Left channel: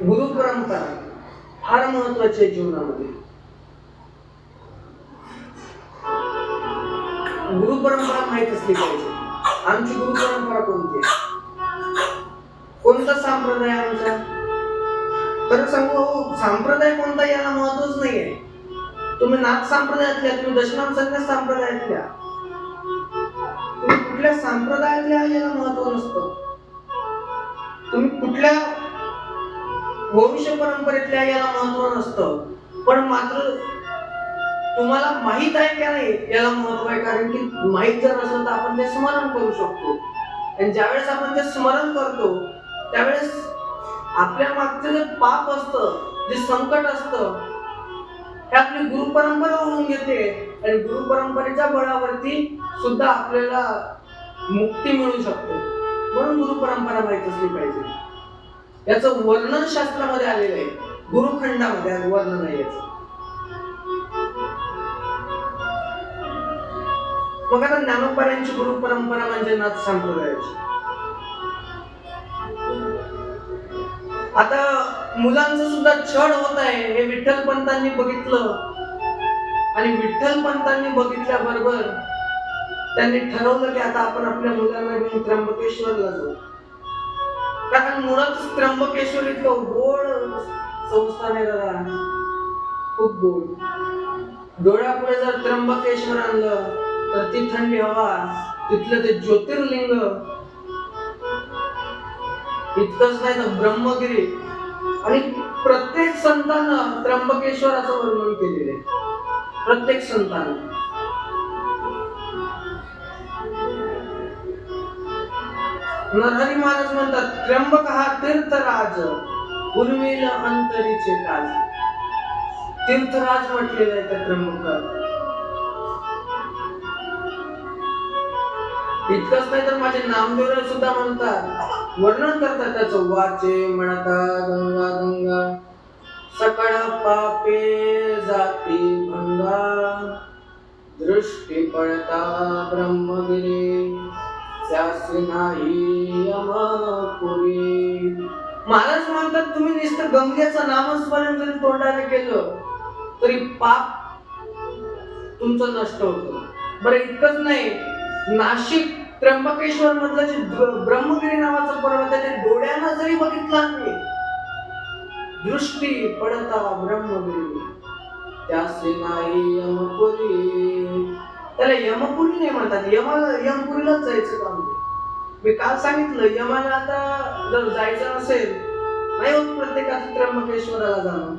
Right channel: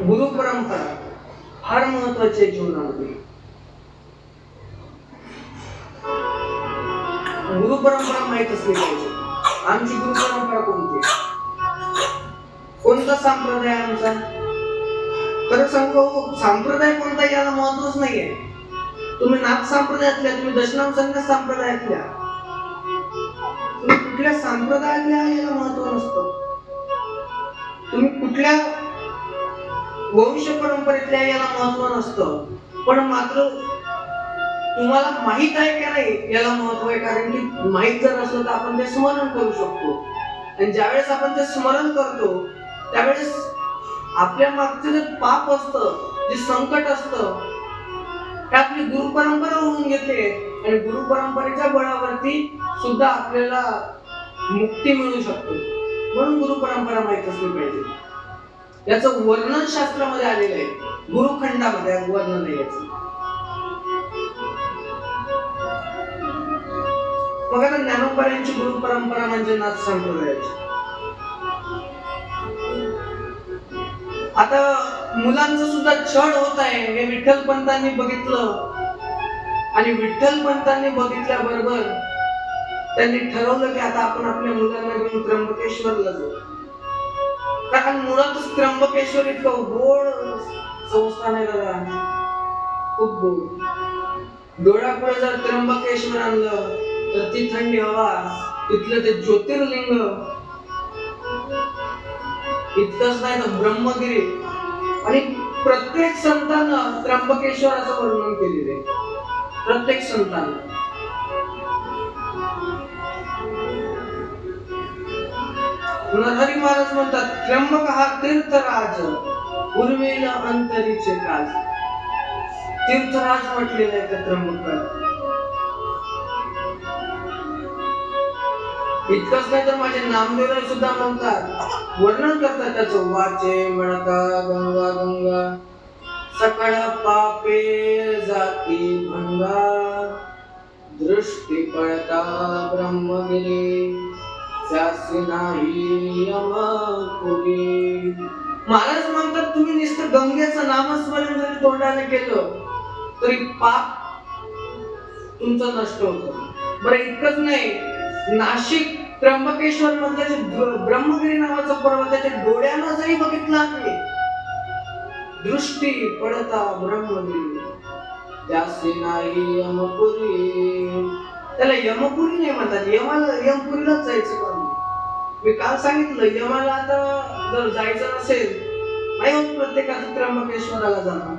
गुरु परंपरा फार महत्वाची आहे जीवनामध्ये. गुरु परंपरा माहित असली पाहिजे. आमची गुरु परंपरा कोणती आहे, कोणता संप्रदाय आमचा? खरं सांगू, संप्रदाय कोणता याला महत्वच नाहीये. तुम्ही नाथ संप्रदायातल्या, तुम्ही दशनाम संन्यास संप्रदायातल्या, तुम्ही कुठल्या संप्रदायातल्या याला महत्व नसतं. तुम्ही कुठल्या वंश परंपरेतल्या याला महत्व नसतं. पण मात्र तुम्हाला माहित आहे का नाही याला महत्व आहे. कारण की माहित जर असलं तर आपण ते स्मरण करू शकतो. आणि ज्यावेळेस आपण ते स्मरण करतो त्यावेळेस आपल्या मागचं जे पाप असतं, जे संकट असतं, हे आपली गुरु परंपरा ओढून घेते. आणि गुरु परंपरेच्या बळावरती सुद्धा आपल्याला मुक्ती मिळू शकते. म्हणून गुरु परंपरा माहित असली पाहिजे. याचं वर्णन शास्त्रामध्ये आलेलं आहे, गुरुखंडामध्ये वर्णन आहे याचं. मग आता ज्ञानोबांची गुरु परंपरा म्हणजे नाथ संप्रदायाची. आता मुलांचं सुद्धा छळ होत आहे हे विठ्ठल पंतांनी बघितलं. आणि विठ्ठल पंतांनी बघितल्याबरोबर त्यांनी ठरवलं की आता आपण आपल्या मुलांना घेऊन त्र्यंबकेश्वरला जाऊ. कारण मुळातच त्र्यंबकेश्वर इतकं गोड संस्थान आहे दादा, खूप गोड. डोळ्यापुढे जर त्र्यंबकेश्वर आणलं तर ती थंडी हवा, तिथलं ते ज्योतिर्लिंग, इतकंच नाही तर ब्रह्मगिरी. आणि प्रत्येक संतानं त्र्यंबकेश्वराचं वर्णन केलेलं आहे, प्रत्येक संतानं. नरहरी महाराज म्हणतात, त्र्यंबक हा तीर्थराज, उर्मिल अंतरीचे काज. तीर्थराज म्हटलेलं आहे त्या त्र्यंबकाला. इतकंच नाही तर माझे नामदेव सुद्धा म्हणतात, वर्णन करतात त्याचं. वाचे म्हणता गंगा गंगा, सकळ पापे जाती भंगा, दृष्टी पळता ब्रह्मगिरी, त्यासी नाही यमपुरी. महाराज म्हणतात, तुम्ही नुसतं गंगेचं नामस्मरण जरी तोंडाने केलं तरी पाप तुमचं नष्ट होतं. बरं इतकंच नाही, नाशिक त्र्यंबकेश्वर मधलं जे ब्रह्मगिरी नावाचं पर्वत आहे, ते डोळ्यानं जरी बघितलं आम्ही, दृष्टी पडता ब्रह्मगिरी, त्यासी नाही यमपुरी. त्याला यमपुरी नाही म्हणतात, यमपुरीलाच जायचं काम नाही. मी काल सांगितलं, यमाला आता जर जायचं नसेल, नाही होत प्रत्येकाचं त्र्यंबकेश्वराला जाणं.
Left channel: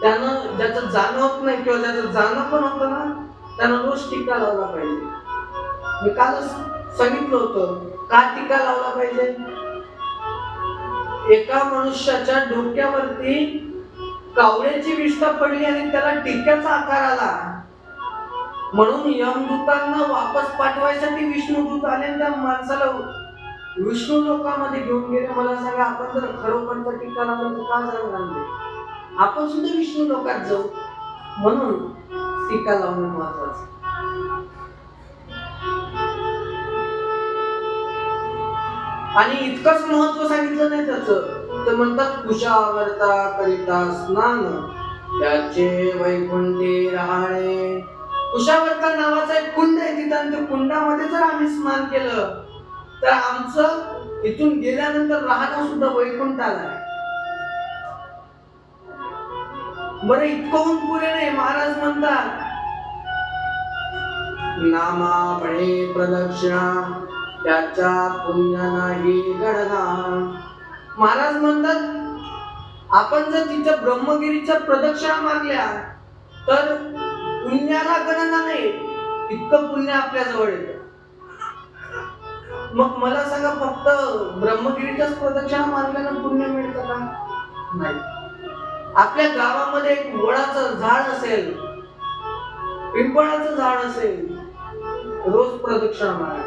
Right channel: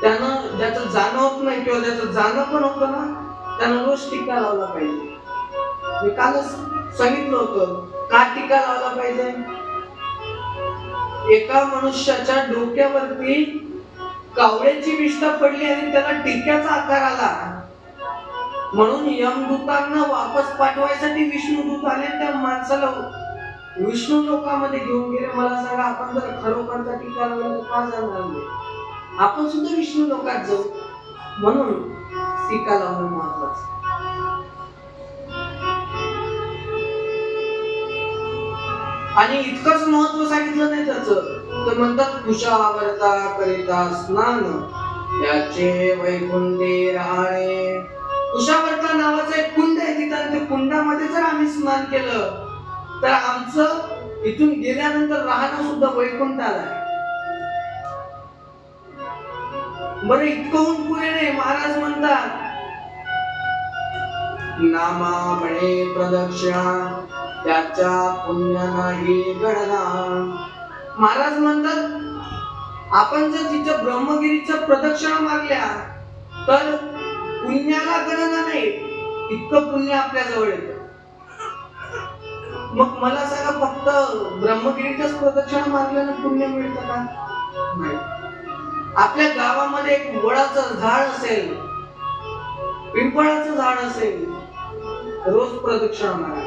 त्यानं ज्याचं जाणं होत नाही किंवा ज्याचं जाणं पण होतं ना, त्यानं रोज टीका लावला पाहिजे. मी कालच सांगितलं होतं, का टीका लावला पाहिजे. एका मनुष्याच्या डोक्यावरती कावळ्याची विष्ठा पडली आणि त्याला टीक्याचा आकार आला, म्हणून यमदूतांना वापस पाठवायसाठी विष्णुदूत आले, त्या माणसाला विष्णू लोकांमध्ये घेऊन गेले. मला सांगा, आपण जर खरोखरचा टीका लावला तर का जाणार नाही? आपण सुद्धा विष्णू लोकात जाऊ. म्हणून टीका लावणं महत्वाचं. आणि इतकंच महत्व सांगितलं नाही त्याचं, तर म्हणतात, कुशावर्ता करिता स्नान, त्याचे वैकुंठे राहणे. कुशावर्ता नावाचं एक कुंड आहे तिथं, आणि त्या कुंडामध्ये जर आम्ही स्नान केलं तर आमचं इथून गेल्यानंतर राहणं सुद्धा वैकुंठाला आहे. बरं इतकं पुरे नाही. महाराज म्हणतात, नामा बळे प्रदक्षिणा, त्याच्या पुण्य नाही गणना. महाराज म्हणतात, आपण जर तिच्या ब्रह्मगिरीच्या प्रदक्षिणा मारल्या तर पुण्याला गणना नाही, इतकं पुण्य आपल्या जवळ येतं. मग मला सांगा, फक्त ब्रह्मगिरीच्याच प्रदक्षिणा मारल्यानं पुण्य मिळतं का? नाही. आपल्या गावामध्ये एक वडाचं झाड असेल, पिंपळाचं झाड असेल, रोज प्रदक्षिणा मारा.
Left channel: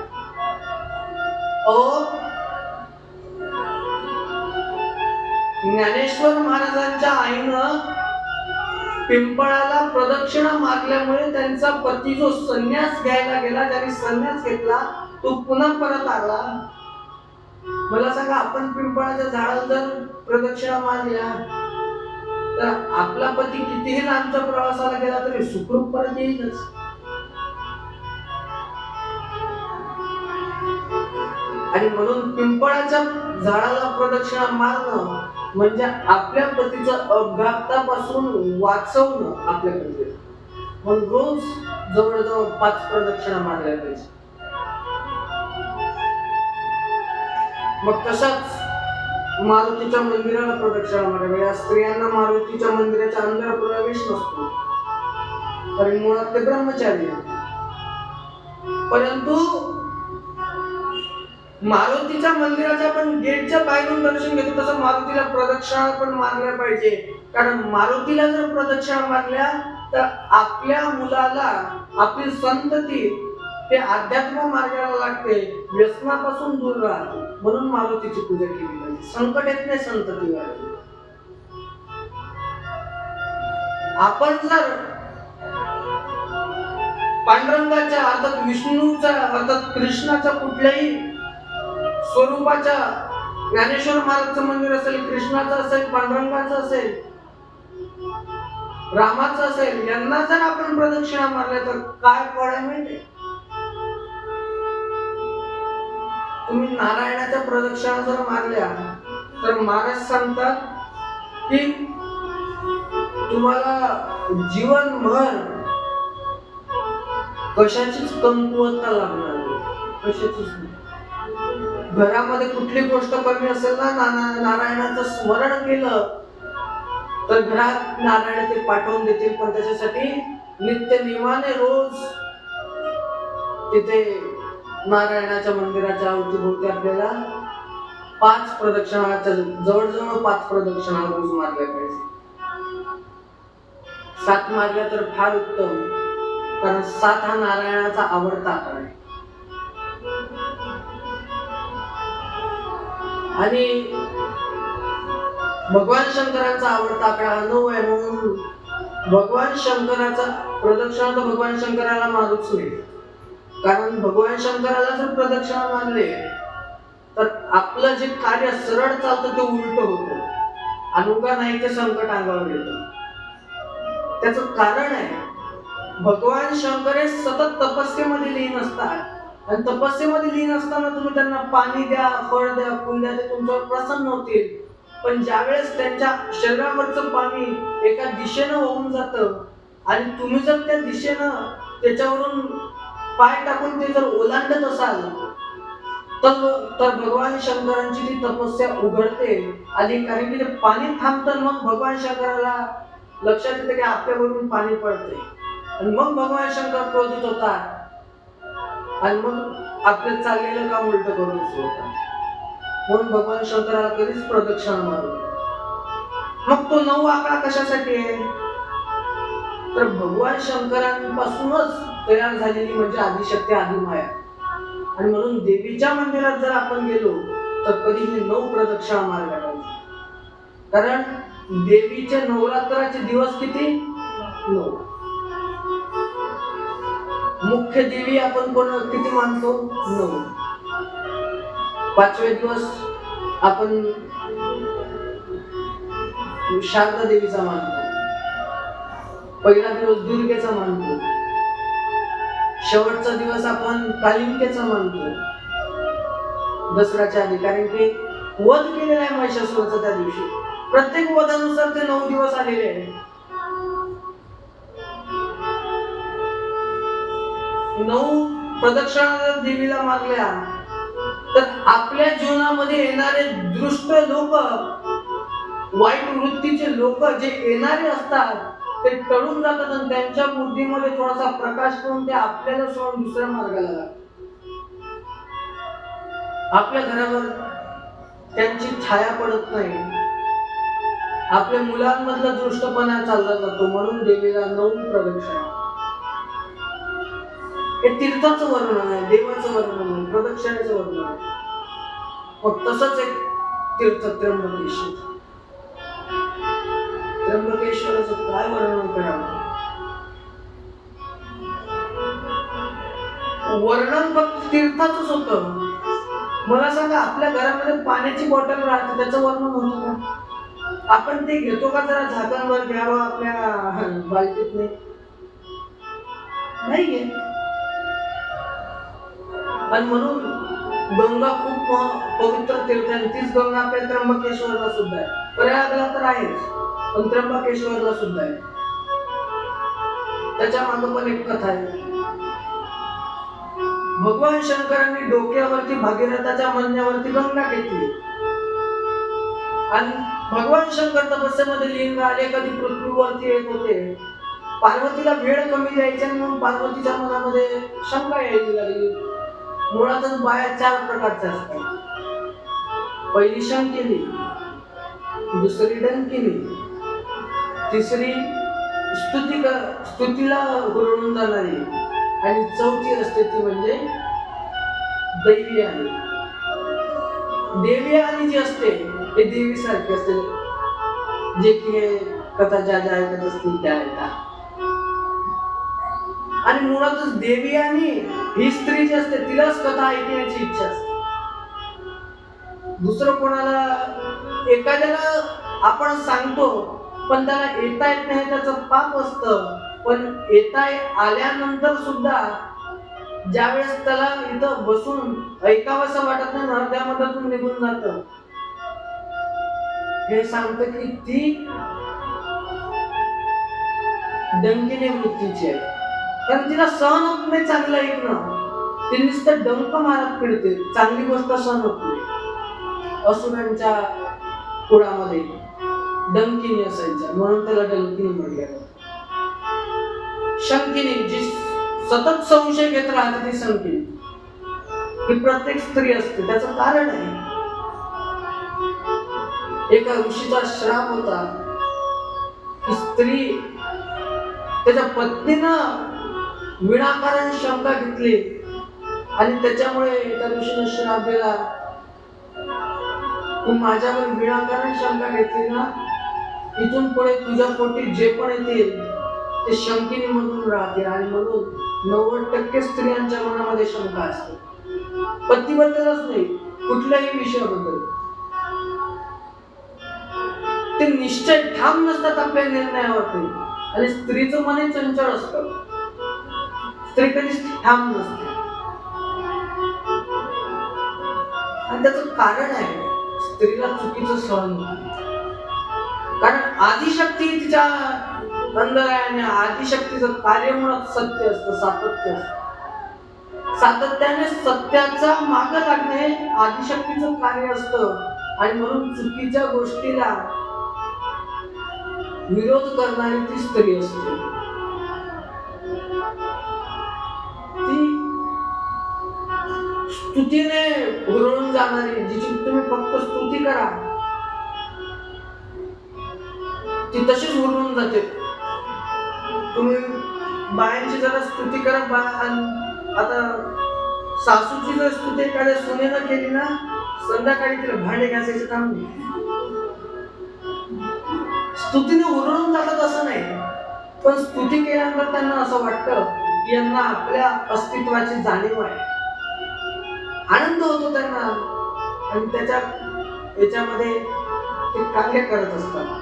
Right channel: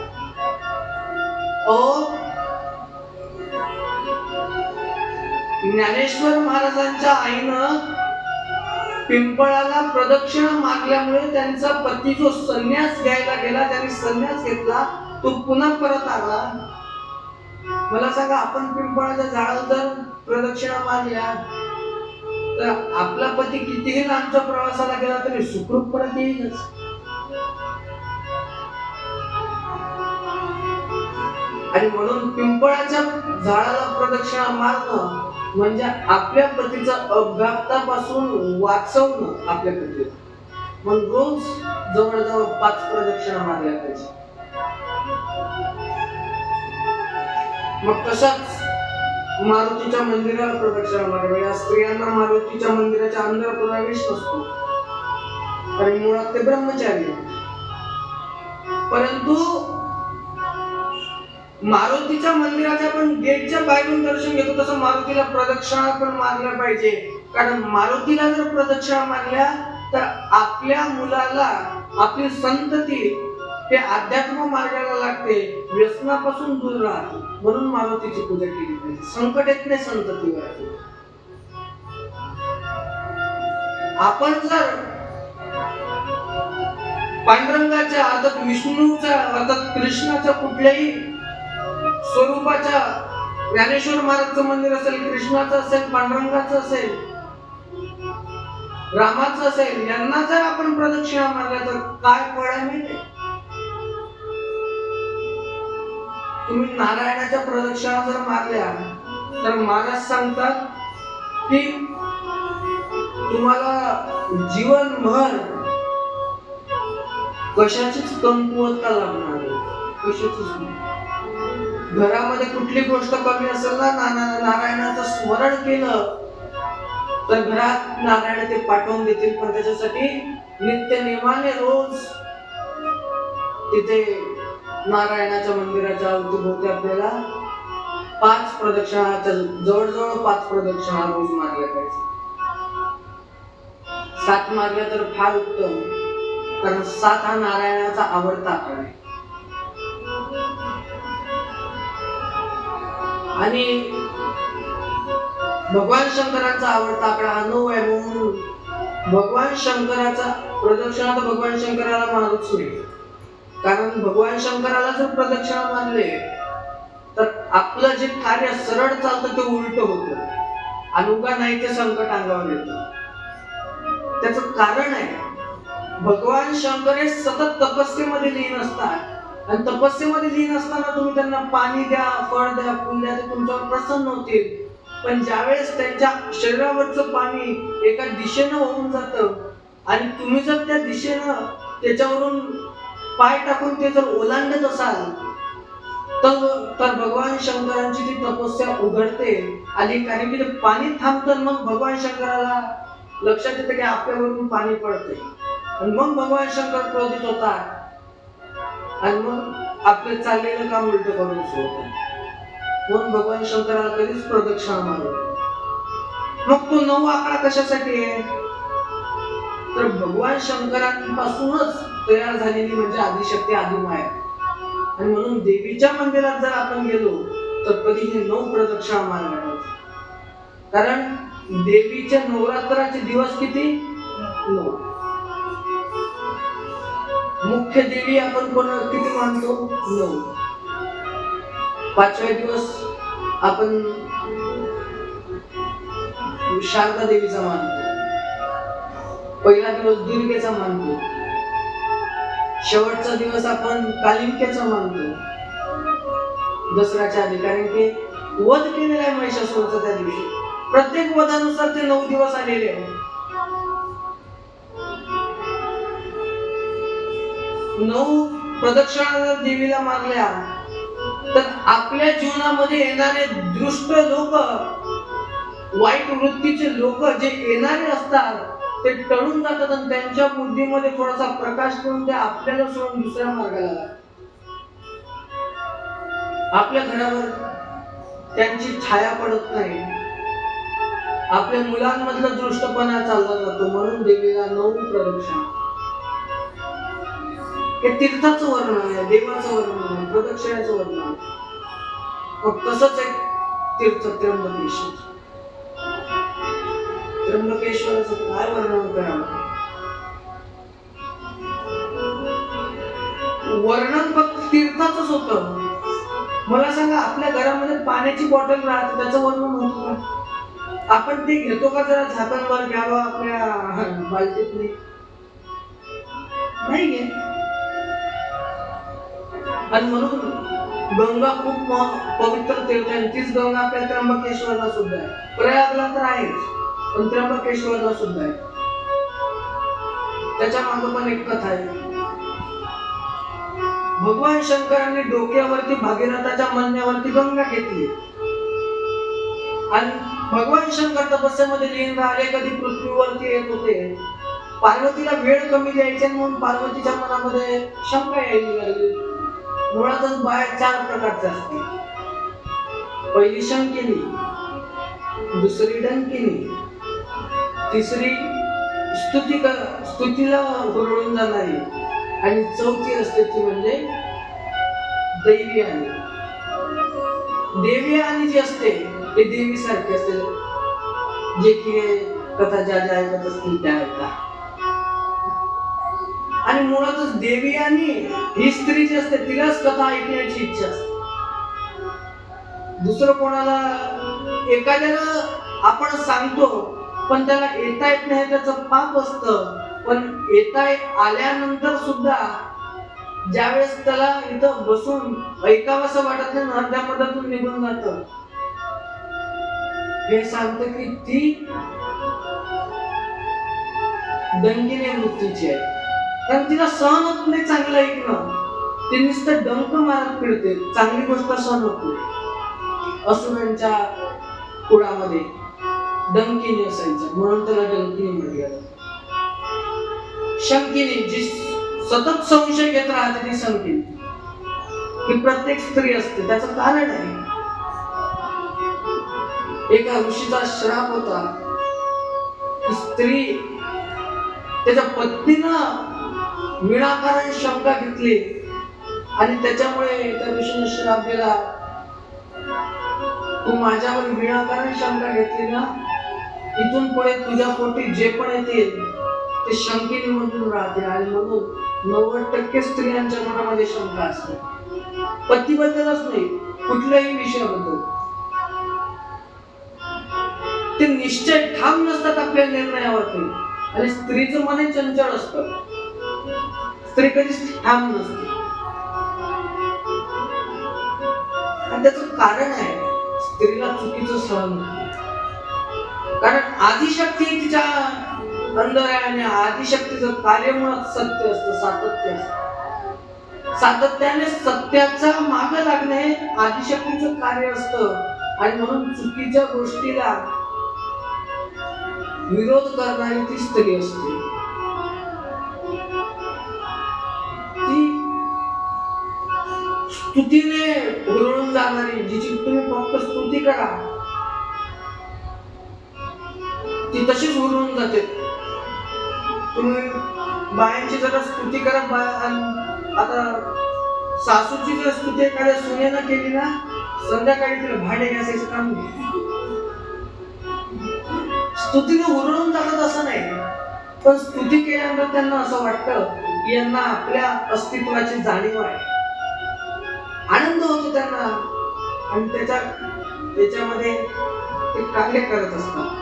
ज्ञानेश्वर महाराजांच्या आईनं पिंपळाला प्रदक्षिणा मारल्यामुळे त्यांचा पती जो संन्यास घ्यायला गेला, त्यांनी संन्यास घेतला, तो पुन्हा परत आला. मला सांगा, आपण पिंपळाच्या झाडाला जर प्रदक्षिणा मारल्या तर आपला पती कितीही लांबच्या प्रवासाला गेला तरी सुखरूप परत येईलच. आणि म्हणून पिंपळाच्या झाडाला प्रदक्षिणा मारणं म्हणजे आपल्या पतीचं अपघातापासून वाचवणं आपल्या पतीला. मग रोज जवळजवळ 5 प्रदक्षिणा मारल्या पाहिजे. मग तसंच मारुतीच्या मंदिराला प्रदक्षिणा मारावी. या स्त्रियांना मारुतीच्या मंदिराच्या अंदर प्रवेश नसतो, कारण मुळात ते ब्रह्मचारी. परंतु मारुतीच्या मंदिराच्या आपण गेटच्या बाहेरून दर्शन घेतो, तसं मारुतीला प्रदक्षिणा पण मारल्या पाहिजे. कारण मारुतीला जर प्रदक्षिणा मारल्या तर आपल्या मुलाला, आपली संतती ते अध्यात्म मार्गाला लागते, व्यसनापासून दूर राहते. म्हणून मारुतीची पूजा केली पाहिजे. संकट येत नाही संततीवर. आपण जर पांडुरंगाच्या अर्थात विष्णूच्या अर्थात कृष्णाच्या कुठल्याही स्वरूपाच्या, ज्ञानेश्वर महाराजचं मंदिर असेल, कृष्णाचं असेल, पांडुरंगाचं असेल, रामाचं असेल, यांना जर आपण प्रदक्षिणा मारल्या तर काय फळ आहे माहिती? तुम्ही नारायणाच्या प्रदक्षिणा जर मारल्या तर महाराज सांगतात की तुम्हाला जीवनभर कशाचीच कमकुवतता लागणार नाही. कशाचीच नाही. घरामध्ये कुठली गोष्ट कमी असेल ना, नारायणाचं स्मरण केलं तर घरात नारायण ते पाठवून देतील. पण त्याच्यासाठी नित्य नियमाने रोज तिथे नारायणाच्या मंदिराच्या अवतीभोवती आपल्याला 5 प्रदक्षिणा, जवळजवळ 5 प्रदक्षिणा रोज मारल्या पाहिजे. 7 मारल्या तर फार उत्तम, कारण 7 हा नारायणाचा आवडता आकडा आहे. आणि भगवान शंकराचा आवडता आकडा हा 9 आहे. म्हणून भगवान शंकराचा प्रदक्षिणा तर भगवान शंकराला मारूच नाही. कारण भगवान शंकराला जर प्रदक्षिणा मारले तर आपलं जे कार्य सरळ चालतं ते उलट होतं, आणि उगा नाही ते संकट अंगावर येतं. त्याचं कारण आहे, भगवान शंकर हे सतत तपस्येमध्ये लीन असतात. आणि तपस्येमध्ये लीन असताना तुम्ही त्यांना पाणी द्या, फळ द्या, फुल द्या, ते तुमच्यावर प्रसन्न होतील. पण ज्यावेळेस त्यांच्या शरीरावरचं पाणी एका दिशेनं होऊन जातं आणि तुम्ही जर त्या दिशेनं त्याच्यावरून पाय टाकून ते जर ओलांडत असाल तर भगवान शंकरांची ती तपस्या उघडते. आणि कारण की ते पाणी थांबतं, मग भगवान शंकराला लक्षात येतं की आपल्यावरून पाणी पडते, आणि मग भगवान शंकर क्रोधित होतात आणि मग आपलं चाललेलं काम उलट करून सोडतात. म्हणून भगवान शंकराला कधीच प्रदक्षिणा मारू. मग तो 9 आकडा कशासाठी आहे? तर भगवान शंकरांपासूनच तयार झालेली म्हणजे आदिशक्ती, आदिमाया. आणि म्हणून देवीच्या मंदिरात जर आपण गेलो तर कधीही 9 प्रदक्षिणा मारल्या पाहिजे. कारण देवीचे नवरात्राचे दिवस किती? 9. मुख्य देवी आपण कोण किती मानतो? 9. 5वे दिवस आपण शारदा देवीचा मानतो. पहिला दिवस दुर्गेचा मानतो. शेवटचा दिवस आपण कालिंकेचा मानतो दसऱ्याच्या आधी. कारण की वध केलेला आहे महिषासुराचा त्या दिवशी. प्रत्येक वधानुसार ते 9 दिवस आलेले आहे. 9 प्रदक्षिणा देवीला मारल्या तर आपल्या जीवनामध्ये येणारे दुष्ट लोक, वाईट वृत्तीचे लोक जे येणारे असतात ते टळून जातात आणि त्यांच्या बुद्धीमध्ये थोडासा प्रकाश करून ते आपल्याला सोडून दुसऱ्या मार्गाला लागतात. आपल्या घरावर त्यांची छाया पडत नाही. आपल्या मुलांमधला दृष्टपणा चालला जातो. म्हणून देवीला 9 प्रदक्षिणा. हे तीर्थाचं वर्णन आहे, देवाचं वर्णन आहे, प्रदक्षिणेचं वर्णन आहे. मग तसंच एक तीर्थ त्र्यंबकेश्वर. त्र्यंबकेश्वराचं काय वर्णन करावं? वर्णन फक्त तीर्थाचंच होतं. मला सांगा, आपल्या घरामध्ये पाण्याची बॉटल राहते, त्याचं वर्णन होतं का? आपण ते घेतो का जरा झाकणवर घ्यावं आपल्या बालटीत? नाही घेत. आणि म्हणून गंगा खूप पवित्र तीर्थ आहे. तीच गंगा आपल्या त्र्यंबकेश्वरला सुद्धा आहे. प्रयागला तर आहेच, पण त्र्यंबकेश्वरला सुद्धा आहे. त्याच्या मागे पण एक कथा आहे. भगवान शंकरांनी डोक्यावरती भागीरथाच्या म्हणण्यावरती गंगा घेतली आणि भगवान शंकर तपस्येमध्ये लीन राहिले. कधी पृथ्वीवरती येत होते. पार्वतीला वेळ कमी द्यायचे म्हणून पार्वतीच्या मनामध्ये शंका यायला लागली. मुळातच बाया 4 प्रकारच्या असतात. पहिली शंकिनी, दुसरी डंकिनी, तिसरी स्तुतीला हुरळून जाणारी आणि चौथी असते ती म्हणजे दैवी. देवी आणि जी असते ते देवी सारखी असते, जे की कथा ज्या ऐकत असतील त्या ऐका. आणि मुळातच देवी आणि ही स्त्री जी असते तिलाच कथा ऐकण्याची इच्छा असते. दुसरं कोणाला, एखाद्याला आपण सांगतो पण त्याला येता येत नाही, त्याचं पाप असतं. पण येता आल्यानंतर सुद्धा ज्यावेळेस त्याला इथं बसून ऐकावंसं वाटत नाही, अर्ध्या मधातून निघून जातं. हे सांगतं की ती डंकिनी वृत्तीची आहे. कारण तिला सहन होत नाही चांगलं ऐकणं. ती नुसतं डंक मारत फिरते, चांगली गोष्ट सहन होत नाही. असुरांच्या कुळामध्ये डंकिनी असायच्या, म्हणून त्याला डंकिनी म्हटलं. शंकिनी, जी सतत संशय घेत राहते, ती शंकिनी. ही प्रत्येक स्त्री असते. त्याचं कारण आहे, एका ऋषीचा श्राप होता की स्त्री त्याच्या पत्नीनं विनाकारण शंका घेतली आणि त्याच्यामुळे त्या ऋषीने श्राप दिला, तू माझ्यावर विनाकारण शंका घेतली ना, इथून पुढे तुझ्या पोटी जे पण येतील ते शंकिनी मधून राहते. आणि म्हणून 90% स्त्रियांच्या मनामध्ये शंका असते, पतीबद्दलच नाही, कुठल्याही विषयाबद्दल. ते निश्चय ठाम नसतात आपल्या निर्णयावरती. आणि स्त्रीचं मन चंचल असतं, स्त्री कधीच ठाम नसते. आणि त्याचं कारण आहे, स्त्रीला चुकीचं सहन होतं. कारण आदिशक्ती तिच्या अंदर आहे आणि आदिशक्तीचं कार्य मुळात सत्य असतं, सातत्य असतं. सातत्याने सत्याचा माग लागणे आदिशक्तीचं कार्य असतं. आणि म्हणून चुकीच्या गोष्टीला विरोध करणारी ती स्त्री असते. ती स्तुतीने हुरळून जाणारी, जिची तुम्ही फक्त स्तुती करा ती तशीच हुरळून जाते. तुम्ही बायांची जरा स्तुती करत, आता सासूची जर स्तुती एखाद्या सुनेनं केली ना, संध्याकाळी तिला भांडे घासायचं काम नाही. स्तुतीने हुरळून जातात असं नाही, पण स्तुती केल्यानंतर त्यांना असं वाटतं की यांना आपल्या अस्तित्वाची जाणीव आहे, आनंद होतो त्यांना. आणि त्याच्यामध्ये ते कार्य करत असतात.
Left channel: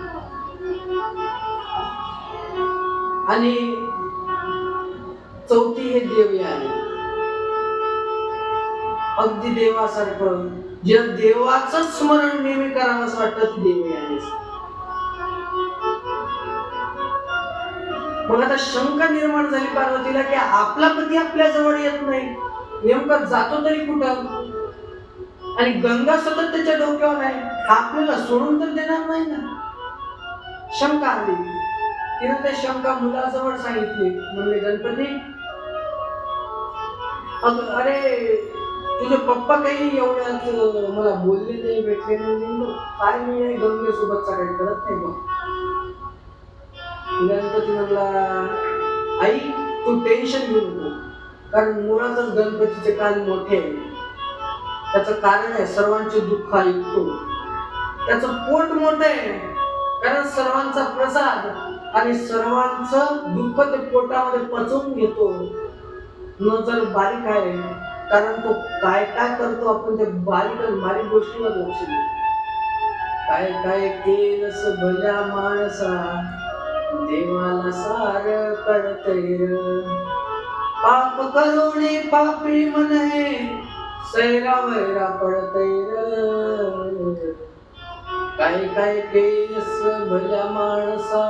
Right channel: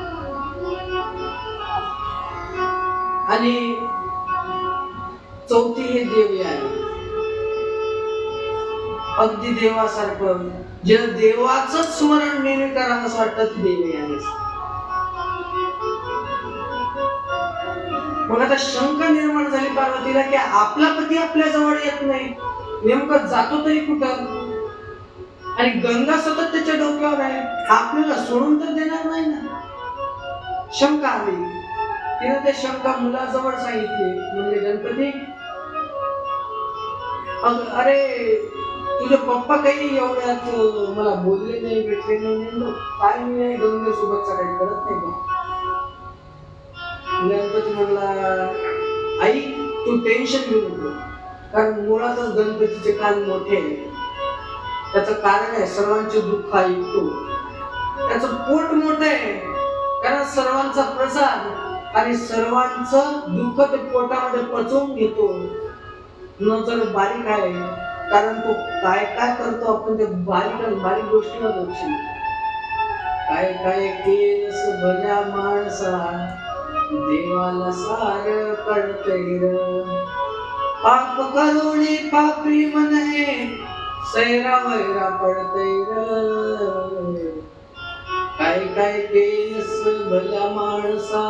आणि चौथी हे देवी आहे, अगदी देवासारखं, जे देवाचं स्मरण नेहमी करावं असं वाटतं, ती देवी आहे. मग आता शंका निर्माण झाली पार्वतीला की आपला पती आपल्या जवळ येत नाही, नेमकं जातो तरी कुठं, आणि गंगा सतत त्याच्या डोक्यावर आहे, आपल्याला सोडून तर देणार नाही ना. शंका आली. तिने ते शंका मुलाजवळ सांगितली. म्हणजे गणपती, अरे तुझे पप्पा काही एवढ्यात मला बोलले नाही, भेटले नाही, काय मी आहे गंगेसोबतचा काही कळत नाही बघ. गणपती म्हणला, आई तू टेन्शन घेऊ नको, कारण मुळातच गणपतीचे कान मोठे आहे. त्याचं कारण आहे, सर्वांचे दुःख ऐकतो. त्याचं पोट मोठं आहे, कारण सर्वांचा प्रसाद आणि सर्वांचं दुःख ते पोटामध्ये पचवून घेतो. नजर बारीक आहे, कारण तो काय काय करतो आपण ते बारीक बारीक गोष्टीवर लक्ष देतो. काय काय केलंस भल्या माणसा, देवाला सार कळतंय र. पाप करुणी पापी म्हणे, सैरा वैरा पडतंय र. काय काय केलंस भल्या माणसा,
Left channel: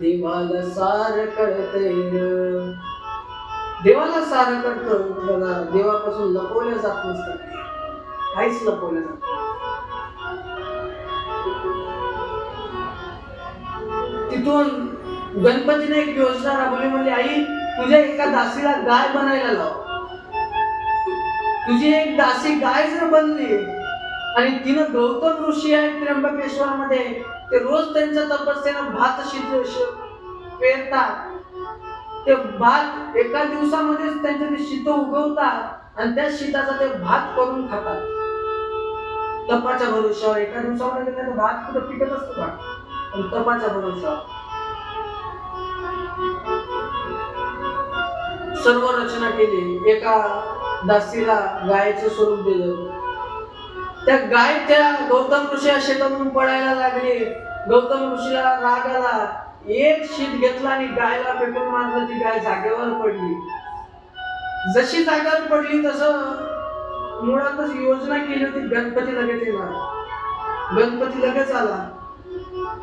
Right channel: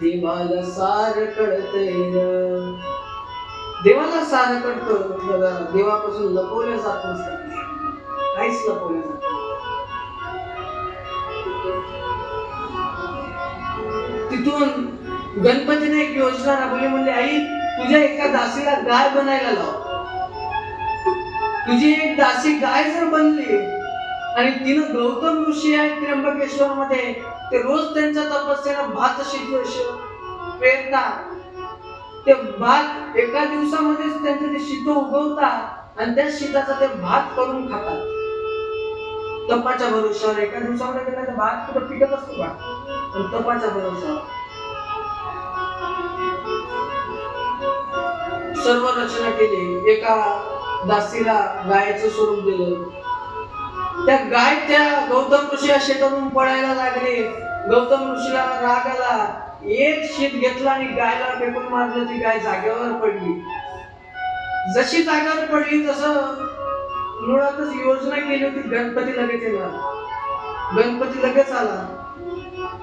देवाला सार कळतंय र. देवाला सार कळतं बघा. देवापासून लपवलं जात नसतं, काहीच लपवलं जात नाही. तिथून गणपतीने एक योजना राबवली. म्हणजे आई, तुझ्या एका दासीला गाय बनायला लाव. तुझी एक दासी गाय जर बनली आणि तिनं गौतम ऋषी आहेत त्र्यंबकेश्वर मध्ये, ते रोज त्यांच्या तपस्येनं भात पेरतात. ते भात एका दिवसामध्येच त्यांचे ते शीत उगवतात आणि त्या शीताचा ते भात करून खातात. तपाच्या भरोशावर एका दिवसामध्ये त्यांना भात कुठं पिकत असतो का? पण तपाच्या भरोशावर सर्व रचना केली. एका दासीला गायचं स्वरूप दिलं. त्या गाय त्या गौतम ऋषी शेतातून पळायला लागले. गौतम ऋषीला राग आला. एक शीत घेतला आणि गायला फेकून मारलं. ती गाय जागेवर पडली. जशी जागेवर पडली तसं मुळातच योजना केली होती, गणपती लगेच येणार. गणपती लगेच आला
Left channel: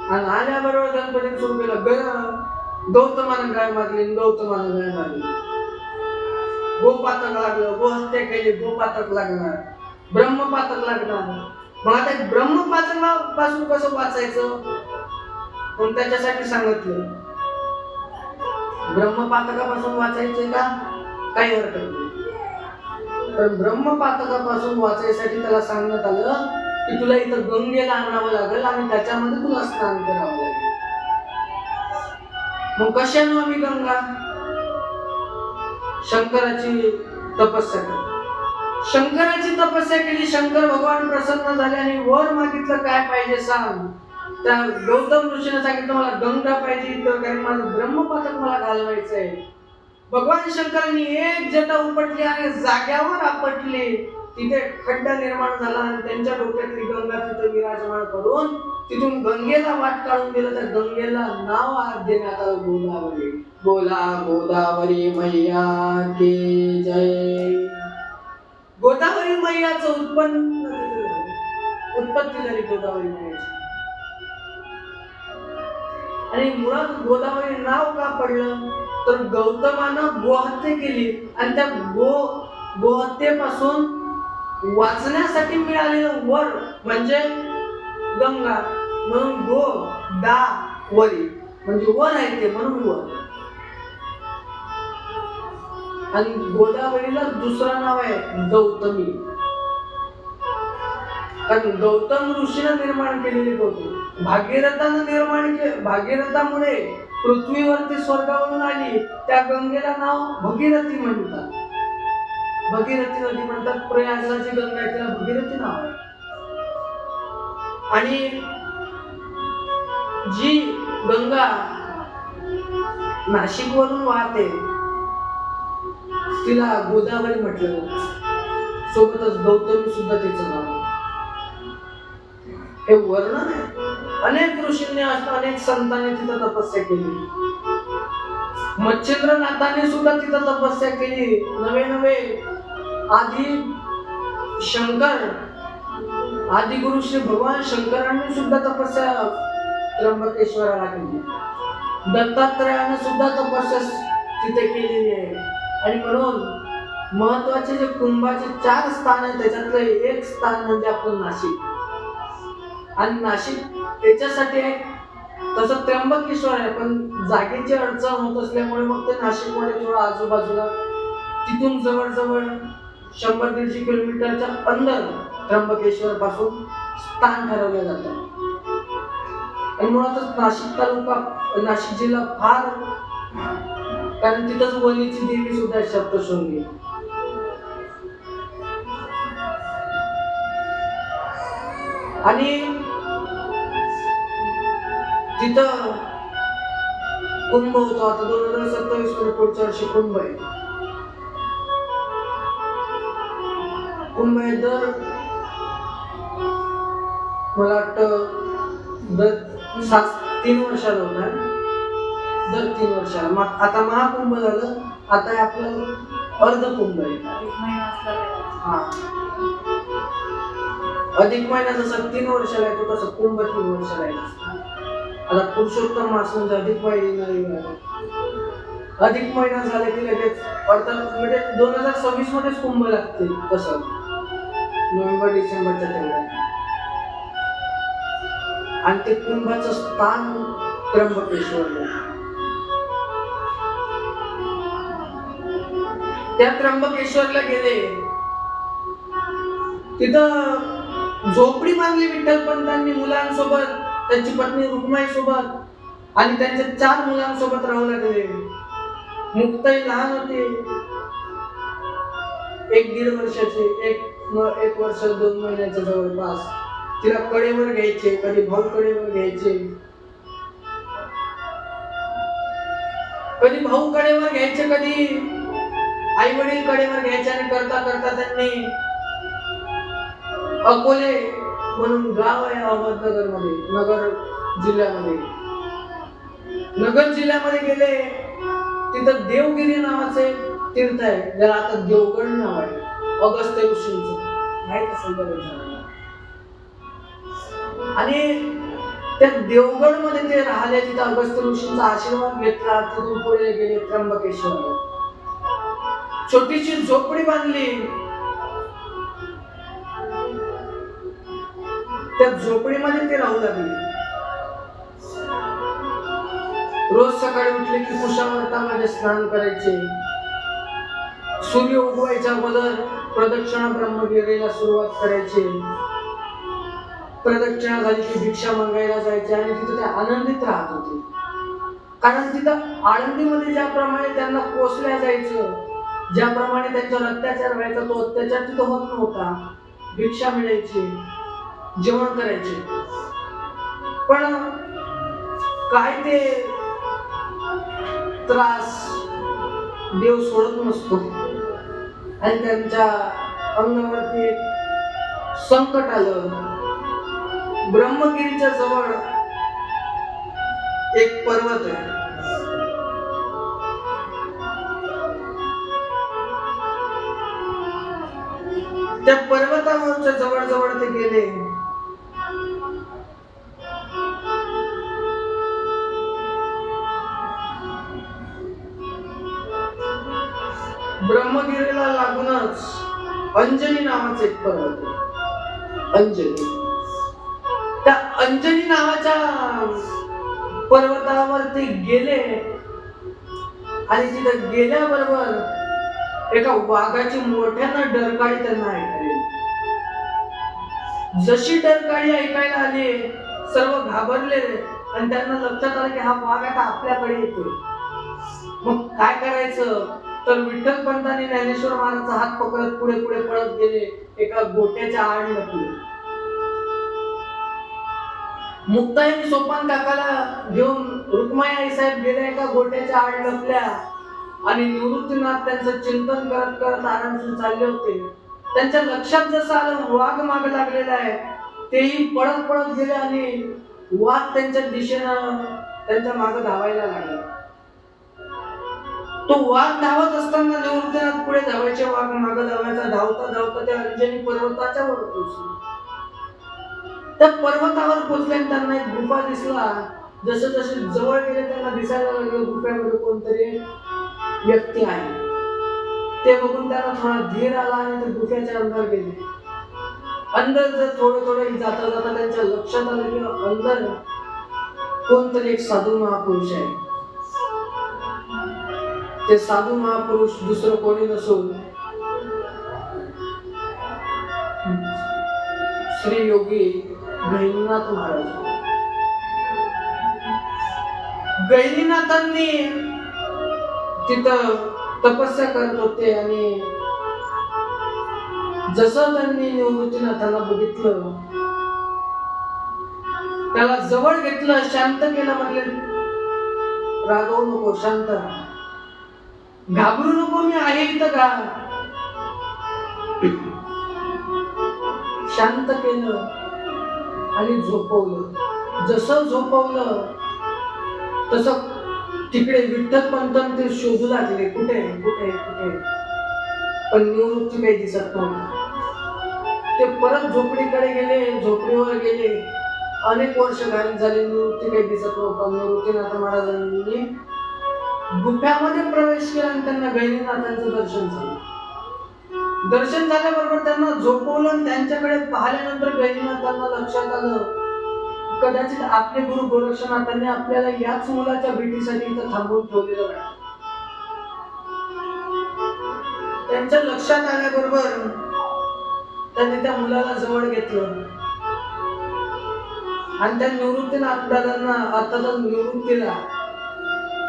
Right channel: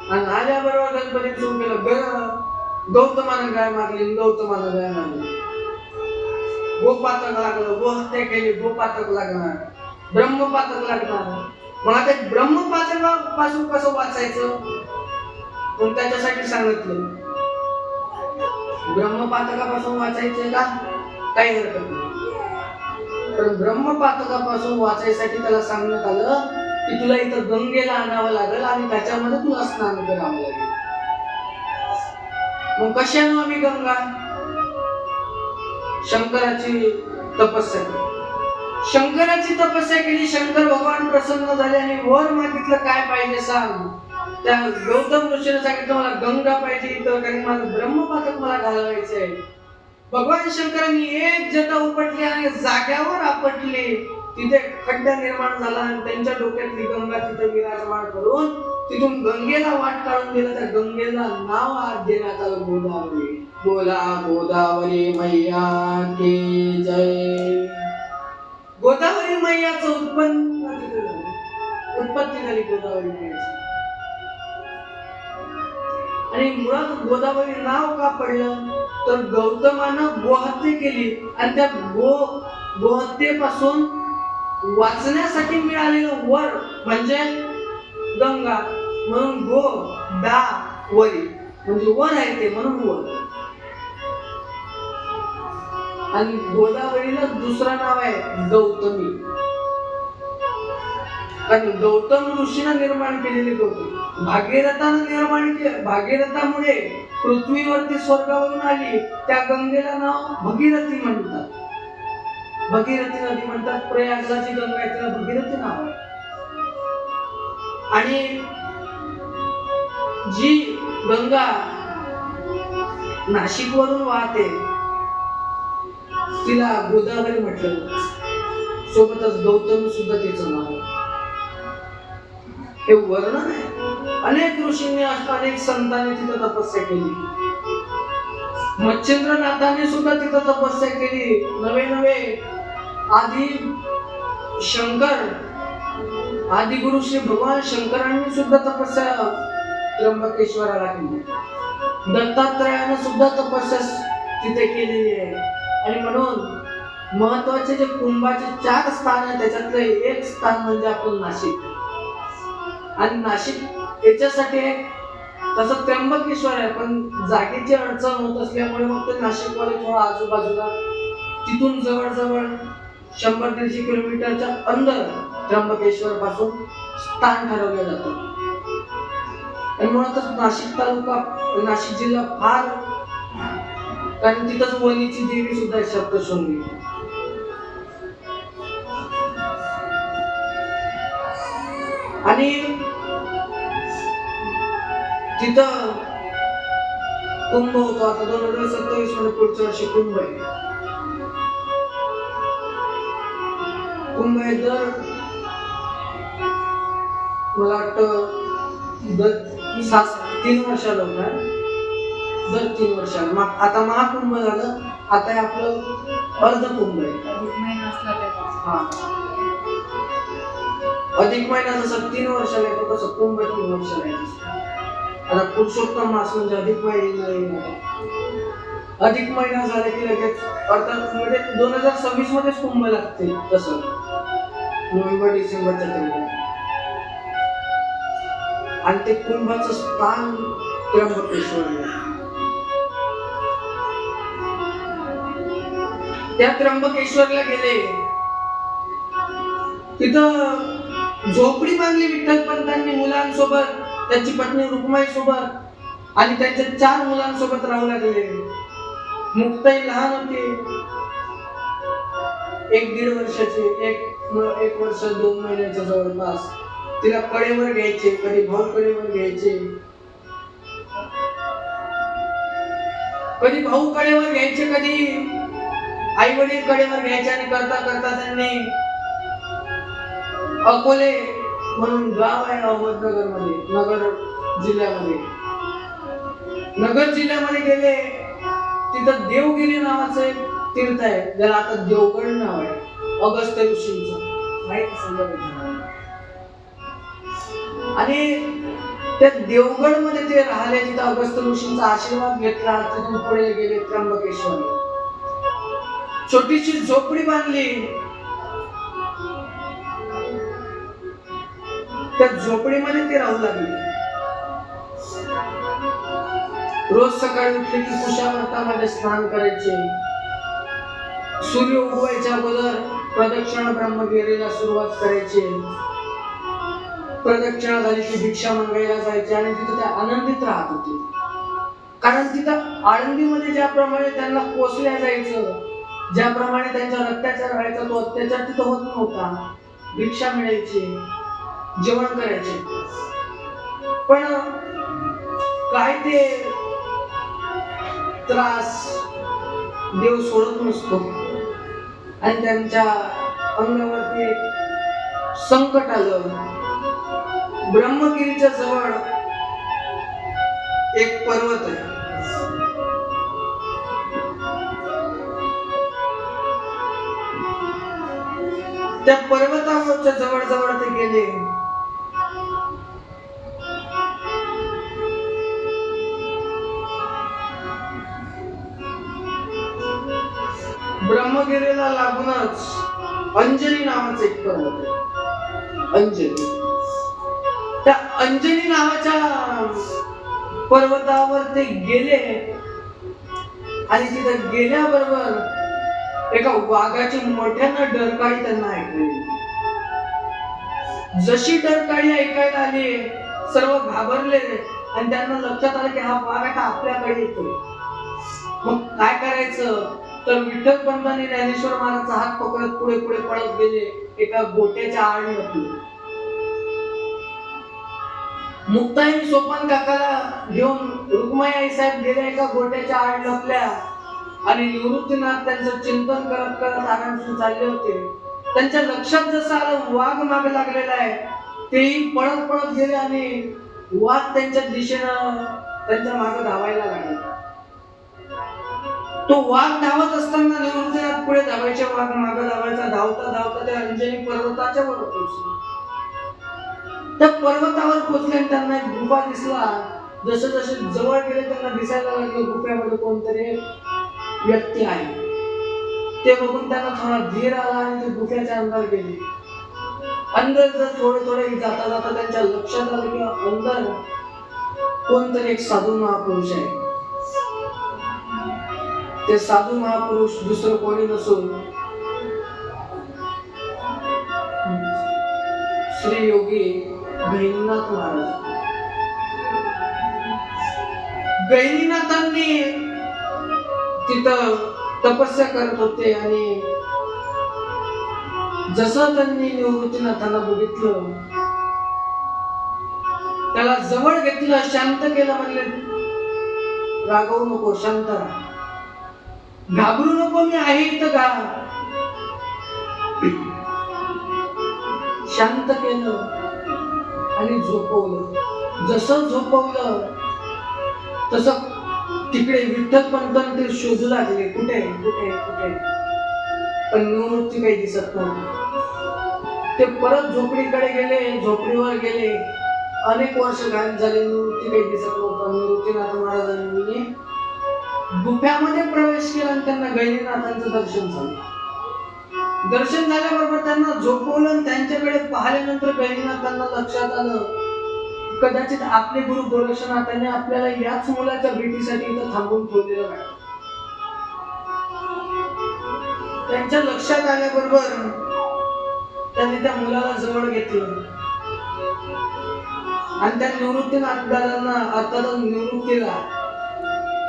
आणि आल्याबरोबर गणपतीने सुरू केलं. गौतमानं गाय मारली, गौतमानं गाय मारली. गोपातक लागलं, गोहत्या केली, गोपातक लागणार, ब्रह्मपातक लागणार. मग आता ब्रह्मपातकापासून कसं वाचायचं? पण त्याच्यासाठी सांगितलं ब्रह्मपातकापासून वाचायचंय का? काही हरकत नाही. पण ब्रह्मपातकापासून वाचायसाठी त्याला सांगण्यात आलं की तुला इथं गंगेला आणावं लागेल आणि त्याच्यामध्ये तुला स्नान करावं लागेल. मग कशानं आम्ही गंगा? शंकराची तपस्या केली. शंकराची तपस्या केली. शंकर भगवान प्रसन्न झाले आणि वर मागितलं काय पाहिजे सांग. त्या गौतम ऋषीने सांगितलं मला गंगा पाहिजे इथं, कारण माझं ब्रह्मपातक मला घालवायचंय. भगवान शंकरांनी एक जटा उपटली आणि जाग्यावर आपटले. तिथे खड्डा निर्माण झाला आणि त्यांच्या डोक्यातली गंगा तिथे विराजमान करून तिथून गंगेला वाट काढून दिलं. त्या गंगेला नाव आज देण्यात आलं गोदावरी. बोला गोदावरी मैया की जय. गोदावरी मैयाचं उत्पत्ती झाली गोदावरी मैयाची. आणि मुळात गोदावरी नाव का पडलं तर गौतमानं गोहत्या केली आणि त्या गोहत्येपासून वाचण्यासाठी मिळालेलं वर म्हणजे गंगा, म्हणून गोदावरी म्हणजे वर आहे ते, म्हणून वर. आणि गोदावरीला दुसरं नाव आहे गौतमी, कारण गौतम ऋषीनं निर्माण केलेली गौतमी. भागीरथानं निर्माण केले. भागीरथामुळे पृथ्वीवरती स्वर्गावरून आली. त्या गंगेला नाव भगीरथी म्हणतात. भगीरथी नदी म्हणतात. प्रयागराची गंगा आहे, तिला भगीरथी नाव आहे. आणि जी गंगा नाशिक वरून वाहते तिला गोदावरी म्हटलं. सोबतच गौतमी सुद्धा तिचं नाव. हे वर्णन आहे. अनेक ऋषींनी अनेक संतांनी तिथं तपस्या केली. मच्छिंद्रनाथांनी सुद्धा तिथं तपस्या केली. नवे आदि शंकर, आदि गुरु श्री भगवान शंकरांनी सुद्धा तपस्या त्र्यंबकेश्वराला केली. दत्तात्रयानं सुद्धा तपस्या तिथे केलेली आहे. आणि म्हणून महत्वाचे जे कुंभाचे 4 स्थान आहेत त्याच्यातलं एक स्थान म्हणजे आपण नाशिक. आणि नाशिक याच्यासाठी एक तसं त्र्यंबकेश्वर आहे, पण जागेची अडचण होत असल्यामुळे मग ते नाशिक मध्ये थोडं आजूबाजूला तिथून जवळजवळ 100-150 किलोमीटरच्या अंदर त्र्यंबकेश्वर पासून स्थान ठरवलं जातं. आणि मुळातच नाशिक तालुका, नाशिक जिल्हा फार, कारण तिथंच वणीची देवी सुद्धा आहे सप्तशृंगी. आणि तिथं कुंभ होतो. आता 2027 मध्ये पुढच्या वर्षी कुंभ आहे. कुंभ हे दर मला वाटतं दर 3 वर्षाला होता, दर 3 वर्षाला. आता महाकुंभ झालं, आता हे आपलं अर्ध कुंभ आहे. हा, अधिक महिना जसं 3 वर्षाला येतो तसं कुंभ 3 वर्षाला येतो. आता पुरुषोत्तम मास म्हणजे अधिक महिना, अधिक महिना झाला की लगेच अर्थात म्हणजे 2026 मध्येच कुंभ लागते. तसं नोव्हेंबर डिसेंबरच्या तेवढ्यात. आणि ते कुंभाचं स्थान त्र्यंबकेश्वर. त्या त्र्यंबकेश्वरला गेले, तिथं झोपडी बांधली विठ्ठलपंतांनी मुलांसोबत, त्यांची पत्नी रुक्माई सोबत आणि त्यांच्या 4 मुलांसोबत राहू लागले. मुक्ताई लहान होती, 1-1.5 वर्षाची, 1 वर्ष 2 महिन्याच्या जवळपास. तिला कडेवर घ्यायचे, कधी भाऊ कडेवर घ्यायचे, कधी भाऊ कडेवर घ्यायचे, कधी आई वडील कडेवर घ्यायचे. आणि करता करता त्यांनी अकोले म्हणून गाव आहे अहमदनगर मध्ये, नगर जिल्ह्यामध्ये गेले. तिथं देवगिरी नावाचं एक तीर्थ आहे, ज्याला आता देवगड नाव आहे, अगस्त्य ऋषींचं, माहित असेल का? आणि त्या देवगड मध्ये ते राहिले, तिथं अगस्त्य ऋषींचा आशीर्वाद घेतला. तिथून पुढे गेले त्र्यंबकेश्वरला, छोटीशी झोपडी बांधली. त्या झोपडीमध्ये ते राहू लागले. रोज सकाळी उठले की कुशावर्तामध्ये स्नान करायचे. सूर्य उगवायच्या अगोदर प्रदक्षिणा ब्रह्मगिरीला सुरुवात करायची. प्रदक्षिणा झाली की भिक्षा मागायला जायचे आणि तिथे ते आनंदित राहत होते. कारण तिथं आळंदीमध्ये ज्याप्रमाणे त्यांना कोसल्या जायचं, ज्याप्रमाणे त्यांच्यावर अत्याचार व्हायचा, तो अत्याचार तिथं होत नव्हता. भिक्षा मिळायची, जेवण करायचे. पण काय ते त्रास देव सोडत नसतो. आणि त्यांच्या अंगावरती संकट आलं. ब्रह्मगिरीच्या जवळ एक पर्वत आहे, त्या पर्वतावरच्या जवळ ते गेले. ब्रह्मगिरीला लागूनच अंजनी नावाचं एक पर्वत आहे, अंजनी. त्या अंजनी नावाच्या पर्वतावर ते गेले आणि तिथे गेल्याबरोबर एका वाघाची मोठ्यानं डरकाळी त्यांना ऐकायला. जशी डरकाळी ऐकायला आली, सर्व घाबरले आणि त्यांना लक्षात आलं की हा वाघ आता आपल्याकडे येतोय. मग काय करायचं? तर विठ्ठलपंतांनी ज्ञानेश्वर महाराजांचा हात पकडत पुढे पुढे पळत गेले. एका गोट्याच्या आड लपले. मुक्ताईने सोपान काकाला घेऊन रुक्माई आई साहेब गेल्या एका गोट्याच्या आड लपल्या आणि निवृत्तीनाथ त्यांचं चिंतन करत करत आरामशीर चालले होते. त्यांच्या लक्षात जसं आलं वाघ मागे लागलेला आहे, तेही पळत पळत गेले आणि वाघ त्यांच्या दिशेनं त्यांच्या मागे धावायला लागला. तो वाघ धावत असताना निवृत्तीनाथ पुढे धावायचे, वाघ मागे धावायचा. धावता धावता त्या अंजनी पर्वताच्या वर पोहोचले. त्या पर्वतावर पोहोचल्याने त्यांना एक गुफा दिसला. जसे जसे जवळ गेले त्यांना दिसायला लागलं गुफेमध्ये कोणतरी व्यक्ती आहे. ते बघून त्यांना थोडा धीर आला आणि ते गुफेच्या अंदर गेले. अंदर जर थोडे थोडे जाता जाता त्यांच्या लक्षात आलं की अंदर कोणतरी एक साधू महापुरुष आहे. ते साधू महापुरुष दुसरं कोणी नसून श्री योगी गहिनीनाथ महाराज. गहिनीनाथांनी तिथं तपस्या करत होते आणि जसं त्यांनी निवृत्तीनाथांना बघितलं, त्याला जवळ घेतलं, शांत केलं. म्हटले रागवू नको, शांत राहा, घाबरू नको, मी आहे इथं का. शांत केलं आणि झोपवलं. जसं झोपवलं तसं तिकडे विठ्ठल पंत ते शोधू लागले, कुठे कुठे कुठे, पण निवृत्ती काही दिसत नव्हती. ते परत झोपडीकडे गेले, झोपडीवर गेले. अनेक वर्ष झाले, निवृत्ती काही दिसत नव्हतं. निवृत्तीनाथ महाराजांनी गुफ्यामध्ये प्रवेश केला आणि त्यांना गहिनीनाथांचं दर्शन झालं. दर्शन झाल्याबरोबर त्यांना झोपवलं आणि त्यांच्याकडे पाहिल्यानंतर गहिनीनाथांना लक्षात आलं कदाचित आपले गुरु गोरक्षनाथांनी आपल्याला याच मुलाच्या भेटीसाठी इथं थांबवून ठेवलेलं आहे. त्यांच्या लक्षात आल्याबरोबर त्यांनी त्या मुलाला जवळ घेतलं आणि त्या निवृत्तीनाथांना अर्थात निवृत्तीला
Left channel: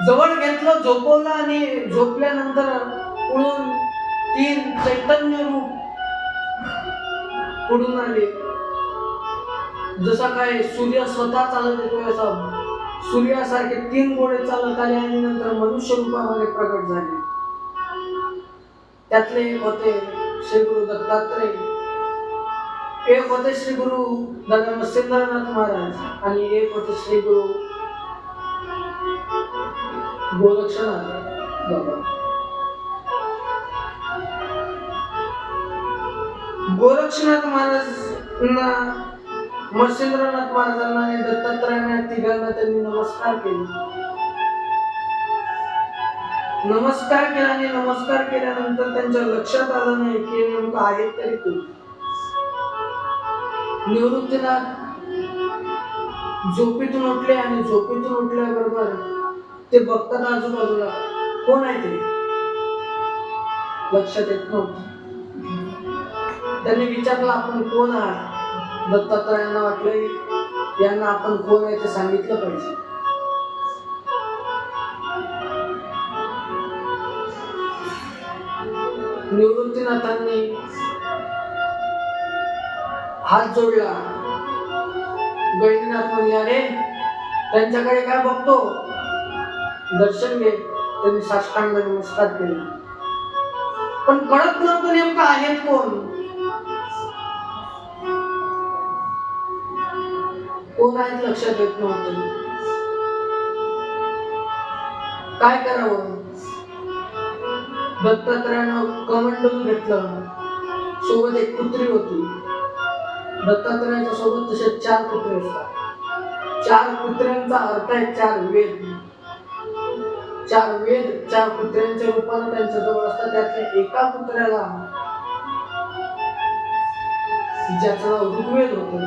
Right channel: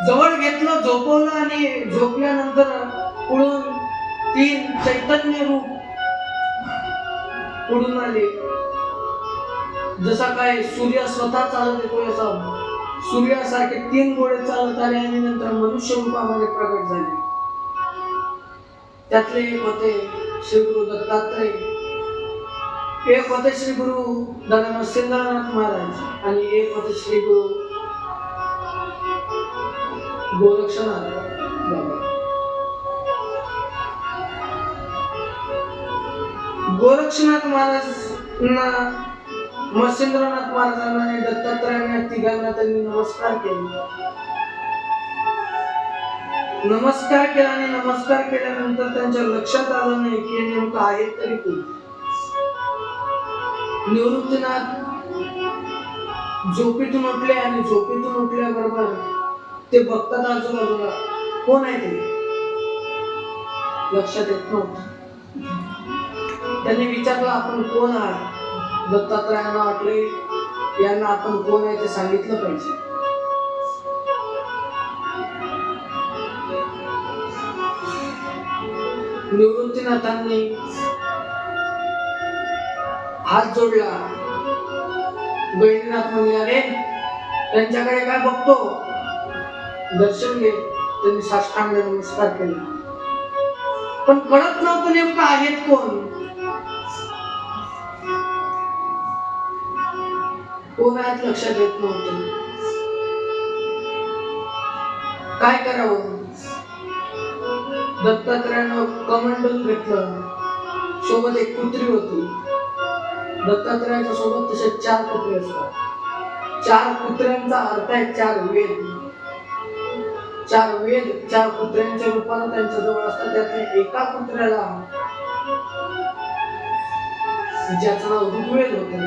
जवळ घेतलं, झोपवलं आणि झोपल्यानंतर पुढून 3 चैतन्य रूप पुढून आले. जसा काय सूर्य स्वतः चालत येतो असा सूर्यासारखे 3 गोळे चालत आले आणि नंतर मनुष्य रूपामध्ये प्रकट झाले. त्यातले एक होते श्री गुरु दत्तात्रय, एक होते श्री गुरु मत्स्येंद्रनाथ महाराज आणि एक होते श्री गुरु गोरक्षनाथ बाबा. गोरक्षनाथ महाराजांना, मत्स्येंद्रनाथ महाराजांना आणि दत्तात्रयांना तिघांना त्यांनी नमस्कार केले. नमस्कार केला आणि नमस्कार केल्यानंतर त्यांच्या लक्षात आलं नाही की नेमकं आहे तरी कोण. निवृत्तीनाथ झोपेतून उठले आणि झोपेतून उठल्याबरोबर ते बघतात आजूबाजूला कोण आहे ते लक्षात येत नव्हतं. त्यांनी विचारलं आपण कोण आहात. दत्तात्रयांना वाटले यांना आपण कोण आहे ते सांगितलं पाहिजे. निवृत्तीनाथांनी हात जोडला. गहिनीनाथ म्हणले अरे त्यांच्याकडे काय बघतो, दर्शन घे. त्यांनी साष्टांग नमस्कार केला पण कळत नव्हतं नेमकं आहेत कोण. कोण आहेत लक्षात येत नव्हतं. काय करावं. दत्तात्रयानं कमंडल घेतलं. सोबत एक कुत्री होती. दत्तात्रयाच्या सोबत तसे 4 कुत्रे असतात. 4 कुत्र्यांचा अर्थ आहे 4 वेद. 4 वेद 4 कुत्र्यांच्या रूपाने त्यांच्या जवळ असतात. त्यातल्या एका कुत्र्याला ज्याचं नाव ऋग्वेद होतं,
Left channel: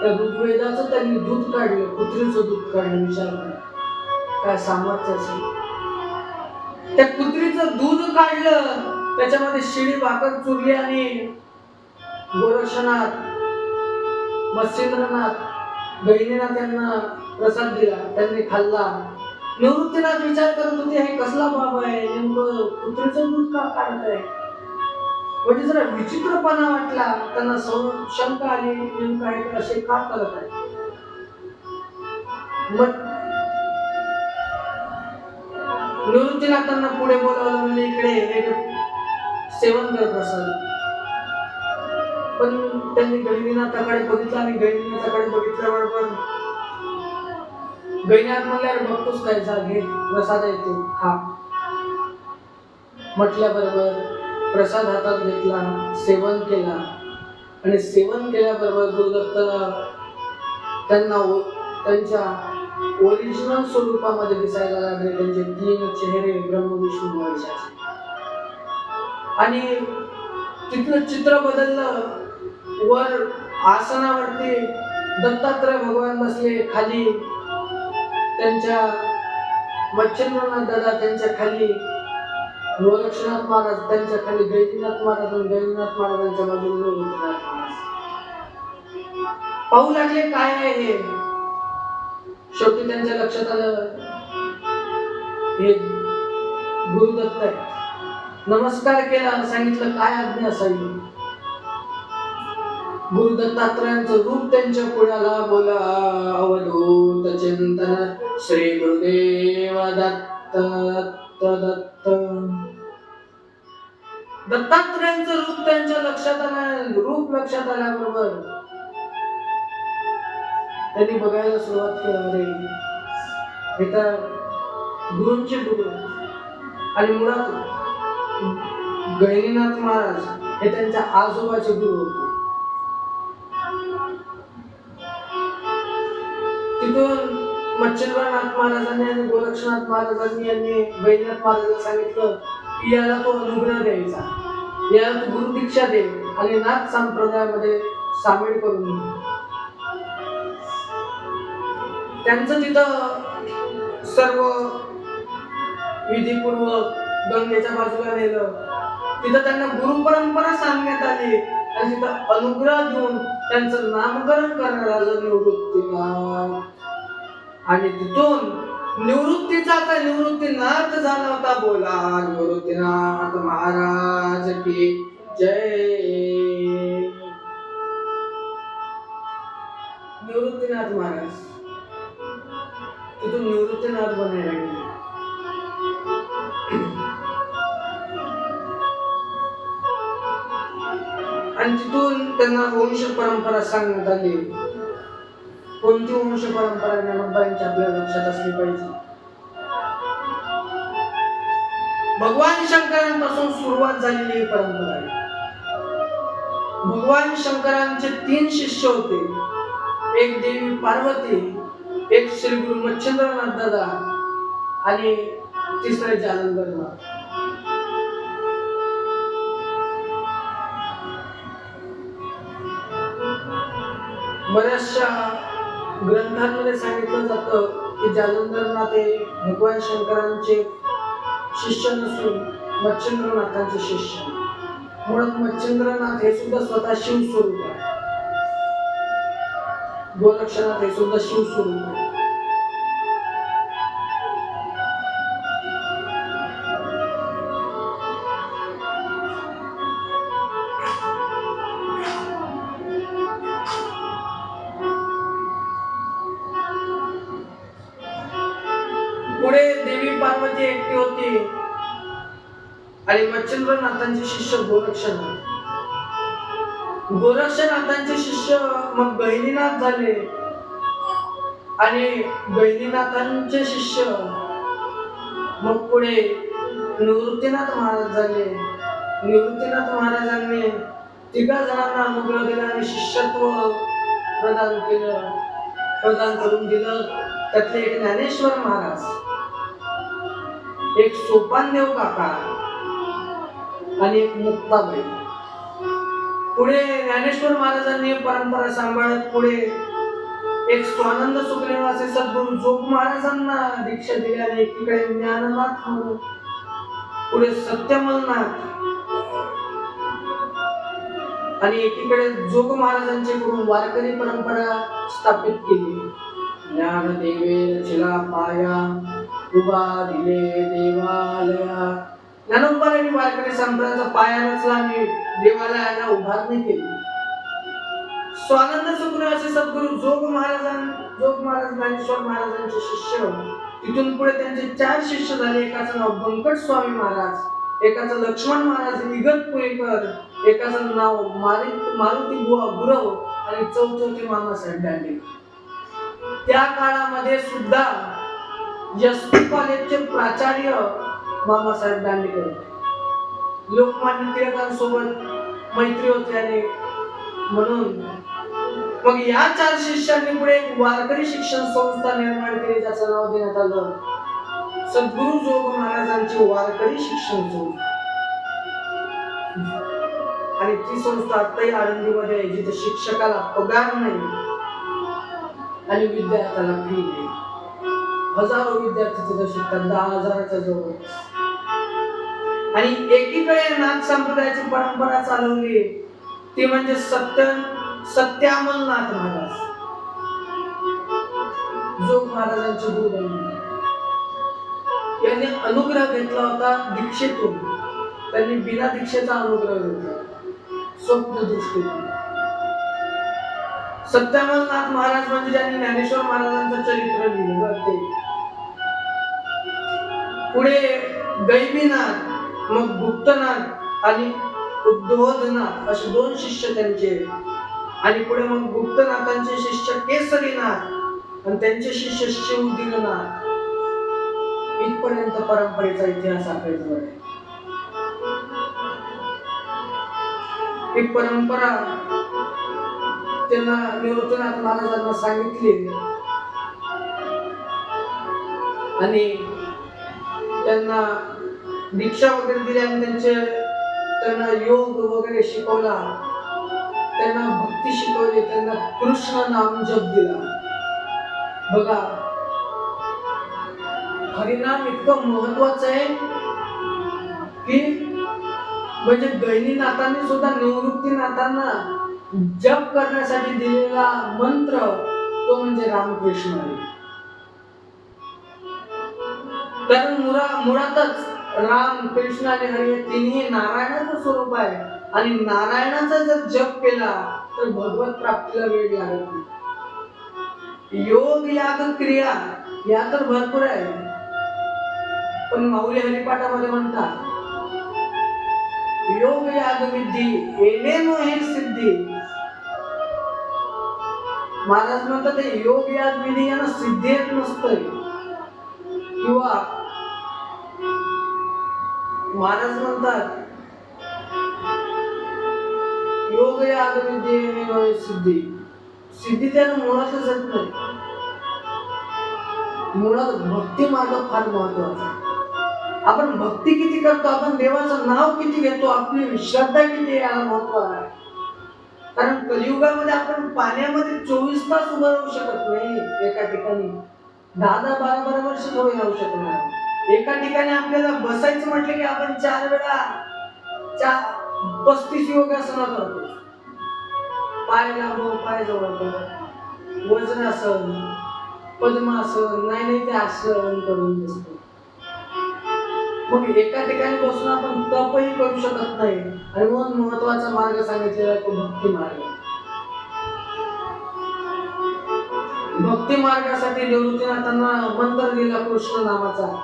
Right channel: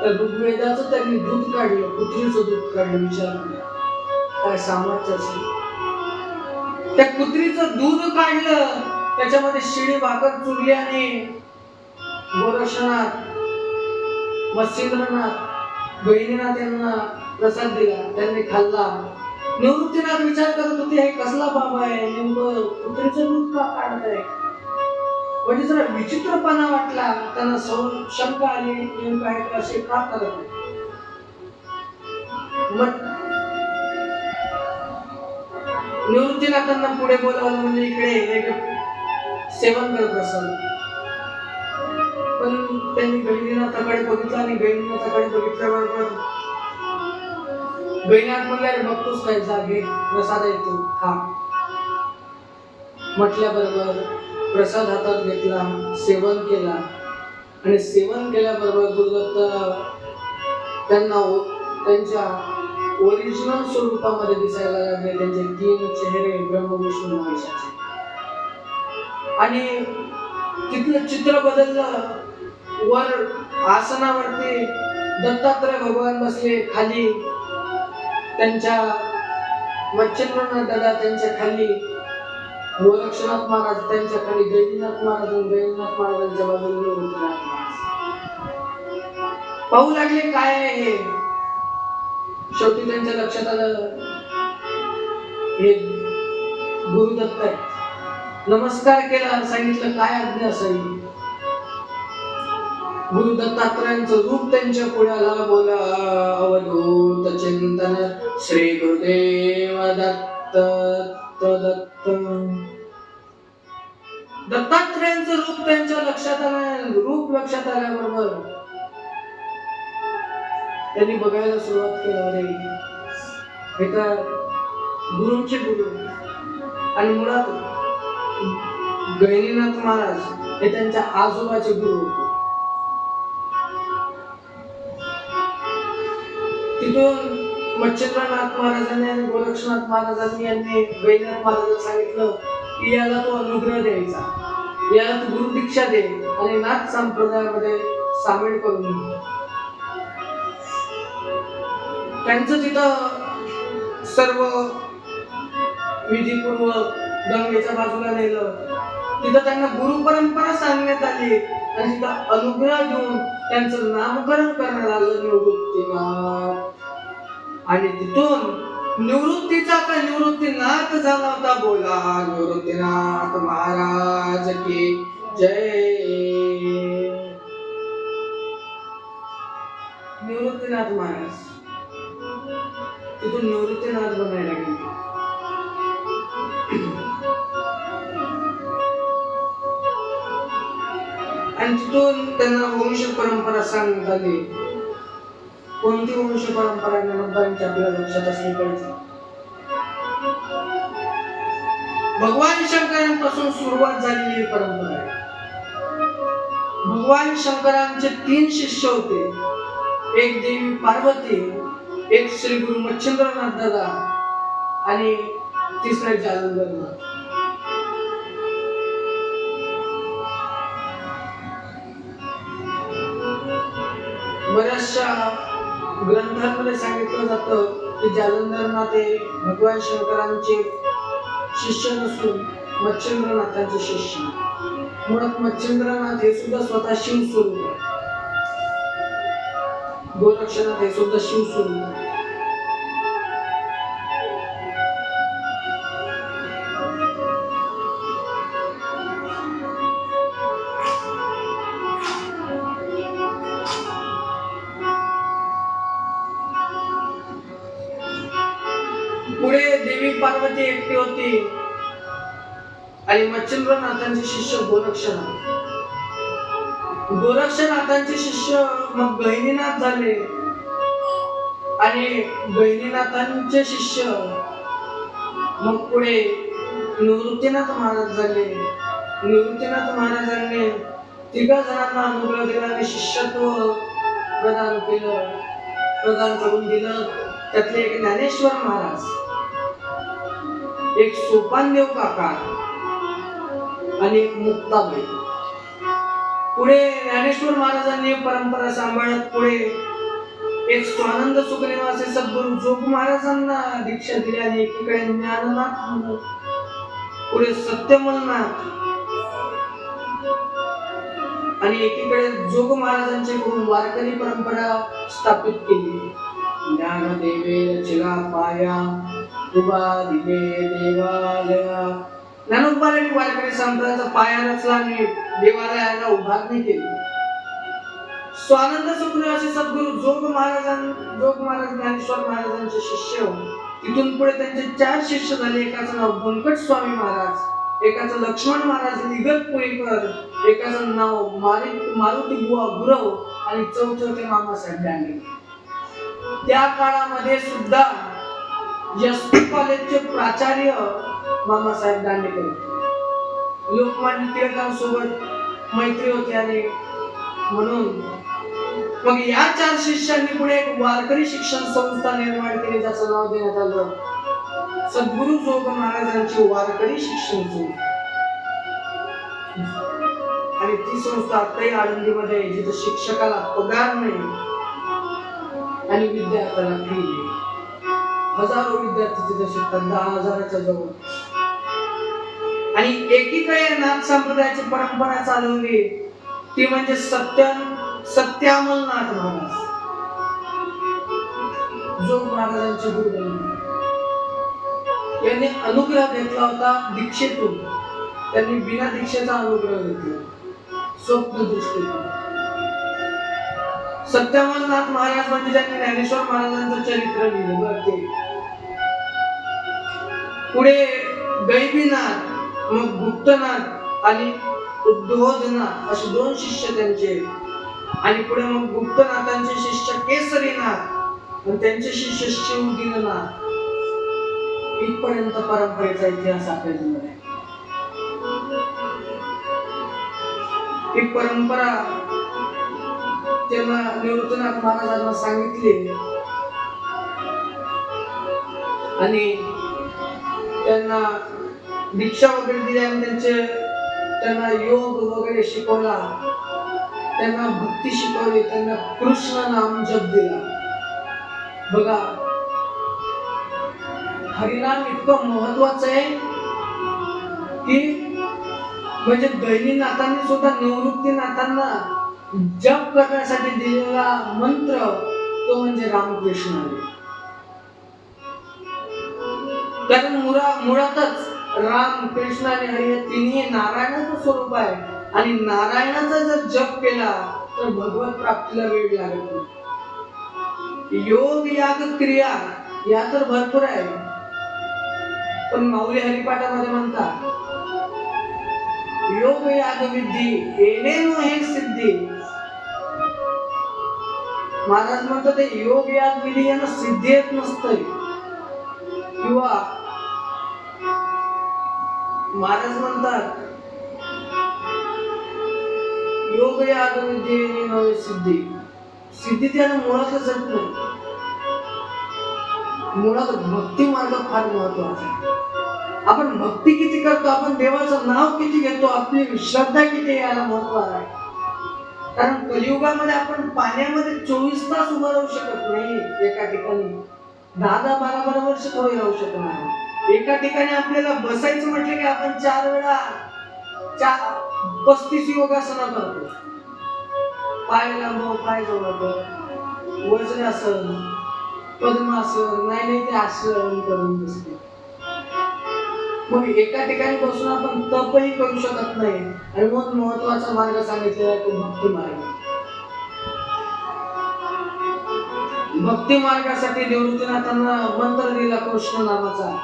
त्या ऋग्वेदाचं त्यांनी दूध काढलं, कुत्रीचं दूध काढलं. विचार करा काय सामर्थ्य असेल. त्या कुत्रीचं दूध काढलं, त्याच्यामध्ये शिळी भाकर चुरली आणि गोरक्षनाथ, मत्स्येंद्रनाथ, गहिनीनाथ यांना प्रसाद दिला. त्यांनी खाल्ला. निवृत्तीनाथ विचार करत होते हे कसला बाबा आहे, नेमकं कुत्रीचं दूध का काढत आहे. म्हणजे जरा विचित्रपणा वाटला त्यांना. शंका आली नेमकं आहे असे का करत आहे. मग निवृत्तीनाथांना पुढे बोलावलं. म्हणजे इकडे सेवन कर प्रसाद. पण त्यांनी गहिनीनाथाकडे बघितलं आणि गहिनीनाथाकडे बघितल्याबरोबर गहिनीनाथ म्हणले अरे बघतोस काय, जागे प्रसाद येतो खा. म्हटल्याबरोबर प्रसाद हातात घेतला, सेवन केला आणि सेवन केल्याबरोबर गुरुदत्त त्यांना त्यांच्या ओरिजिनल स्वरूपामध्ये दिसायला लागले. त्यांचे 3 चेहरे ब्रह्म विष्णू महेशाचे. आणि तिथलं चित्र बदललं. वर आसनावरती दत्तात्रय भगवान बसले, खाली त्यांच्या मच्छिंद्रनाथ दादा, त्यांच्या खाली गोरक्षनाथ महाराज, त्यांच्या खाली गहिनीनाथ महाराज, गहिनीनाथ महाराजांच्या बाजूने निवृत्तीनाथ महाराज. पाहू लागले काय आहे हे. शेवटी त्यांच्या लक्षात आलं हे गुरुदत्त आहे. नमस्कार केला, सांगितलं काय आज्ञा असावी. गुरु दत्तात्रयांचं रूप त्यांच्या पुढ्याला बोला. अवधूत चिंतन श्री गुरुदेव दत्त दत्त. दत्तात्रेयांचं रूप त्यांच्या लक्षात आलं. रूप लक्षात आल्याबरोबर त्यांनी बघायला सुरुवात केली. हे तर गुरूंचे गुरु आणि मुळात गहिनीनाथ महाराज हे त्यांच्या आजोबाचे गुरु होते. तिथून मच्छिंद्रनाथ महाराजांनी आणि गोरक्षनाथ महाराजांनी यांनी गहिनीनाथ महाराजांना सांगितलं की याला तो अनुग्रह द्यायचा, याला तो गुरु दीक्षा दे आणि नाथ संप्रदायामध्ये सामील करून घे. त्यांचं तिथं सर्व विधीपूर्वक गंगेच्या बाजूला नेलं. तिथं त्यांना गुरु परंपरा सांगण्यात आली आणि तिथं अनुग्रह देऊन त्यांचं नामकरण करण्यात आलं निवृत्तीनाथ. आणि तिथून निवृत्तीचा का निवृत्तीनाथ झाला होता. बोला निवृत्तीनाथ महाराज की जय. निवृत्तीनाथ महाराज तिथून निवृत्तीनाथ बनायला गेले. आणि तिथून त्यांना वंश परंपरा सांगण्यात आली. कोणती वंश परंपरा ज्ञानोबांची आपल्या लक्षात असली पाहिजे. भगवान शंकरांपासून सुरुवात झालेली ही परंपरा आहे. भगवान शंकरांचे 3 शिष्य होते. एक देवी पार्वती, एक श्री गुरु मच्छिंद्रनाथ दादा आणि तिसरे जालंधरनाथ. बऱ्याचशा ग्रंथांमध्ये सांगितलं जातं की जालंधरनाथ हे भगवान शंकरांचे शिष्य नसून मच्छिंद्रनाथांचे शिष्य. मुळात मच्छिंद्रनाथ हे सुद्धा स्वतः शिवस्वरूप आहे. गोरक्षनाथ हे सुद्धा शिवस्वरूप आहे. पुढे देवी पार्वती एकटी होती आणि मच्छिंद्रनाथांचे शिष्य गोरक्षनाथ. गोरक्षनाथांचे शिष्य मग गहिनीनाथ झाले आणि गहिनीनाथांचे शिष्य मग पुढे निवृत्तीनाथ महाराज झाले. निवृत्तीनाथ महाराजांनी 3 जणांना अनुग्रह दिला आणि शिष्यत्व प्रदान करून दिलं. त्यातले एक ज्ञानेश्वर महाराज, एक सोपानदेव काका आणि एक मुक्ताबाई. पुढे ज्ञानेश्वर महाराजांनी परंपरा सांभाळत पुढे एक स्वानंद सुखनिवासी सद्गुरू जोग महाराजांना दीक्षा दिली आणि एकीकडे ज्ञाननाथ म्हणून पुढे सत्यमलनाथ आणि एकीकडे जोग महाराजांचे करून वारकरी परंपरा स्थापित केली. ज्ञानदेवे रचिला पाया उभा दिले देवालया. ज्ञानोबांनी वारकरी संप्रदायाचा पाया रचला आणि देवालयाला उभारणी केली. स्वानंद सुखनिवासी सद्गुरू जोग महाराज ज्ञानेश्वर महाराजांचे शिष्य. तिथून पुढे त्यांचे 4 शिष्य झाले. एकाचं नाव बंकट स्वामी महाराज, एकाचं लक्ष्मण महाराज इगतपुरीकर, एकाचं नाव मारुती बुवा गुरव आणि चौथे होते मामासाहेब दांडेकर. त्या काळामध्ये सुद्धा एसपी कॉलेजचे प्राचार्य मामासाहेब दांडेकर. लोकमान्य टिळकांसोबत मैत्री होती आणि म्हणून मग या 4 शिष्यांनी पुढे एक वारकरी शिक्षण संस्था निर्माण केली, ज्याचं नाव देण्यात आलं सद्गुरू जोग महाराजांची वारकरी शिक्षण संस्था. आणि ती संस्था आताही आळंदीमध्ये आहे, जिथे शिक्षकाला पगार नाही आणि विद्यार्थ्याला फी नाही. हजारो विद्यार्थी तिथे शिकतात, 10,000च्या जवळ. आणि एकीकडे नाथ संप्रदायाची परंपरा चालवली ती म्हणजे सत्यामलनाथ महाराज, जोग महाराजांचे गुरुदेव. यांनी अनुग्रह घेतला होता दीक्षेतून. त्यांनी बिना दीक्षेचा अनुग्रह घेतला स्वप्न दृष्टीतून. सत्यामलनाथ महाराज म्हणजे ज्यांनी ज्ञानेश्वर महाराजांचं चरित्र लिहिलं बघ ते. पुढे गैबीनाथ, मग गुप्तनाथ आणि उद्धवनाथ असे दोन शिष्य त्यांचे, आणि पुढे मग गुप्तनाथांचे शिष्य केसरीनाथ आणि त्यांचे शिष्य शिवदीननाथ. इथपर्यंत परंपरेचा इतिहास आपल्याजवळ आहे. ही परंपरा त्यांना निवृत्तीनाथ महाराजांना सांगितली आणि त्यांना दीक्षा वगैरे दिली आणि त्यांना योग वगैरे शिकवला, त्यांना भक्ती शिकवली, त्यांना कृष्ण नाम जप दिला. बघा, हरिनाम इतकं महत्वाचं आहे की म्हणजे गहिनीनाथांनी सुद्धा निवृत्तीनाथांना जप करण्यासाठी दिलेला मंत्र तो म्हणजे रामकृष्ण हरी. कारण मुळातच राम, कृष्ण आणि हरी हे तिन्ही नारायणाचं स्वरूप आहे आणि नारायणाचा जर जप केला तर भगवत प्राप्तीला वेळ लागत नाही. योग याग क्रिया या तर भरपूर आहे, पण माऊली हरिपाठामध्ये म्हणतात योग याग विधी येणेनो हे सिद्धी. महाराज म्हणतात ते योग याग विधी यांना सिद्धी येत नसतंय, किंवा महाराज म्हणतात योग याग विधी येणेनो हे सिद्धी. सिद्धी त्यानं मुळातच येत नाही. मुळात भक्ती मार्ग फार महत्वाचा आहे. आपण भक्ती किती करतो, आपण देवाचं नाव किती घेतो, आपली श्रद्धा किती याला महत्व आहे. कारण कलियुगामध्ये आपण पाण्यामध्ये 24 तास उभं राहू शकत नाही एका ठिकाणी. 10-12 वर्ष थोडी राहू शकत नाही. एका ठिकाणी आपल्याला बसायचं म्हटलं की आपण 4 वेळा 35 योगासना करतो. पाय लांबव, पाय जोडतो, वज्रासन, पद्मासन, नाही ते आसन करून बसतो. मग एका ठिकाणी बसून आपण तपही करू शकत नाही. आणि मग महत्वाचा मार्ग सांगितलेला तो भक्ती मार्ग. भक्ती मार्गासाठी निवृत्तीनाथांना मंत्र दिला कृष्ण नामाचा.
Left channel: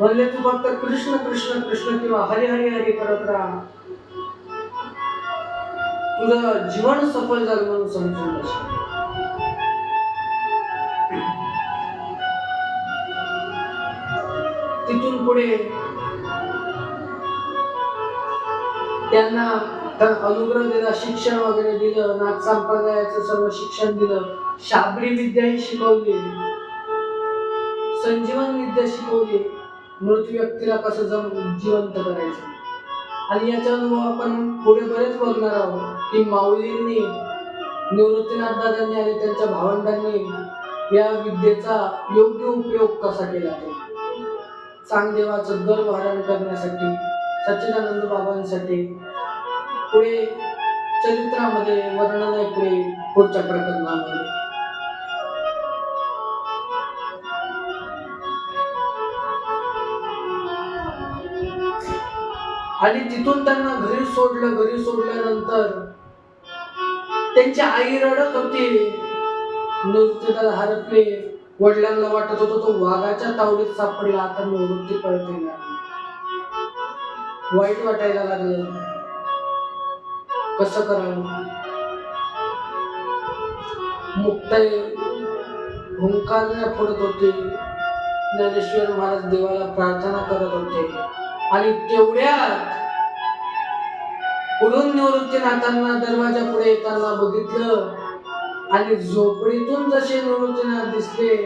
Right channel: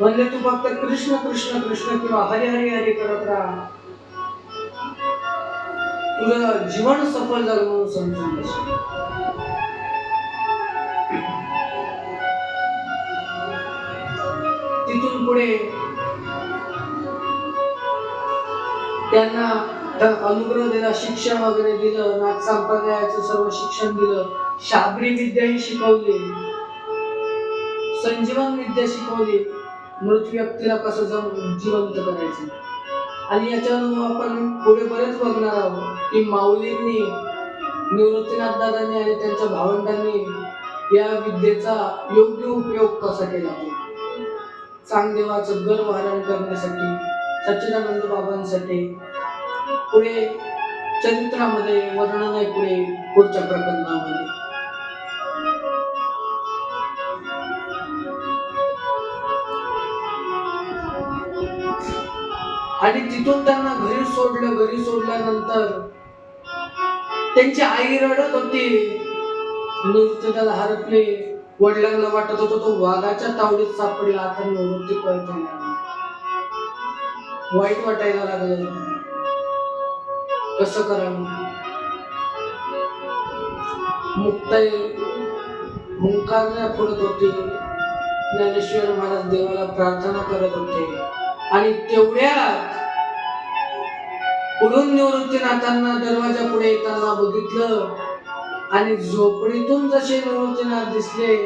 म्हणले तू फक्त कृष्ण कृष्ण कृष्ण किंवा हरी हरी हरी करत राहा, तुझं जीवन सफल झालं म्हणून समजून घे. तिथून पुढे त्यांना अनुग्रह दिला, शिक्षण वगैरे दिलं, नाथ संप्रदायाचं सर्व शिक्षण दिलं, शाबरी विद्याही शिकवली, संजीवन विद्या शिकवली, मृत व्यक्तीला कसं जिवंत करायचं. आणि याचा अनुभव आपण पुढे बरेच बघणार आहोत की माऊलींनी, निवृत्तीनाथ दादांनी आणि त्यांच्या भावंडांनी या विद्येचा योग्य उपयोग कसा केला. तो चांगदेवाचं गर्व हरण करण्यासाठी, सच्चिदानंद बाबांसाठी पुढे चरित्रामध्ये वर्णन आहे. पुढच्या प्रकरणामध्ये आणि तिथून त्यांना घरी सोडलं. घरी सोडल्यानंतर त्यांची आई रडत होती, निवृत्तीला हरपले. वडिलांना वाटत होतं तो वाघाच्या तावडीत सापडला, आता निवृत्ती परत येणार. वाईट वाटायला लागलं, कसं करावं. मुक्ताई हुंकारण्या फोडत होते. ज्ञानेश्वर महाराज देवाला प्रार्थना करत होते. आणि तेवढ्यात पुढून निवृत्तीनाथांना दरवाजा पुढे येताना बघितलं आणि झोपडीतून जसे निवृत्तीनाथ दिसले,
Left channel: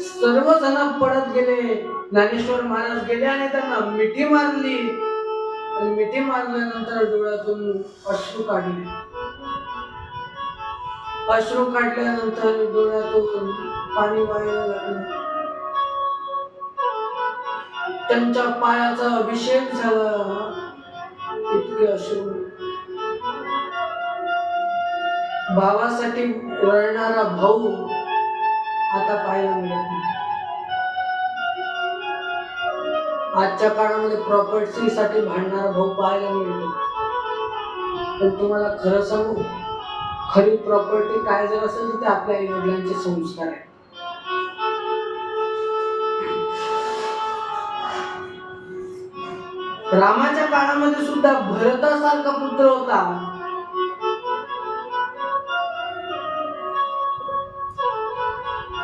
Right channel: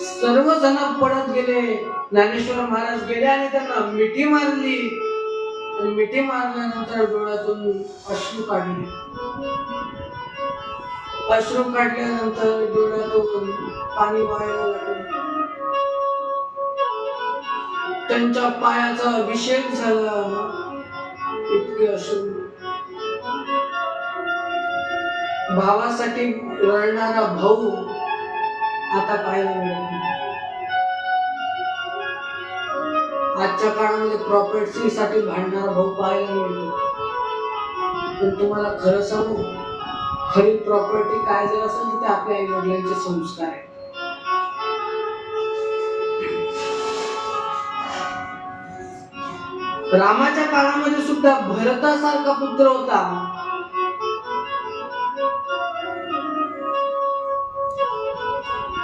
सर्वजण पडत गेले. ज्ञानेश्वर महाराज गेले आणि त्यांना मिठी मारली. आणि मिठी मारल्यानंतर डोळ्यातून अश्रू काढले. अश्रू काढल्यानंतर डोळ्यातून पाणी वाहायला लागले. त्यांच्या पायाचा अभिषेक झाला. इतके अश्रू. भावासाठी रडणारा भाऊ आता पाहायला मिळत नाही. आजच्या काळामध्ये प्रॉपर्टी साठी भांडणारा भाऊ पाहायला मिळतो. पण तुम्हाला खरं सांगू, खरी प्रॉपर्टी काय जर असेल तर ते आपल्या आई वडिलांचे संस्कार आहे. रामाच्या काळामध्ये सुद्धा भरतासारखा पुत्र होता.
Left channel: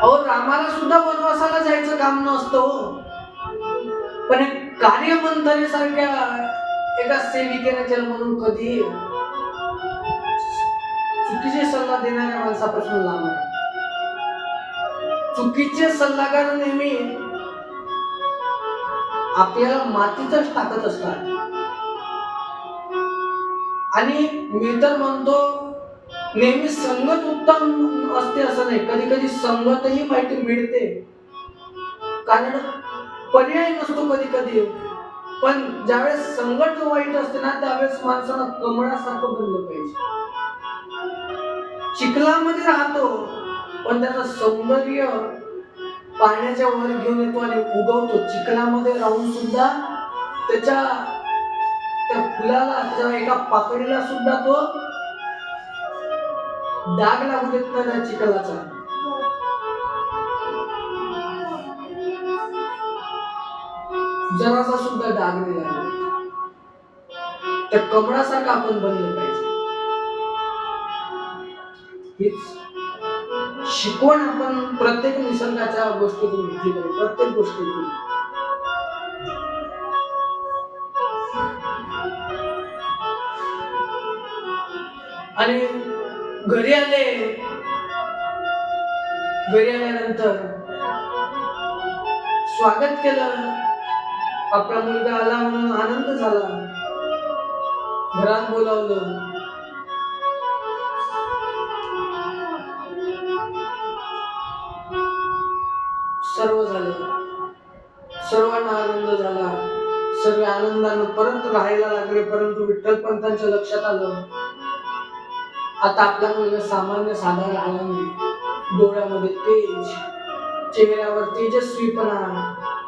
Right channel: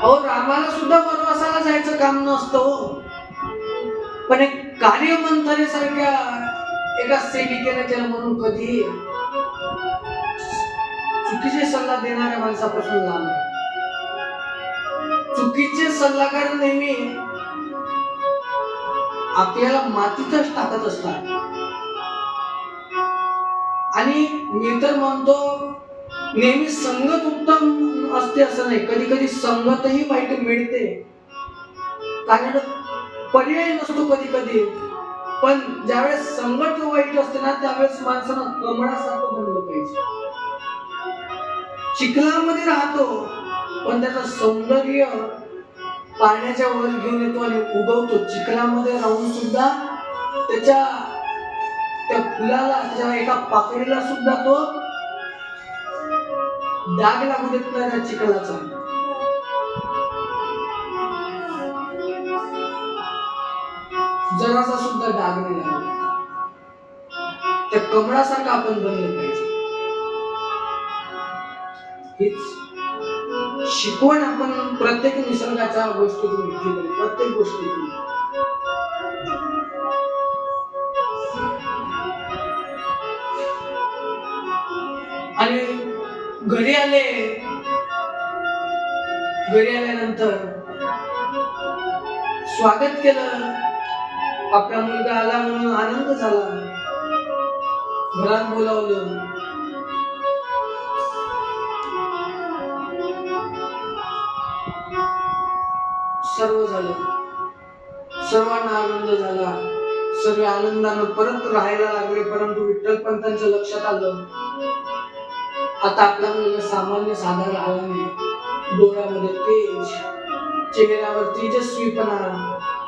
अहो, रामाला सुद्धा वनवासाला जायचं काम नसतं, पण एक कार्यमंथरेसारख्या एका सेविकेने केलं म्हणून कधी चुकीचे सल्ला देणाऱ्या माणसापासून लांब आहे. चुकीचे सल्लागार नेहमी आपल्याला मातीतच टाकत असतात. आणि मी तर म्हणतो, नेहमी संगत उत्तम असते असं नाही, कधी कधी संगतही वाईट मिळते, कारण पर्याय नसतो कधी कधी. पण ज्यावेळेस संगत वाईट असते ना, त्यावेळेस माणसानं कमळासारखं बनलं पाहिजे. चिखलामध्ये राहतो पण त्याचं सौंदर्य पाण्याच्या वर घेऊन येतो आणि उगवतो. चिखलामध्ये राहून सुद्धा त्या फुलाला, त्याच्या एका पाकळीला सुद्धा तो डाग लागू देत नाही त्या चिखलाचा. जरासा सुद्धा डाग नाही लागला. त्या कमळासारखं आपण बनलं पाहिजे. हीच शिकवण आपण प्रत्येक निसर्गाच्या गोष्टीतून घेतली पाहिजे, प्रत्येक गोष्टीतून. आणि घरी आल्यानंतर स्वागत केलं. आपला मुलगा आला म्हणून आनंद झाला. घरात बोलावलं. सर्व झालं, सर्वांना आनंद झाला. सर्व आनंदानं परत राहायला लागले. परंतु विठ्ठलपंतांच्या लक्षात आलं, आता आपला मुलगा सामान्य साधा राहिला नाही. डोळ्यामध्ये तेज, चेहऱ्यावर तेजस्वीपणा,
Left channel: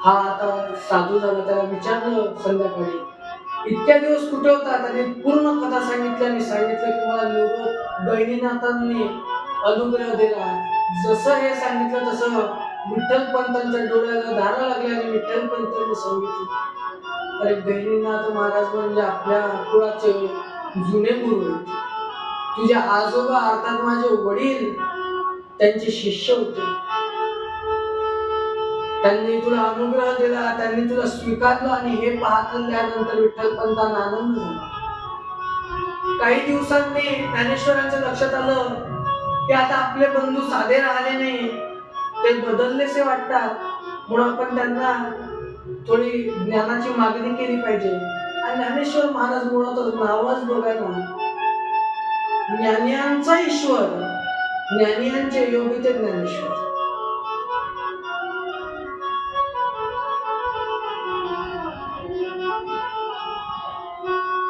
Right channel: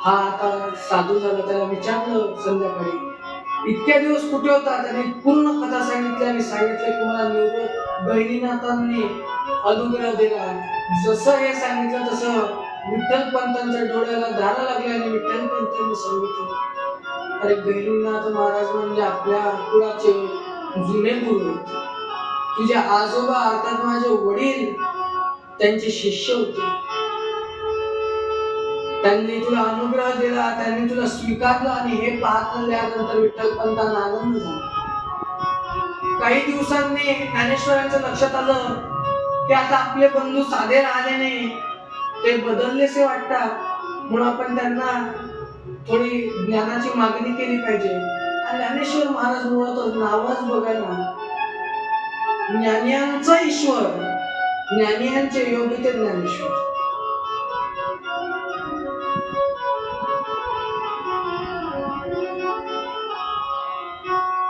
हा आता साधू झाला. त्याला विचारलं संध्याकाळी, इतक्या दिवस कुठे होता? त्याने पूर्ण कथा सांगितली आणि सांगितलं की मला निवृत्त गहिनीनाथांनी अनुग्रह दिला. जसं हे सांगितलं तसं विठ्ठलपंतांच्या डोळ्याला धारा लागल्या आणि विठ्ठलपंतांनी सांगितलं, अरे गहिनीनाथ महाराज म्हणजे आपल्या कुळाचे जुने गुरु आहेत. तुझे आजोबा अर्थात माझे वडील त्यांचे शिष्य होते. त्यांनी तुला अनुग्रह दिला, त्यांनी तुला स्वीकारलं. आणि हे पाहतल्यानंतर विठ्ठलपंतांना आनंद झाला. काही दिवसांनी ज्ञानेश्वरांच्या लक्षात आलं की आता आपले बंधू साधे राहिले नाही, ते बदललेसे वाटतात. म्हणून आपण त्यांना थोडी ज्ञानाची मागणी केली पाहिजे. आणि ज्ञानेश्वर महाराज मुळात नावच बघा ना, ज्ञानियांचा ईश्वर, ज्ञानियांचे योगी ते ज्ञानेश्वर.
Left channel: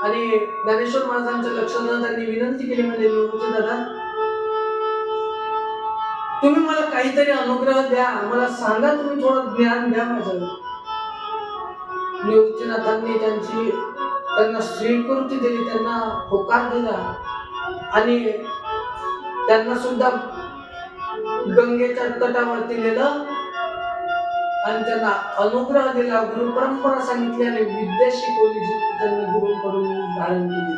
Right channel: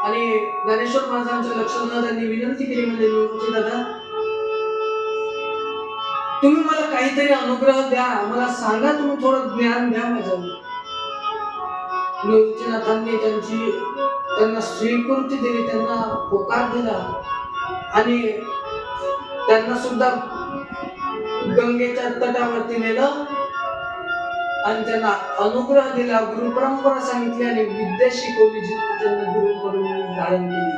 आणि ज्ञानेश्वर महाराजांचं लक्ष न, त्यांनी विनंती केली, म्हणजे निवृत्ती दादा, तुम्ही मला काहीतरी अनुग्रह द्या, मला सांगा, तुम्ही थोडं ज्ञान द्या माझ्यावर. निवृत्तीनाथांनी त्यांना स्वीकृती दिली, त्यांना होकार दिला. आणि त्यांना सुद्धा गंगेच्या तटावरती नेलं आणि त्यांना अनुग्रह दिला, गुरु परंपरा सांगितली आणि विद्या शिकवली, जी त्यांनी गुरुकडून धारण केली.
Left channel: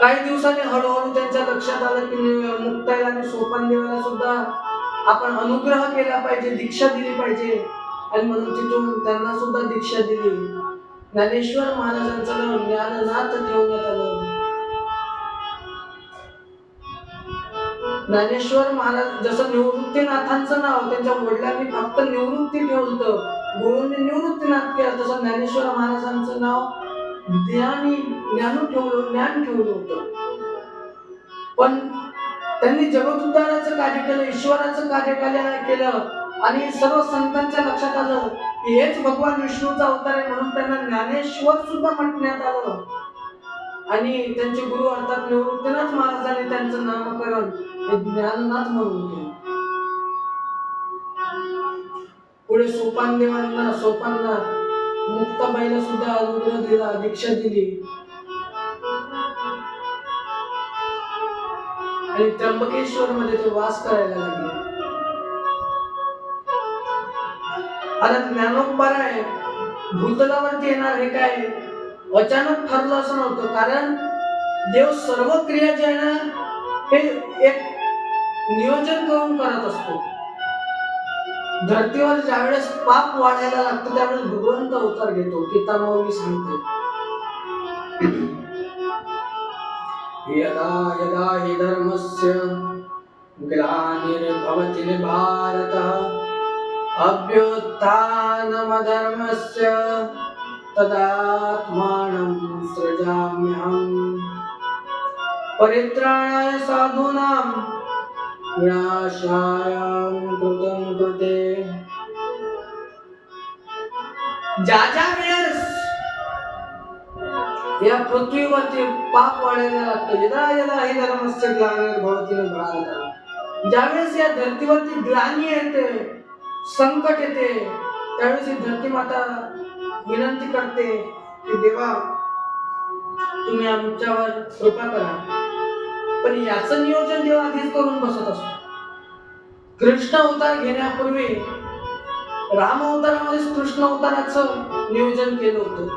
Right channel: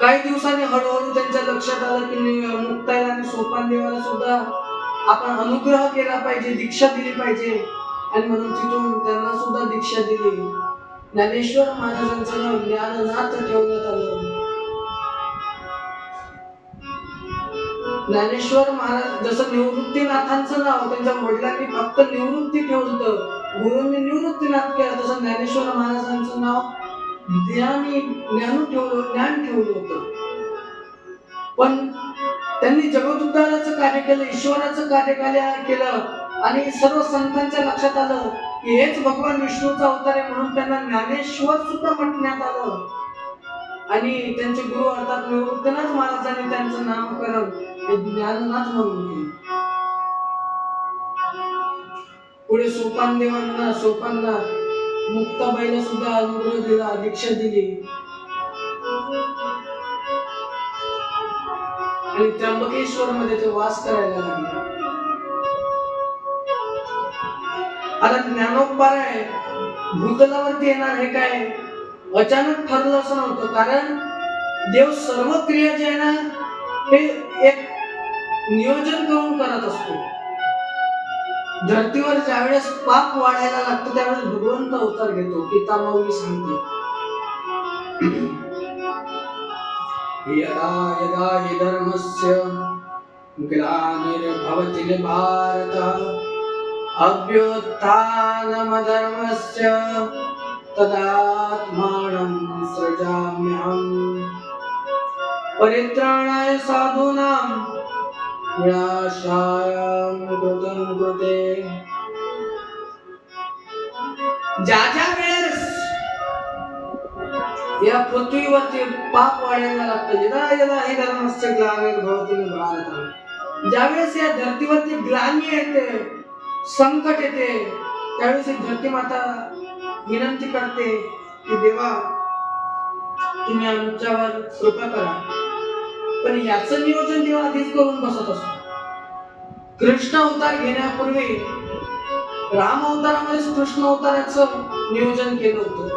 काही दिवसांनी हळूहळू त्यांच्या लक्षात आलं की मुक्ताईला आणि सोपानदेवाला सुद्धा आपण अनुग्रह केला पाहिजे, दीक्षा दिली पाहिजे. आणि म्हणून तिथून त्यांना सुद्धा दीक्षा दिली. ज्ञानेश्वर महाराजांचं नाव ज्ञाननाथ ठेवण्यात आलं. ज्ञानेश्वर महाराज, जसं निवृत्तीनाथांचं नाव त्यांच्या वडिलांनी फक्त निवृत्ती ठेवलं, गुरुंनी निवृत्तीनाथ केलं, तसं ज्ञानेश्वर महाराजांचं नाव ज्ञान ठेवलं होतं. पण त्यांनी जगदुद्धाराचं कार्य केलं, ईश्वराचं कार्य केलं. आणि सर्व संतांच्या लक्षात आलं की हेच भगवान विष्णूचा अवतार आहे, म्हणून त्यांना ज्ञानेश्वर सुद्धा म्हणण्यात आलं. आणि त्यांचे गुरु अर्थात निवृत्तीनाथ महाराजांनी त्यांचं नामकरण हे ज्ञाननाथ म्हणून केलं. पुढे सोपानना मुक्ताबाईला सुद्धा अनुग्रह दिला, दीक्षा दिली. आणि त्र्यंबकेश्वर मध्ये ते वास करायला लागले. आता ज्ञानोबा आहे, भूतलावरती येणार हे काय अचानक ठरलं असं नव्हतं, कारण देव सर्व क्रिया जे आहे ना हे एक नियोजन करून करत असतो. धर्तीवर ज्यावेळेस पाप वाढायला लागतं त्यावेळेस भगवंत अवतार घेतो. गीता माऊली सांगते, यदा यदा हि धर्मस्य ग्लानिर्भवति भारत अभ्युत्थानमधर्मस्य तदात्मानं सृजाम्यहम् परित्राणाय साधूनां विनाशाय कृतं कृते. ज्या ज्या वेळेस या पृथ्वीवरती पाप वाढायला लागतं, यदा यदा हि धर्मस्य ग्लानिर्भवति भारत, ज्यावेळेस या धर्तीवरती ग्लानी येते, संकट येते, त्यावेळेस ही धरती माता विनंती करते की देवा तुम्ही आमच्यावर कृपा करा. पण याचं नियोजन देव आधीच करून बसत असतो. कृष्ण अवतार घेण्यापूर्वी राम अवतारामध्ये कृष्ण अवताराचं नियोजन केलं होतं.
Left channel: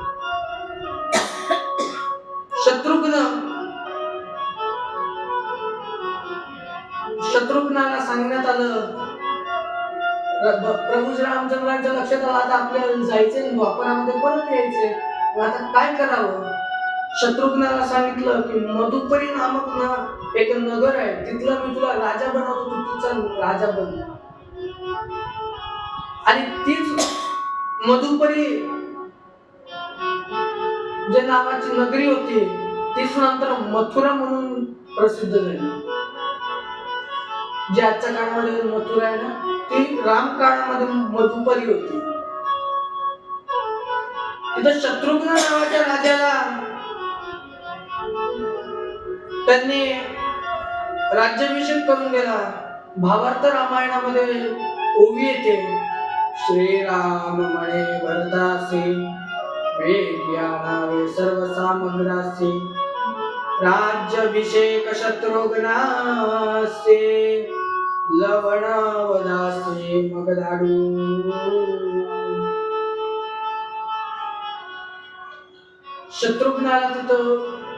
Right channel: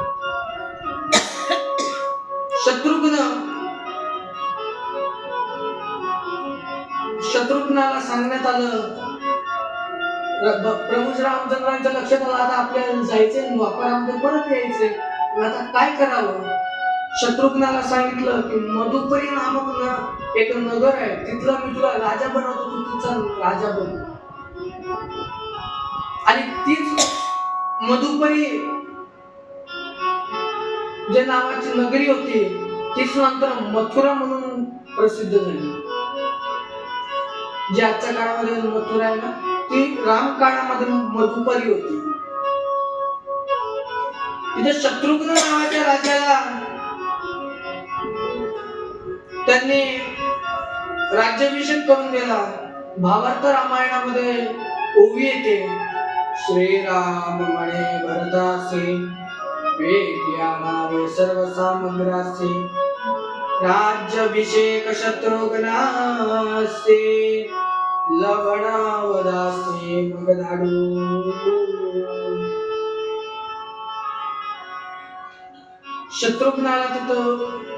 शत्रुघ्नाला सांगण्यात आलं, प्रभू रामचंद्रांच्या लक्षात आलं आता आपल्याला जायचंय, द्वापरामध्ये परत यायचंय, आता काय करावं. शत्रुघ्नाला सांगितलं की मधुपरी नामक एक नगर आहे, तिथलं मी तुला राजा बनवतो, तू तिचा राजा बन. आणि तीच मधुपरी जे नावाची नगरी होती तीच नंतर मथुरा म्हणून प्रसिद्ध झाली. जी आजच्या काळामध्ये मथुरा आहे ना, ती राम काळामध्ये मधुपरी होती. तिथे शत्रुघ्न नावाच्या राजाला त्यांनी राज्याभिषेक करून गेला. भावार्थ रामायणामध्ये ओवी येते, श्रीराम म्हणे भरतासे वेग्यानावे सर्व सामग्रासे राज्याभिषेक शत्रुघ्नासे लवणावदासे मगधाडू. शत्रुघ्नाला तिथं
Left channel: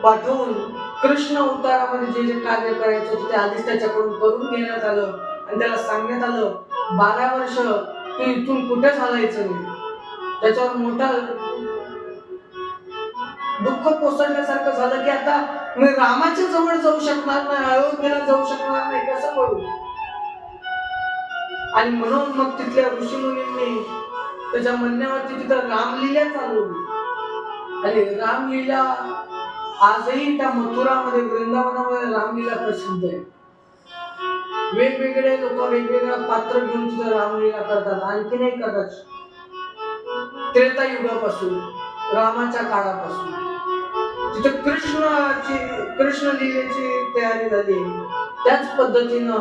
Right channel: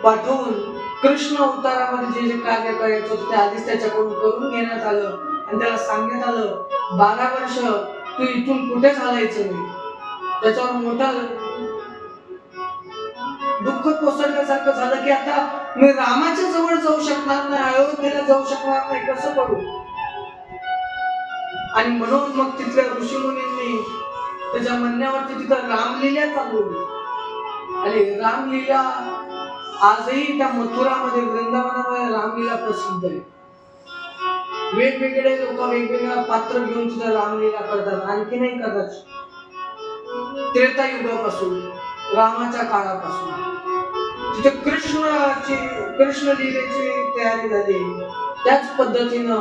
पाठवून कृष्ण अवतारामध्ये जे जे कार्य करायचं होतं ते आधीच त्याच्याकडून करून घेण्यात आलं आणि त्याला सांगण्यात आलं 12 वर्ष तू इथून कुठेच हलायचं नाही. त्याच्यावर मोठा दुःख कोसळल्यासारखं झालं की आता मी रामाच्या जवळ जाऊ शकणार नाही, अयोध्येला जाऊ शकणार नाही, कसं करू. आणि म्हणून मग तिथल्या ऋषीमुनींनी त्याच्या म्हणण्यावरती तिथं रामलीला चालवली. आणि रामलीला आजही त्या मथुरामध्ये वृंदावनामध्ये रामलीला प्रसिद्ध आहे. वेगवेगळे लोक वेगवेगळ्या पात्र घेऊन तिथं रामलीला करतात. आणखी नाही करतात, त्रेता युगापासून रामाच्या काळापासून तिथे कृष्ण लीलेची तयारी झाली. त्याच पद्धतीनं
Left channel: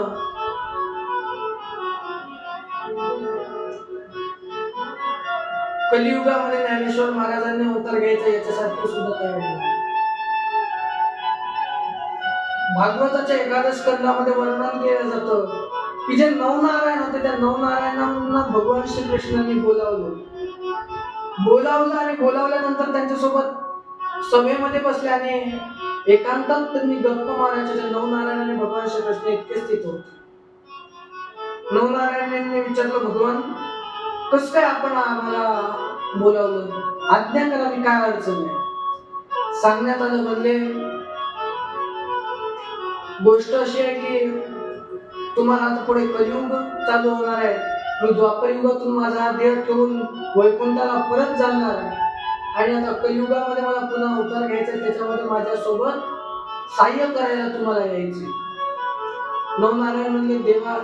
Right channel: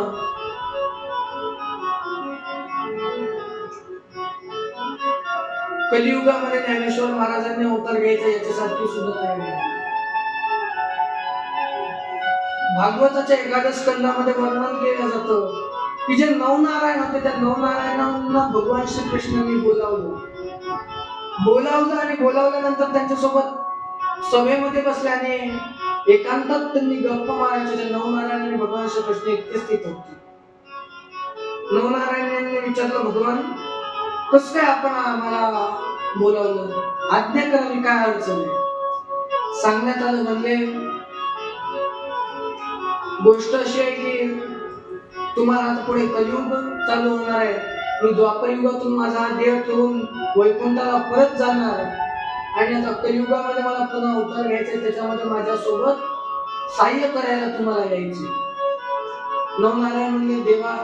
कलियुगामध्ये ज्ञानेश्वर महाराजांनी अवतार घ्यायचा याच्यासाठी सुद्धा तयारी झाली. भागवताच्या 11 स्कंदामध्ये वर्णन केलं जातं की जे नवनारायण होते त्या नवनारायणांना भगवान श्रीकृष्णांनी बोलावलं आणि बोलावल्यानंतर त्यांच्यासोबत सभेमध्ये बसले आणि एकांतात त्यांनी गप्पा मारायचे. त्या नवनारायणाने भगवान श्रीकृष्ण एकटेच तिथे होते. नवनारायणांनी विचारलं, भगवान कसं काय आपण आम्हाला बोलावलं, आज्ञा करावी, काय अडचण आहे. सांगण्यात आलं, म्हणले गोष्ट अशी आहे की तुम्हाला आता पुढे कलियुग चालू होणार आहे. मी द्वापर युगातून माझा देह ठेवून वैकुंठाला परत जाणार आणि आता कलियुगामध्ये मला पुन्हा अवतार घ्यायचा, त्याच्यामध्ये माझ्यासोबत सहाय्य करायला तुम्हाला यायचे. नवनारायण म्हणजे देवा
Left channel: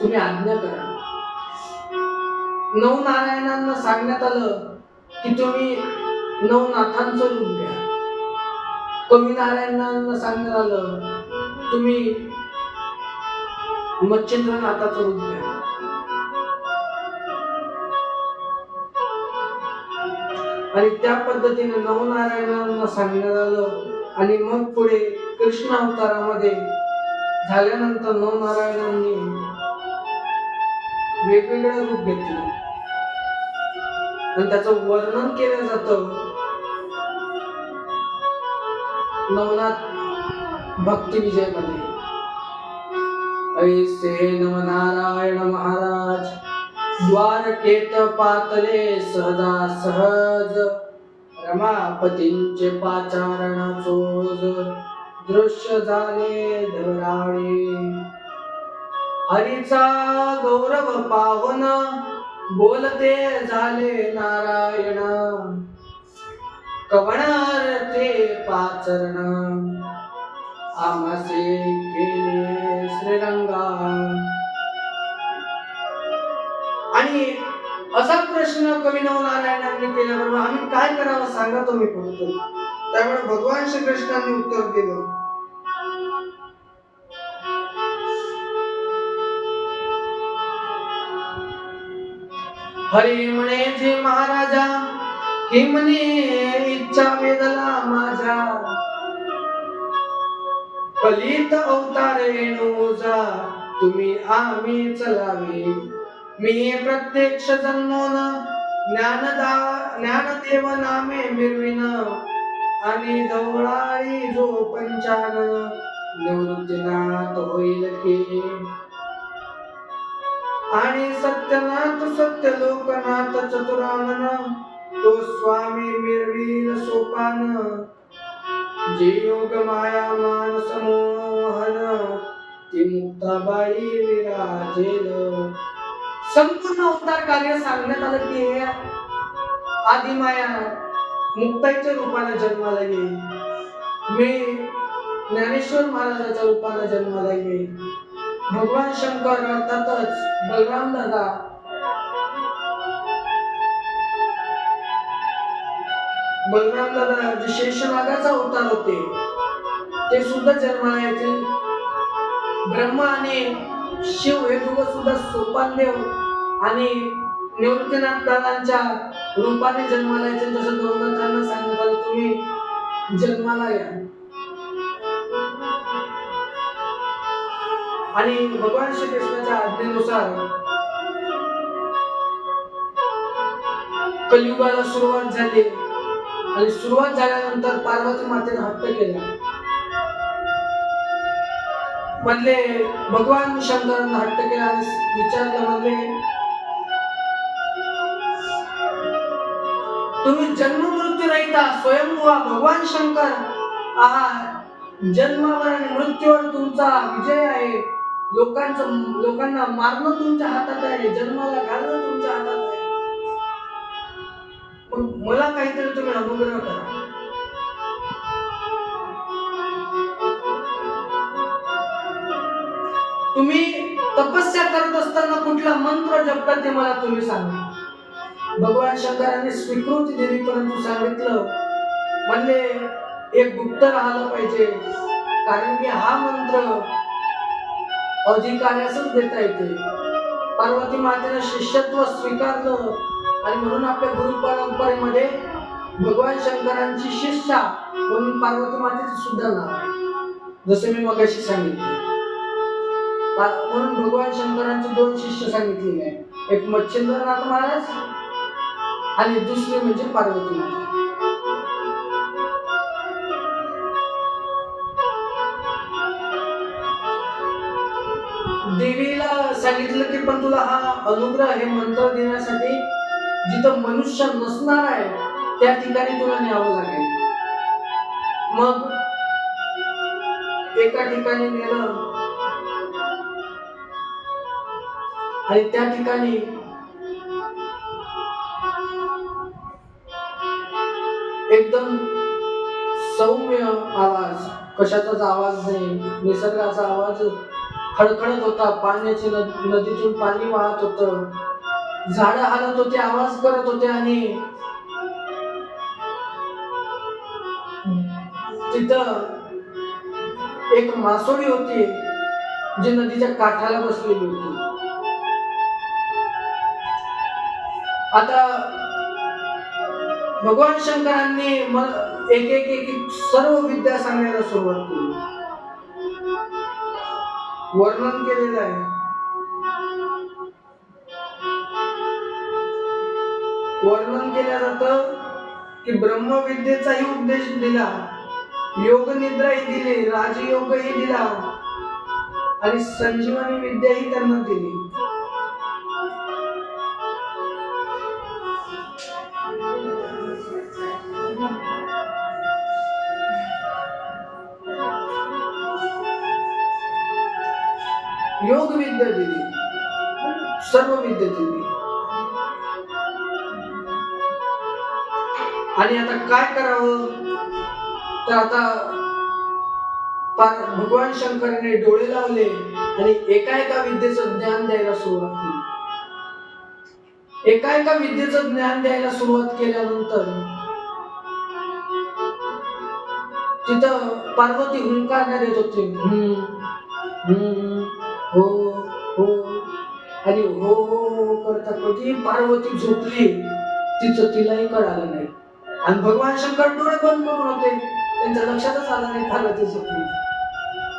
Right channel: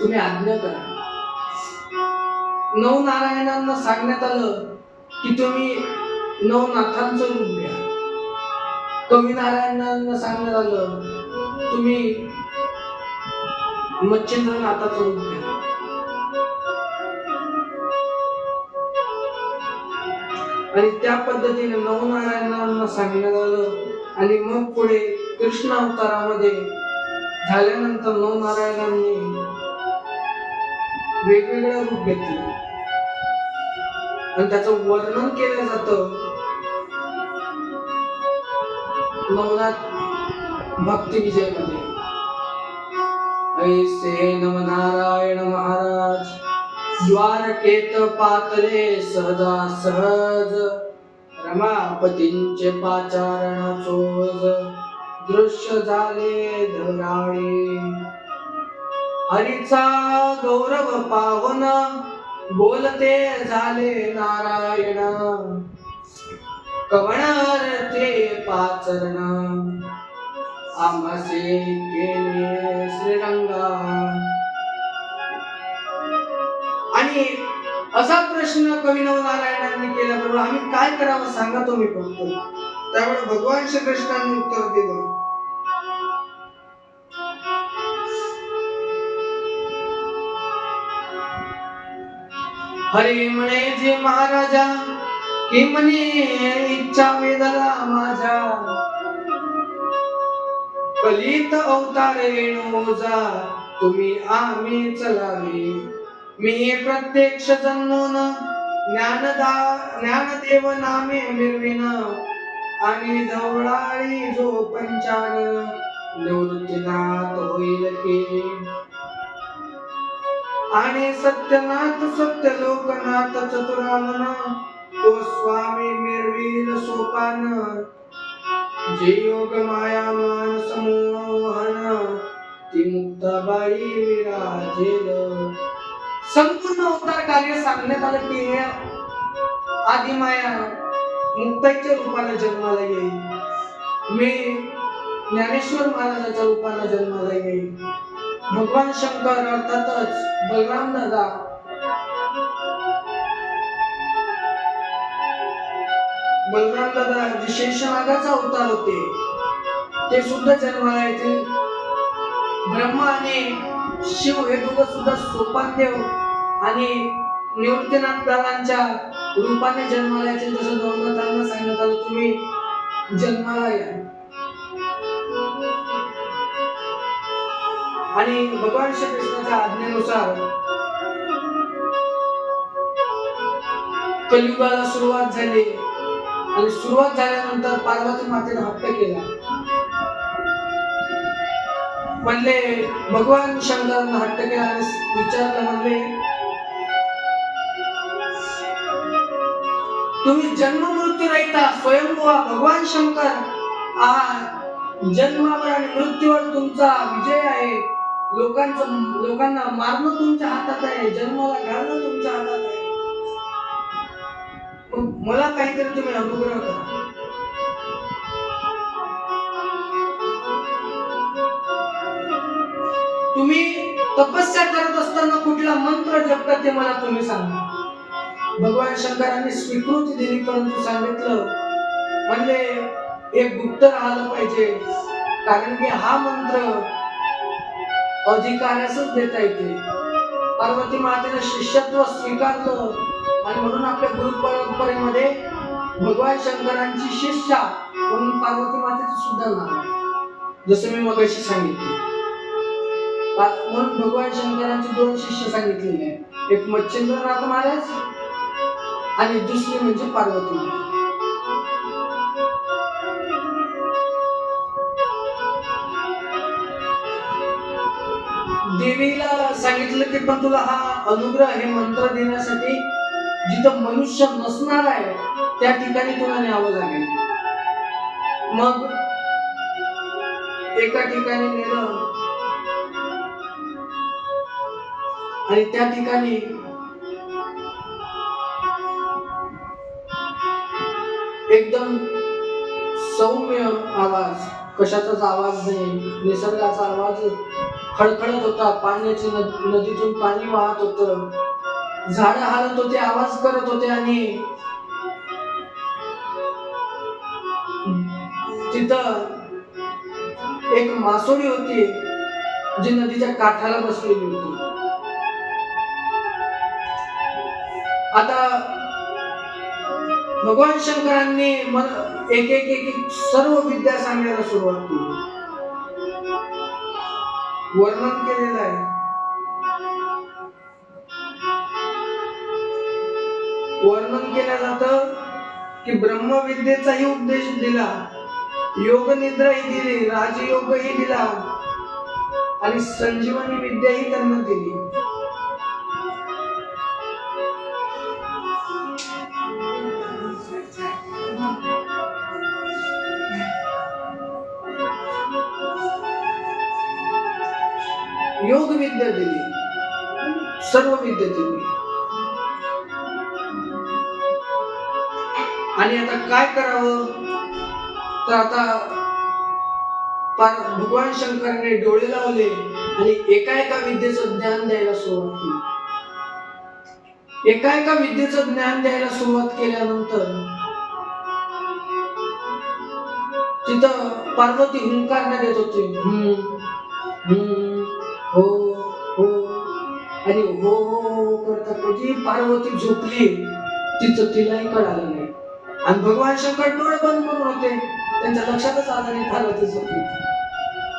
तुम्ही आज्ञा करा. नवनारायणांना सांगण्यात आलं की तुम्ही नवनाथांचं रूप घ्या. कवी नारायणांना सांगण्यात आलं तुम्ही मच्छिंद्रनाथाचं रूप घ्या. आणि त्या पद्धतीने नवनारायणांना सांगण्यात आलं. आणि मग पुढे कृष्ण अवतारामध्ये झाल्यानंतर नवनारायणांनी वेगवेगळे रूप घेतले. आणि त्याचं वर्णन केलं जातं नवनाथ भक्ती विजय मध्ये. ऐसे नवनारायण महाराज द्वारकेत पातले सहजा सहज, रमापतींचे पाचारण चोज दृश्य झाले धराळे. हरीचा गौरव पावन बोलते झाले नारायण, कवणार ते पाचरण आमसे केले श्रीरंगा. आणि असा प्रश्न कवी नवनारायणांनी केल्याबरोबर आम्ही काय करावं सांगा तुम्ही फक्त. त्यामुळे भगवान श्रीकृष्णांनी उत्तर दिलं, हरी म्हणे जे महाराजा की म्हणे इच्छा वेदला माझा, कलित अवतार वेणूजा तुम्ही आम्ही चलावे. मी प्रत्यक्ष जन्मोन ज्ञानदेव नामे मिरविन, आणि धवळाळी जो पंचानन निवृत्तीनाथ होईल की. आणि सत्यनाथ सत्य लोकनाथ चतुरानन तो स्वामी मिरवील सोपान. जे योग माया मान समोहन ती मुक्ताबाई विराजेल. संपूर्ण अवतार कार्य सांगण्यात आलं की हे आदिमाया मुक्ताईच्या रूपाने जन्माला येईल, मी ज्ञानेश्वर महाराजाच्या रूपाने जन्माला येईल. भगवान शंकर अर्थातच बलराम दादा जे शेषनागाचा अवतार होते ते सुद्धा जन्माला येतील. ब्रह्मा आणि शिव हे दोघं सुद्धा सोपानदेव आणि निवृत्तीनाथ दादांच्या रूपाने जन्माला येतील. तसं नवनाथांना सांगण्यात आलं तुम्ही जन्माला या. आणि भगवान श्रीकृष्णाच्या आज्ञेनुसार कलियुगाला सुरुवात झाली. आणि सुरुवात झाल्यानंतर पार्वती मातेने हट्ट केला. म्हणले भगवान शंकरांना हट्ट केला आणि विचारलं, म्हणले तुम्ही जन्म मृत्यू रहिता स्वयंभुवा भगवान शंकर आहात. जन्मावर आणि मृत्यूवर तुमचा विजय आहे. लोकांना मारणं तुमच्या हातात आहे, जन्माला घालणं तुमच्या हातात आहे. मला काहीतरी तुम्ही अनुग्रह करा. तुम्ही तपस्या करत असताना कुठला मंत्र जपता ते मला तुम्ही सांगा. भगवान शंकरांनी स्वीकृती दिली, परंतु सांगितलं म्हणले एक गुप्त राहिलं पाहिजे, कारण की हा मंत्र अधिकाऱ्यासच देता येते. पार्वती मातेने शिष्यत्व स्वीकारलं आणि म्हणून आपल्या गुरु परंपरेमध्ये भगवान शंकरांची शिष्या म्हणून पार्वती मातेचं सुद्धा नाव आहे, जसं मी मगाशी सांगितले. म्हणून भगवान शंकरांचे दोन शिष्य सांगितलेले आहेत, एक मच्छिंद्रनाथ महाराज आणि दुसरी म्हणजे पार्वती माता. देवीला सांगितलं की पण तुला हा अनुग्रह हे मंत्र देण्यासाठी जिथं मनुष्य नसणार आहे त्या ठिकाणी तुला न्यावं लागेल. मग एका ठिकाणी नेलं आणि त्या ठिकाणी एकदम सौम्य आवाज, कशाचाच आवाज नाही, निसर्गाचा आवाज खळखळत होता. पाण्याची नदीतून पाणी वाहत होतं, झाडं हालत होते, आवाज करत होते. आणि तिथं एक मासोळी होती जी नदीच्या काठाला बसलेली होती. आता भगवान शंकरांनी एक एक एक सर्व विद्या सांगायला सुरुवात केली. वर्णन केलेलं आहे. वर्णन केलं जातं की ब्रह्मविद्येचाही उपदेश दिला, योग निद्राही दिली, राजयोगही दिला आणि संजीवनी विद्याही त्यांना दिली. योग विद्या दिली, सर्व विद्या दिली. आणि आता काय करावं, तर आता भगवान शंकराने डोळे लावले आणि एका एका विद्येचं ज्ञान द्यायला सुरुवात केली. एका एका विद्येचं ज्ञान द्यायला सुरुवात केल्यानंतर तिथं पार्वती हुंकारण्यात येत होती. हो हो आणि हो हो हो करता कधी पार्वती झोपली तिचं तिलाही कळालं नाही. आणि भगवान शंकर डोळे बंद करून होते, त्यांच्या लक्षातच आलं नाही पार्वती झोपली.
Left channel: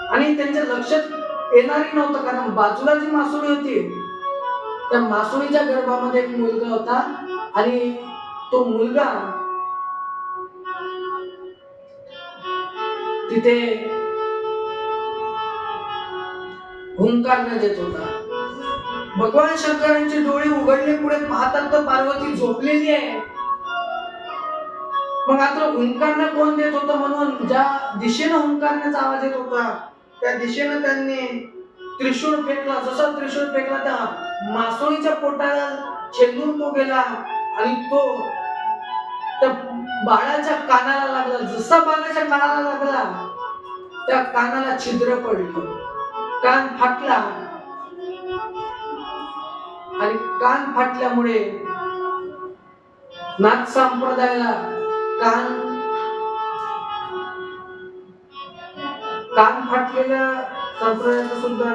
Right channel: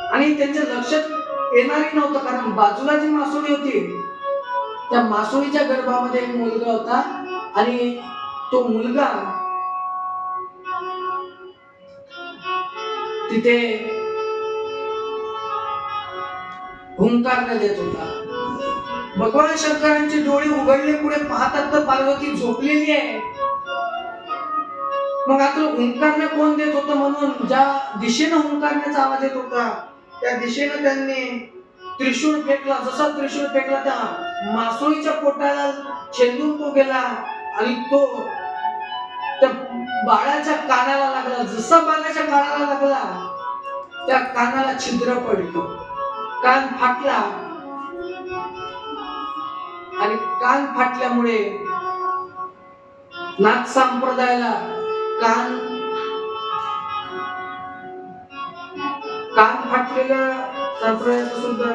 आणि त्यांच्या लक्षात येणारही नव्हतं, कारण बाजूला जी मासोळी होती त्या मासोळीच्या गर्भामध्ये एक मुलगा होता आणि तो मुलगा तिथे हुंकारण्यात येत होता. भगवान शंकरांचे डोळे उघडले, पुढे पाहतात तर पार्वती झोपलेली आहे. मग आता हुंकारणे कोण देत होतं, म्हणून ज्या दिशेनं हुंकारण्याचा आवाज येत होता त्या दिशेनं त्यांनी त्रिशूळ फेकला. जसा त्रिशूळ फेकला त्या मासोळीच्या पोटाला छेदून तो गेला आणि तो त्या बाळाच्या कानाला लागला. जसा बाळाच्या कानाला लागला त्या कानाला छिद्र पडलं, कान फाटला आणि कान फाटल्यामुळे नाथ संप्रदायाला कान फाटलेल्या संप्रदायाचं सुद्धा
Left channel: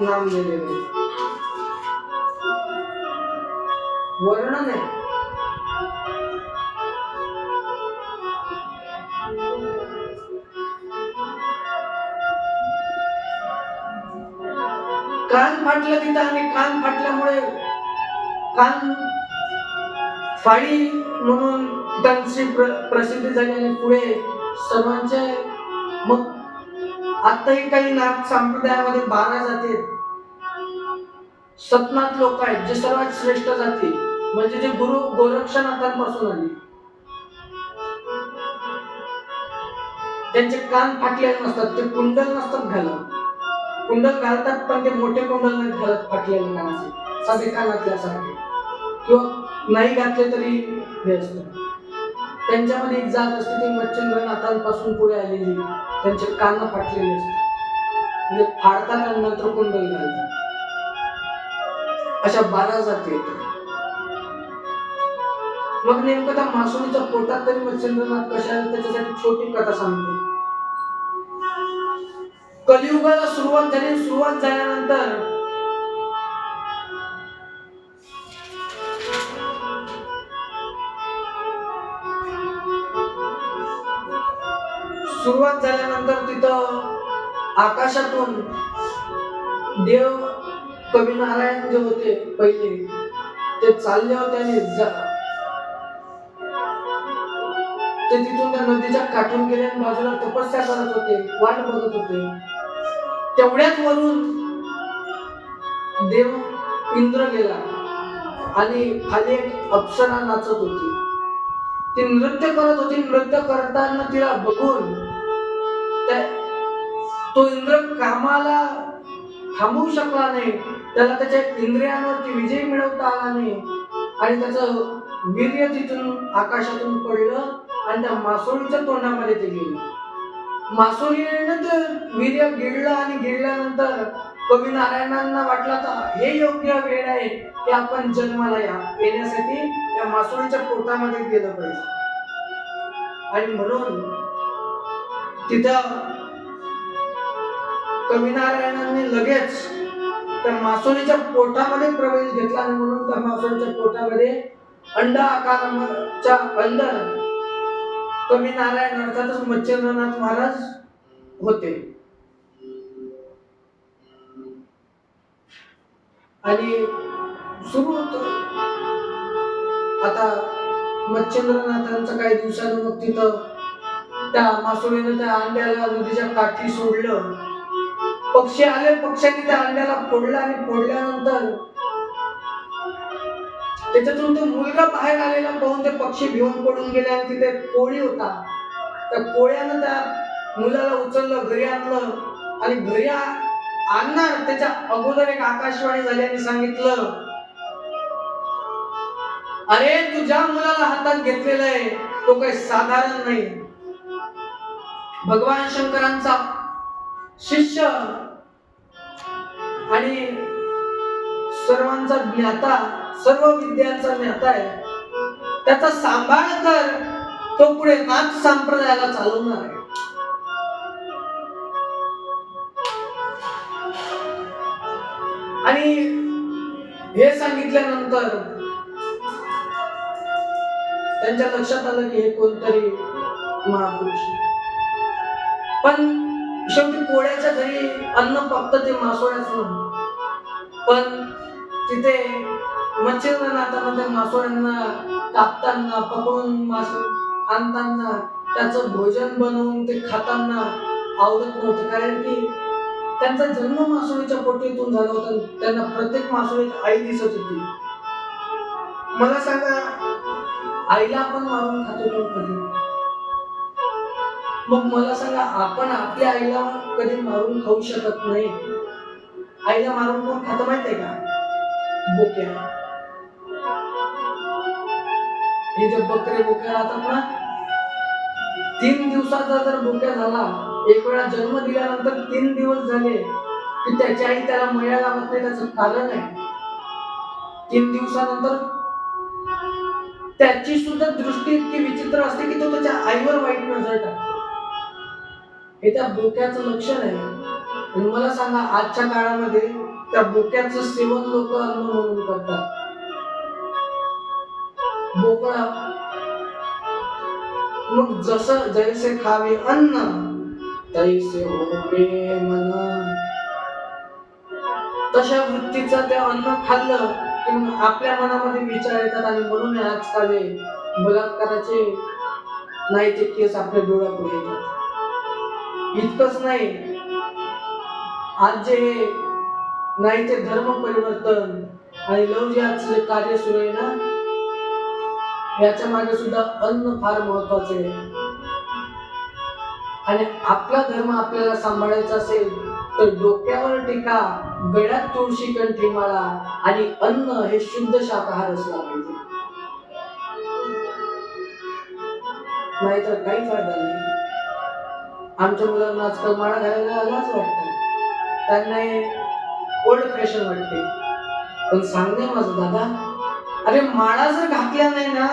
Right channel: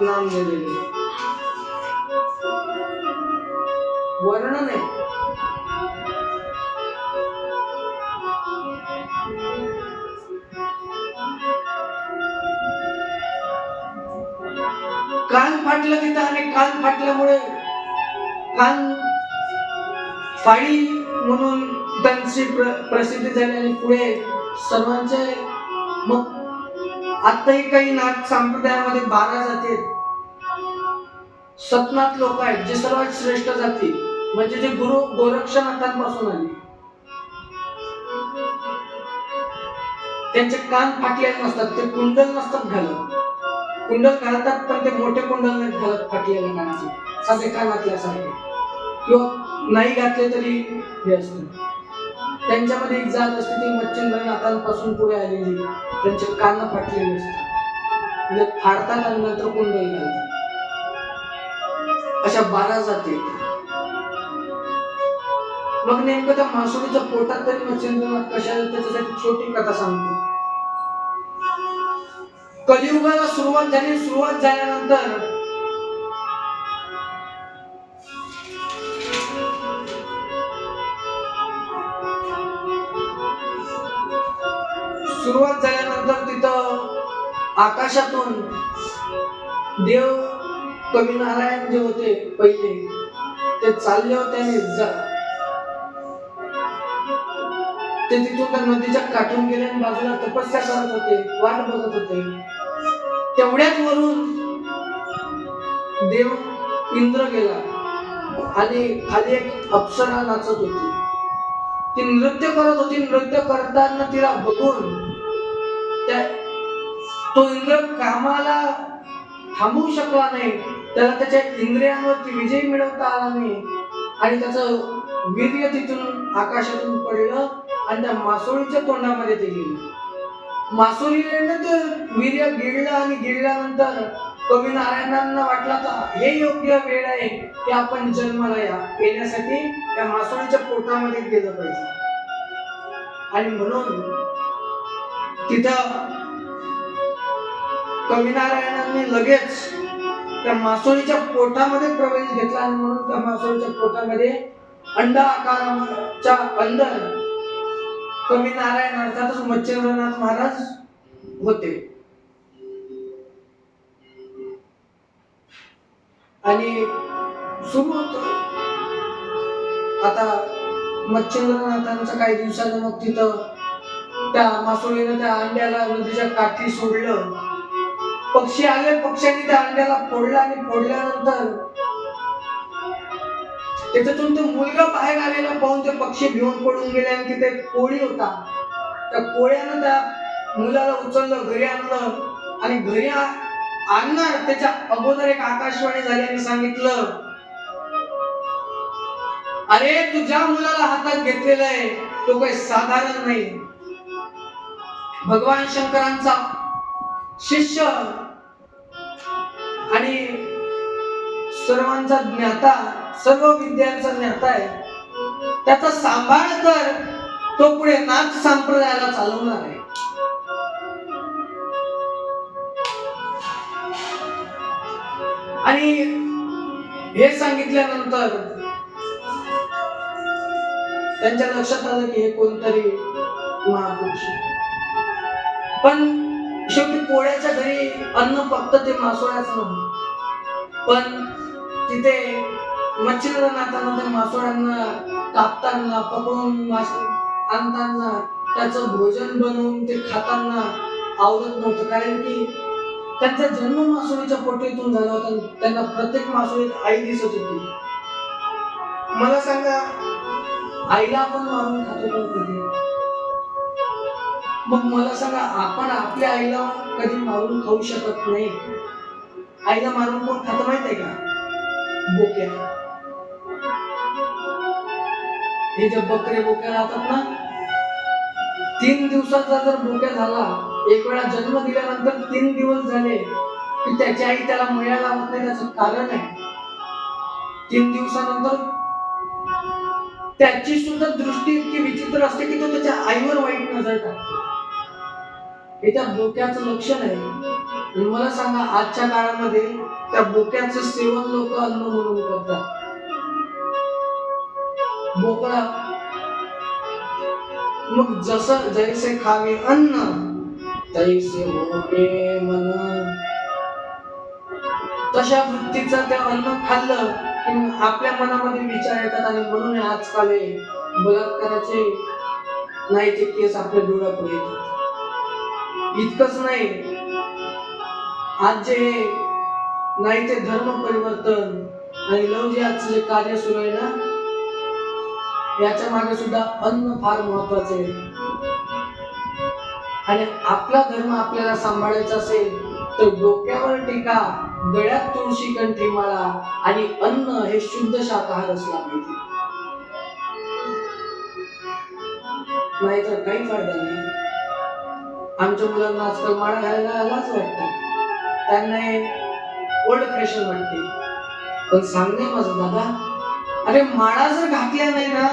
नाम दिलेलं आहे. वर्णन आहे. कान फाटलं तिथं आणि कान फाटल्यामुळे कान फाडी म्हणून त्यांची प्रसिद्धी झाली आणि पुढे सर्वांचे. मग आताही काही नाथ संप्रदायामध्ये 12 जाती आहेत. सतनाथ लोक आहेत जे सर्वात श्रेष्ठ जाती, म्हणजे जे गुरु गोरक्षनाथांपासून आले. त्यांचे कान फाटलेले नसतात, ते कुंडल नसतात घालत. कुंडल घालतात पण ते मोठे कुंडल नाही घालत फाटलेल्या कानाचे, साधे कानातल्यासारखे, किंवा नाही घातले तरी हे असतं. त्यांच्यामध्ये एक जात असते ती मच्छिंद्रनाथांपासून पुढे आलेली, त्यांचे कान फाटलेले असतात, म्हणजे फाडतात आणि नंतर कुंडल घालतात. अशा 12 जाती आहेत. मग नेमकं त्या मासोळीच्या पोटात तरी मच्छिंद्रनाथ कशाला, त्याच्यासाठी छोटी कथा सांगतो. कलियुगाला सुरुवात झाली. सुरुवात झाल्यानंतर तिथं आकाशातून देव कवी नारायण जे होते पहिले, ते चालले होते आणि ते तिथून त्या नदीच्या काठून गेले आणि बाजूला तपस्या करत होते, वाट बघत होते. तेवढ्याच वरून देव इंद्र गेला आणि खाली एक अप्सरा नाचत होती. ती नृत्य करत होती. नृत्य करताना तिला बघून तो इंद्र कामाला थांबवू शकला नाही. त्याला त्याच्या इंद्रियांवरती विजय मिळवता आला नाही आणि त्याचं वीर्य तिथून आकाशातून पडलं आणि त्या मासोळीच्या तोंडामध्ये ते गेलं. मासोळीने ते वीर्य गिळलं आणि गिळल्यानंतर कवी नारायणांना वाटलं तर हे योग्य वेळ आहे की आपण जन्माला येण्यासाठी त्या मासोळीच्या पोटामध्ये गेलं पाहिजे. आणि म्हणून तिथं कवी नारायणांनी लगेच त्या मासोळीच्या पोटामध्ये प्रवेश घेतला आणि म्हणून त्या मासोळीच्या पोटामध्ये अंड आकाराच्या अंदर कवी नारायण अर्थातच मच्छिंद्रनाथ महाराज होते. आणि सुरू होत. आता मच्छिंद्रनाथांचं काही दिवसानं मग तिथं त्या मासोळीनं त्या अंड्याला नदीच्या काठी सोडलं. पक्षी आले, पक्ष्यांनी त्या अंड्याला फोडलं आणि फोडल्यानंतर त्याच्यातून तो मुलगा बाहेर आलेला पाहून ते पक्षी भिवून पडून गेले आणि तिथे कोळी होता. त्या कोळ्यानं त्या मुलाला उचललं, घरी आणलं आणि घरी आणणार त्याच्या अगोदर एक आकाशवाणी झाली आणि सांगितलं, अरे तू ज्या मुलाला हातात घेतलेला आहे तो काही साधारण नाही. भगवान शंकरांचा शिष्य आणि सर्वांचा ज्ञाता, सर्व विद्यांचा ज्ञाता आहे. त्याचा सांभाळ कर, तो पुढे नाथ संप्रदायाला चालवणार आहे. आणि हे सांगितल्यानंतर त्यांच्या लक्षात आलं की हे कोणतरी महापुरुष. पण शेवटी कोळ्याच्या घरी अन्न फक्त ते मासोळ्याचं नव्हतं, पण तिथे मच्छिंद्रनाथांना ते मासोळ्यांना कापताना, पकडून मासे आणताना, त्याचं भोजन बनवून ते खाताना आवडत नव्हतं. कारण की त्यांचा जन्म मासोळीच्या पोटीतून झाला होता. त्यांना प्रत्येक मासोळीत आई दिसत होती. मला सांगा, आईला आपण मारून खातो का कधी? मग मला सांगा, आपण आपल्या आईला कधी मारून खाऊ शकत नाही. आईला मारून कोण खातं माहित आहे का? बोक्या. हे जे बकरे बोक्या राहतात ना, 3 दिवसाचा जर बोक्या झाला, एक वेळा जन्म दिल्यानंतर 3 दिवस झाले की त्याची आई त्याला मया लावत नाही. त्याचं कारण आहे, 3 दिवसानंतर त्याची सुद्धा दृष्टी इतकी विचित्र असते की तो त्याच्या आईवर वाईट नजर टाकतो. हे त्या बोक्याचं लक्षण आहे. आणि मला सांगा, आजच्या काळामध्ये त्या बोक्याचं सेवन लोक अन्न म्हणून करतात. बोकडा मग जसं जैसे खावे अन्न तैसे होते मन, तशा वृत्तीचं ते अन्न खाल्लं की आपल्या मनामध्ये विचार येतात. आणि म्हणून आजकाल बलात्काराचे नाही ते केस आपल्या डोळ्यापुढे येतात. इतकंच नाही, आज जे नाही ते धर्म परिवर्तन आणि लव्ह जिहादचं जे कार्य सुरू आहे ना, याच्या मागे सुद्धा अन्न फार महत्वाचे आहे. आणि आपला धर्म आपल्याला सांभाळायचा असेल तर डोक्यावर टीका, गळ्यात तुळशी कंठी माळा आणि अन्न हे शुद्ध शाकाहार असला पाहिजे. नाहीतर काही फायदा नाही. आमच्या मुलांना आजकाल माळा घालायला लाज वाटतं. त्यांना ओल्ड फॅशन वाटते. पण सांगणे माझं दादा, अरे माळा जर घातल्या नाही ना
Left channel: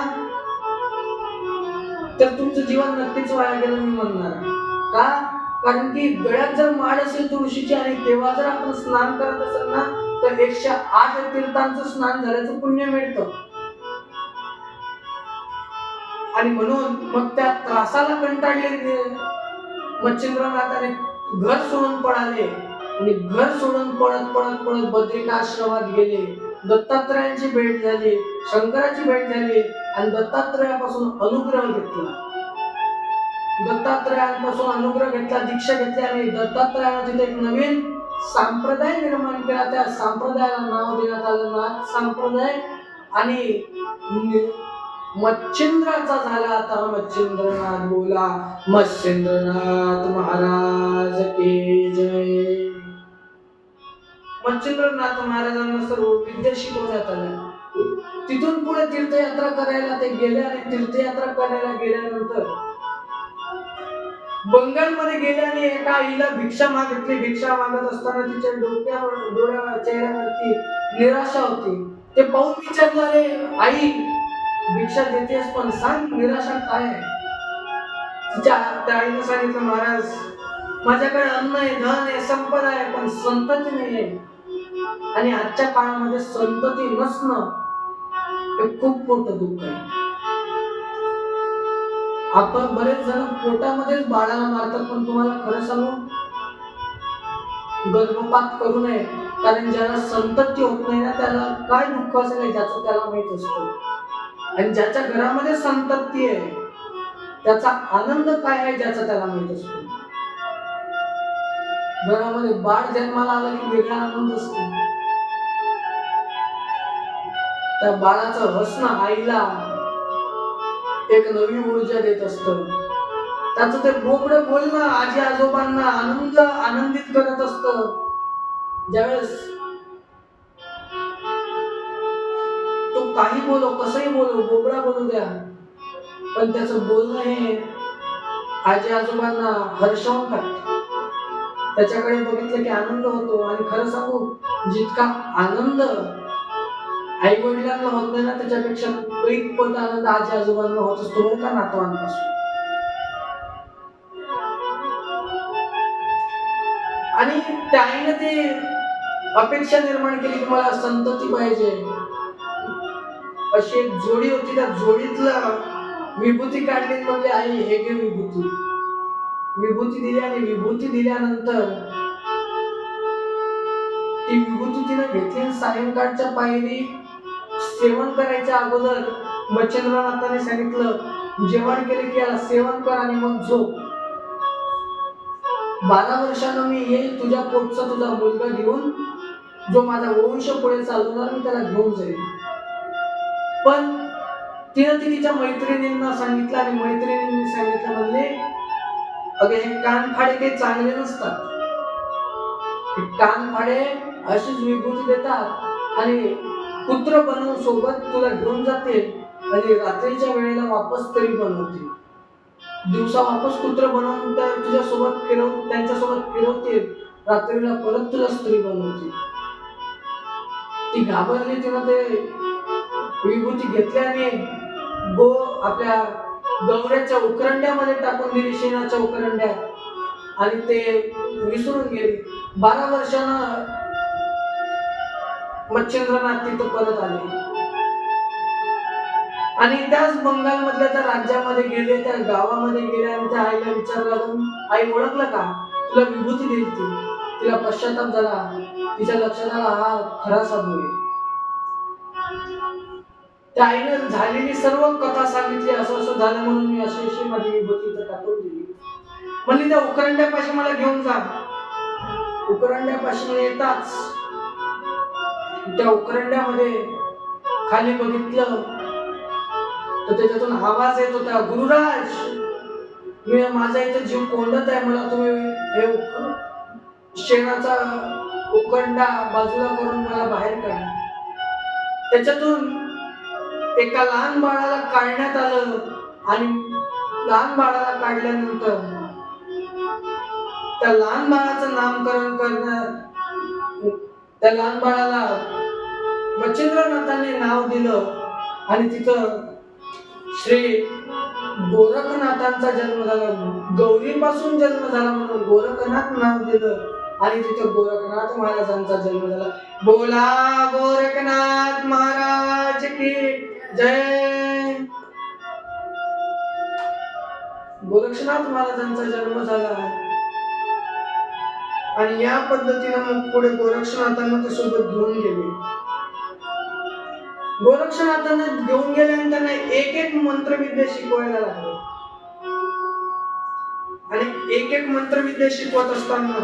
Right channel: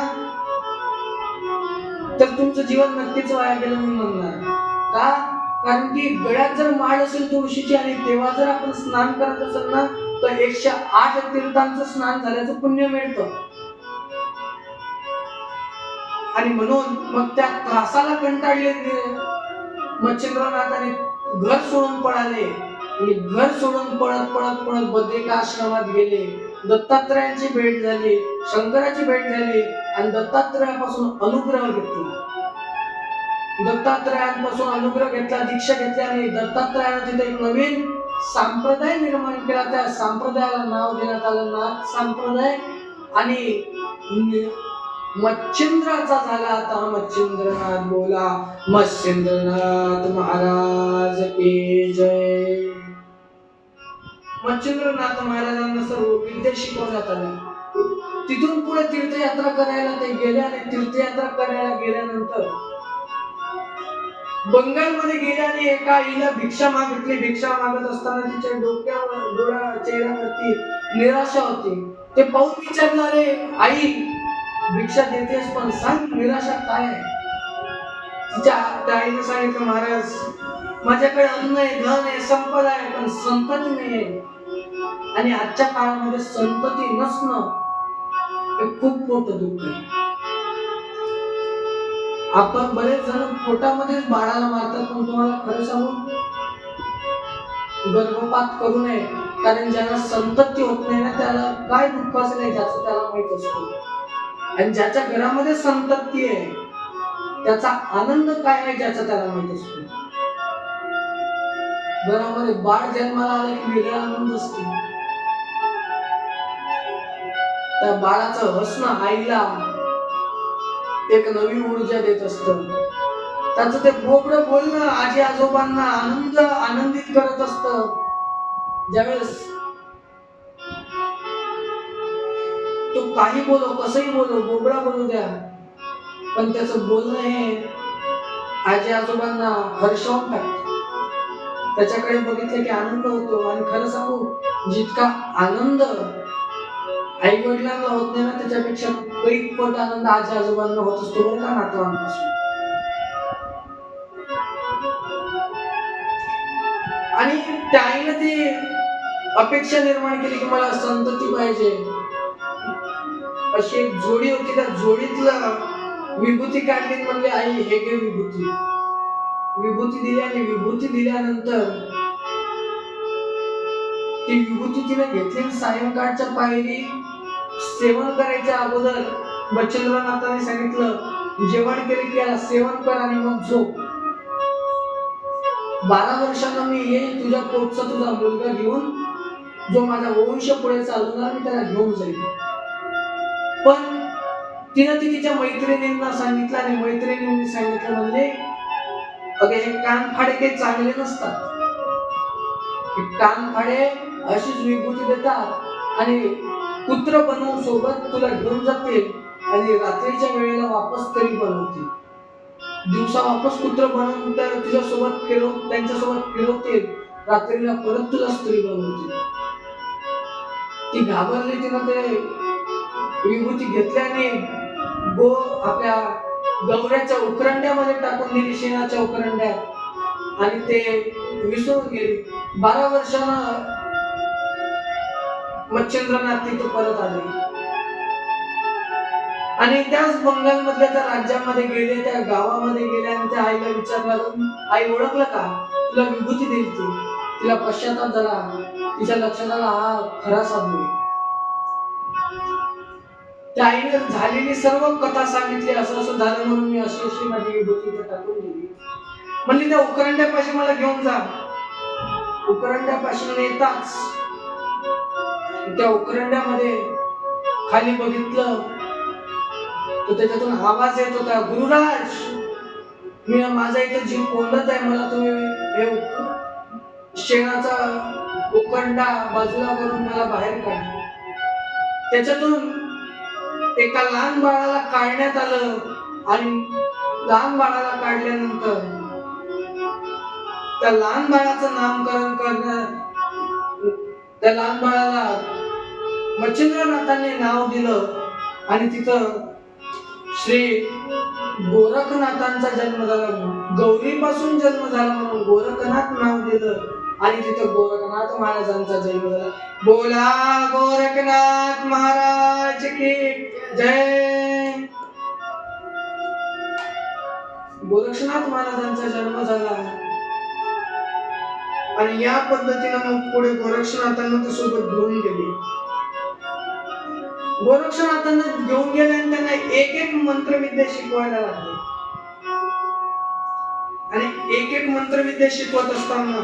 तर तुमचं जीवन नक्कीच वाया गेलं मी म्हणणार. का? कारण की गळ्यात जर माळ असेल तुळशीची आणि तेव्हा जर आपण स्नान करत असेल ना तर 108 तीर्थांचं स्नान झाल्याचं पुण्य मिळतं. आणि म्हणून मग त्या त्रासाला कंटाळले मच्छिंद्रनाथाने घर सोडून पळाले. आणि घर सोडून पळत पळत पळत बद्रिकाश्रमात गेले. दत्तात्रयाची भेट झाली, शंकराची भेट झाली आणि दत्तात्रयापासून अनुग्रह घेतला. दत्तात्रयांपासून अनुग्रह घेतला, दीक्षा घेतली आणि दत्तात्रयाने तिथे एक नवीन संप्रदाय निर्माण केला. त्या संप्रदायाला नाव देण्यात आलं नाथ संप्रदाय. आणि मच्छिंद्राचा झाला आता मच्छिंद्रनाथ. बोला मच्छिंद्रनाथ महाराज की जय. मच्छिंद्रनाथ महाराजांना सर्व विद्या शिकवण्यात आल्या. तिथून पुढे तीर्थयात्रा करायला ते गेले. आणि तीर्थयात्रा करायला गेल्यानंतर बंगालमध्ये गेल्याने एका आईला भिक्षा मागितली. भिक्षा मागत असताना तिच्या डोळ्या चेहऱ्यावरती निराशा होती. ते पाहून विचारलं, रे आई भिक्षा देतेस पण सांग निराशा काय आहे? तिच्या आईने सांगितलं, महाराज माझ्याकडे अन्न आहे, धन आहे, संपदा आहे, पण संतती नाही आहे. आणि आजच्या काळामध्ये संतती नसणं हे खूप मोठं दुःख आहे. आपण बरेच जण पोटामध्येच बाळाला मारतात. पण तुम्हाला खरं सांगू, गर्भपात करू नये. कारण ज्याला संतती होत नाही ना त्याला काय दुःख असेल ज्याचं त्याला माहित असतं. आणि ज्याच्या घरामध्ये संतती आहे त्याचा आनंद काय आहे ज्याचा त्याला माहित असतो. घरामध्ये बाळ जन्माला आला की वेगळा आनंद असतो. त्या बाळाचं हसणं आईला एक नवी ऊर्जा देत असतं. त्याचं ते बोबडं बोलणं आजी आजोबांना आनंदित करत असतं. ज्यावेळेस तो काही बोलो, कसंही बोलो, बोबडा बोलू द्या, पण त्याचं बोलणं हे आजी आजोबांना हर्षवून टाकतं. त्याच्याकडे बघितलं की आनंद होतो. आणि खरं सांगू, जितका आनंद आई वडिलांना होत नाही ना, त्याच्यापेक्षा कैक पट आनंद आजी आजोबांना होत असतो बरं का नातवांपासून. आणि त्याने ते अपेक्षा निर्माण केली की मला संतती पाहिजे. अशी एक जोडी होती, त्या जोडीतला विभूती काढली म्हणजे आई हे घे विभूती. विभूती दिली आणि विभूती दिल्यानंतर ती विभूती तिने घेतली. सायंकाळच्या पायरी सेवन करायच्या अगोदर मच्छिंद्रनाथाने सांगितलं जेवण केले की याला सेवन कर आणि मग झोप. 12 वर्षांना मी येईल तुझ्या पोटचा तुझा मुलगा घेऊन, जो माझा वंश पुढे चालवणार, मी त्याला घेऊन जाईल. पण तिने तिच्या मैत्रिणींना सांगितलं आणि मैत्रिणींनी सांगितलं म्हणजे अगे हे कानफाडे काही चांगले नसतात. कानफाडे अशीच विभूती देतात आणि पुत्र बनवून सोबत तुला घेऊन जातील आणि रात्रीच्या वेळेला वापस तरी बनवतील. दिवसा वापस पुत्र बनवून तुझ्या सोबत त्यांच्यासोबत फिरवतील, रात्रीला परत तुला स्त्री बनवतील. ती घाबरली. तिनं ते विभूती घेतली आणि आपल्या गौऱ्याच्या उकरंड्यामध्ये टाकून दिली, शेणाच्या उकरंड्यात, आणि ते विसरून गेली. 12 वर्षानं मच्छिंद्रनाथ तिथं परत आले आणि त्याच बंगालमधल्या त्या राज्यामध्ये गेले, त्या गावामध्ये गेले आणि त्या आईला विचारलं, आई ओळखलं का, तुला विभूती दिली ती. तिला पश्चाताप झाला. तिच्या लक्षात आला हा खरा साधू आहे. त्या आईने झालेली सर्व कथा सांगितली, असं असं झालं म्हणून मी अशी माझी विभूती इथं टाकून दिली. म्हणली त्या उकरंड्यापाशी मला घेऊन जा. उकरंड्यापाशी येताच त्या उकरंड्यामध्ये खाली बघितलं तर त्याच्यातून आवाज येत होता, गुरुराज, मी माझा इथे जीव कोंडत आहे, मला तुम्ही हे शेणाचा उकरंडा बाजूला करून मला बाहेर काढ. त्याच्यातून एका लहान बाळाला काढण्यात आलं आणि लहान बाळाला काढल्यानंतर त्या लहान बाळाचं नामकरण करण्यात, त्या लहान बाळाला मच्छिंद्रनाथांनी नाव दिलं आणि तिथं श्री गोरखनाथांचा जन्म झाला. गौरीपासून जन्म झाला म्हणून गोरखनाथ नाव दिलं आणि तिथं गोरखनाथ महाराजांचा जन्म झाला. बोला गोरखनाथ महाराज की जय. गोरक्षनाथ महाराजांचा जन्म झाला आणि या पद्धतीने मग पुढे गोरक्षनाथांना ते सोबत घेऊन गेले. गोरक्षनाथांना घेऊन गेले आणि त्यांना एक एक मंत्रविद्या शिकवायला लागले. आणि एक एक मंत्रविद्या शिकवत असताना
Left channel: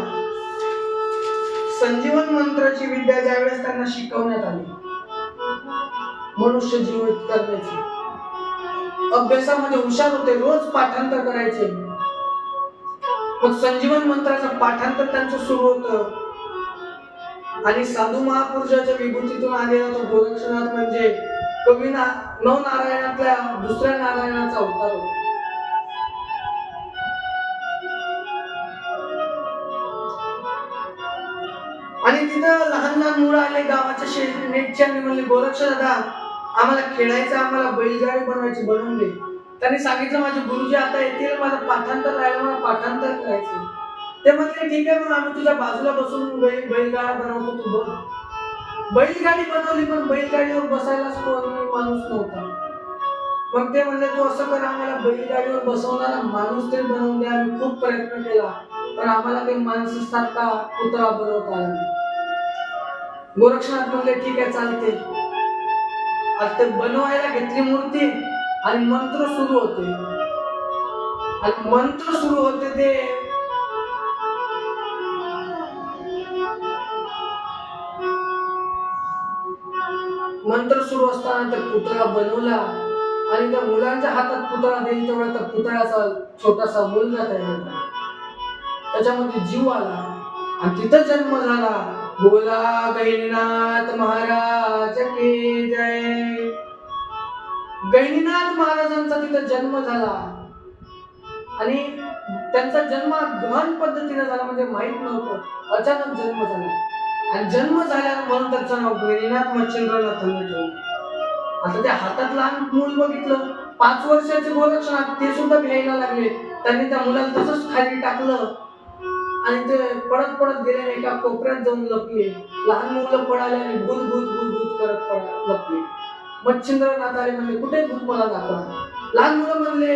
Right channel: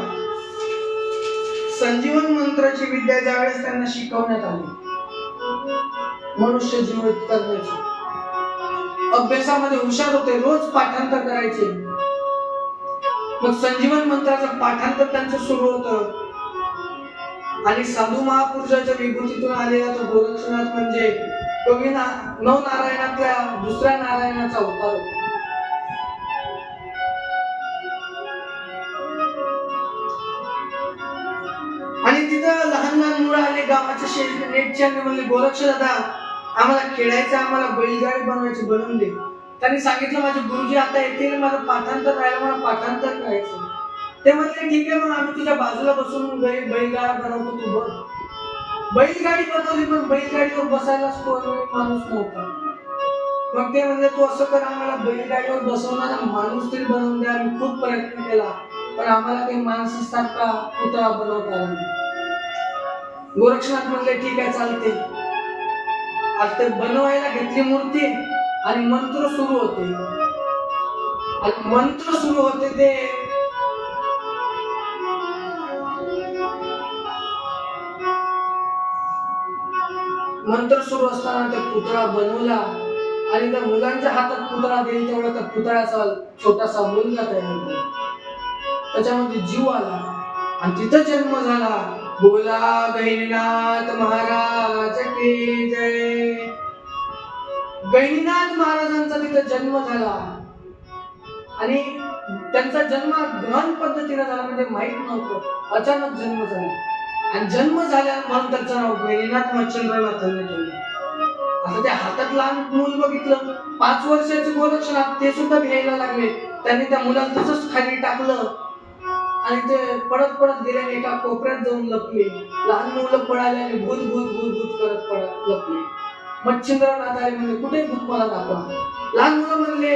संजीवन मंत्राची विद्या ज्यावेळेस त्यांना शिकवण्यात आली, मनुष्य जीवित करण्याची, अभ्यासामध्ये हुशार होते, रोज पाठांतर करायचे. मग संजीवन मंत्राचं पाठांतर त्यांचं सुरू होतं आणि साधू महापुरुषाच्या विभूतीतून आलेला तो गोरक्षनाथ म्हणजे कवी नवनारायणातल्या दुसऱ्या नारायणाचा अवतार होता. आणि तिथं लहान लहान मुलं आले गावाच्या नेटच्या, म्हणले गोरक्ष दादा, आम्हाला खेळायचं, आम्हाला बैलगाडी बनवायची, बनवून दे. त्यांनी सांगितलं माझे गुरुजी आता येतील, माझं पाठांतर राहिलं, मला पाठांतर करायचं. ते म्हणले ठीक आहे, मग आम्ही तुझ्या बाजूला बसून बैलगाडा बनवतो, तू बघ. बैलगाडी बनवली, पण बैलगाडीवर बसायलाच कोणी माणूस नव्हता. मग ते म्हणले तू असं कर, आम्हाला बैलगाडीवर बसवणारा माणूस तरी बनवून द्या. आम्ही खूप प्रयत्न केला पण आम्हाला काही माणसासारखा पुतळा बनवता आला नाही. गोरक्षनाथ म्हणले ठीक आहे, चालते. आता ते बनवायला घेतली मूर्ती आणि मंत्र सुरू होते आणि मंत्र सुरू होते ते मंत्र सुरू असताना त्या पुतळा बनवला आणि त्या मुलांच्या हातात पुतळा देईल तेवढा त्या पुतळ्याचा छोटासा मुलगा तयार झाला. त्याच्यामध्ये जीव आला आणि तिथं जन्म झाला. बोला गहिनीनाथ महाराज की जय. गहिनीनाथ महाराजांचा तिथं जन्म झाला आणि त्यांचा जन्म गहन पद्धतीने झाला, म्हणजे माहित नव्हतं, अचानक जन्म झाला आणि जन्म झाल्या म्हणून त्याचं नाव गहिनीनाथ मच्छिंद्रनाथांनी ठेवलं. आता त्या हातात लहान मूल बघितलं, 5 वर्षाचे गोरक्षनाथ ते सुद्धा घ्यायला लागले. त्यांनी त्या मुलाला तसंच खाली टाकलं आणि ते पडत पडत गेले, एका कोपऱ्यात जाऊन लपले. लहान मुलं पळाले आणि भूत भूत भूत भूत करत लपले. मच्छिंद्रनाथ आले, म्हणजे कुठे भूत मला दाखवा. लहान मुलं म्हणले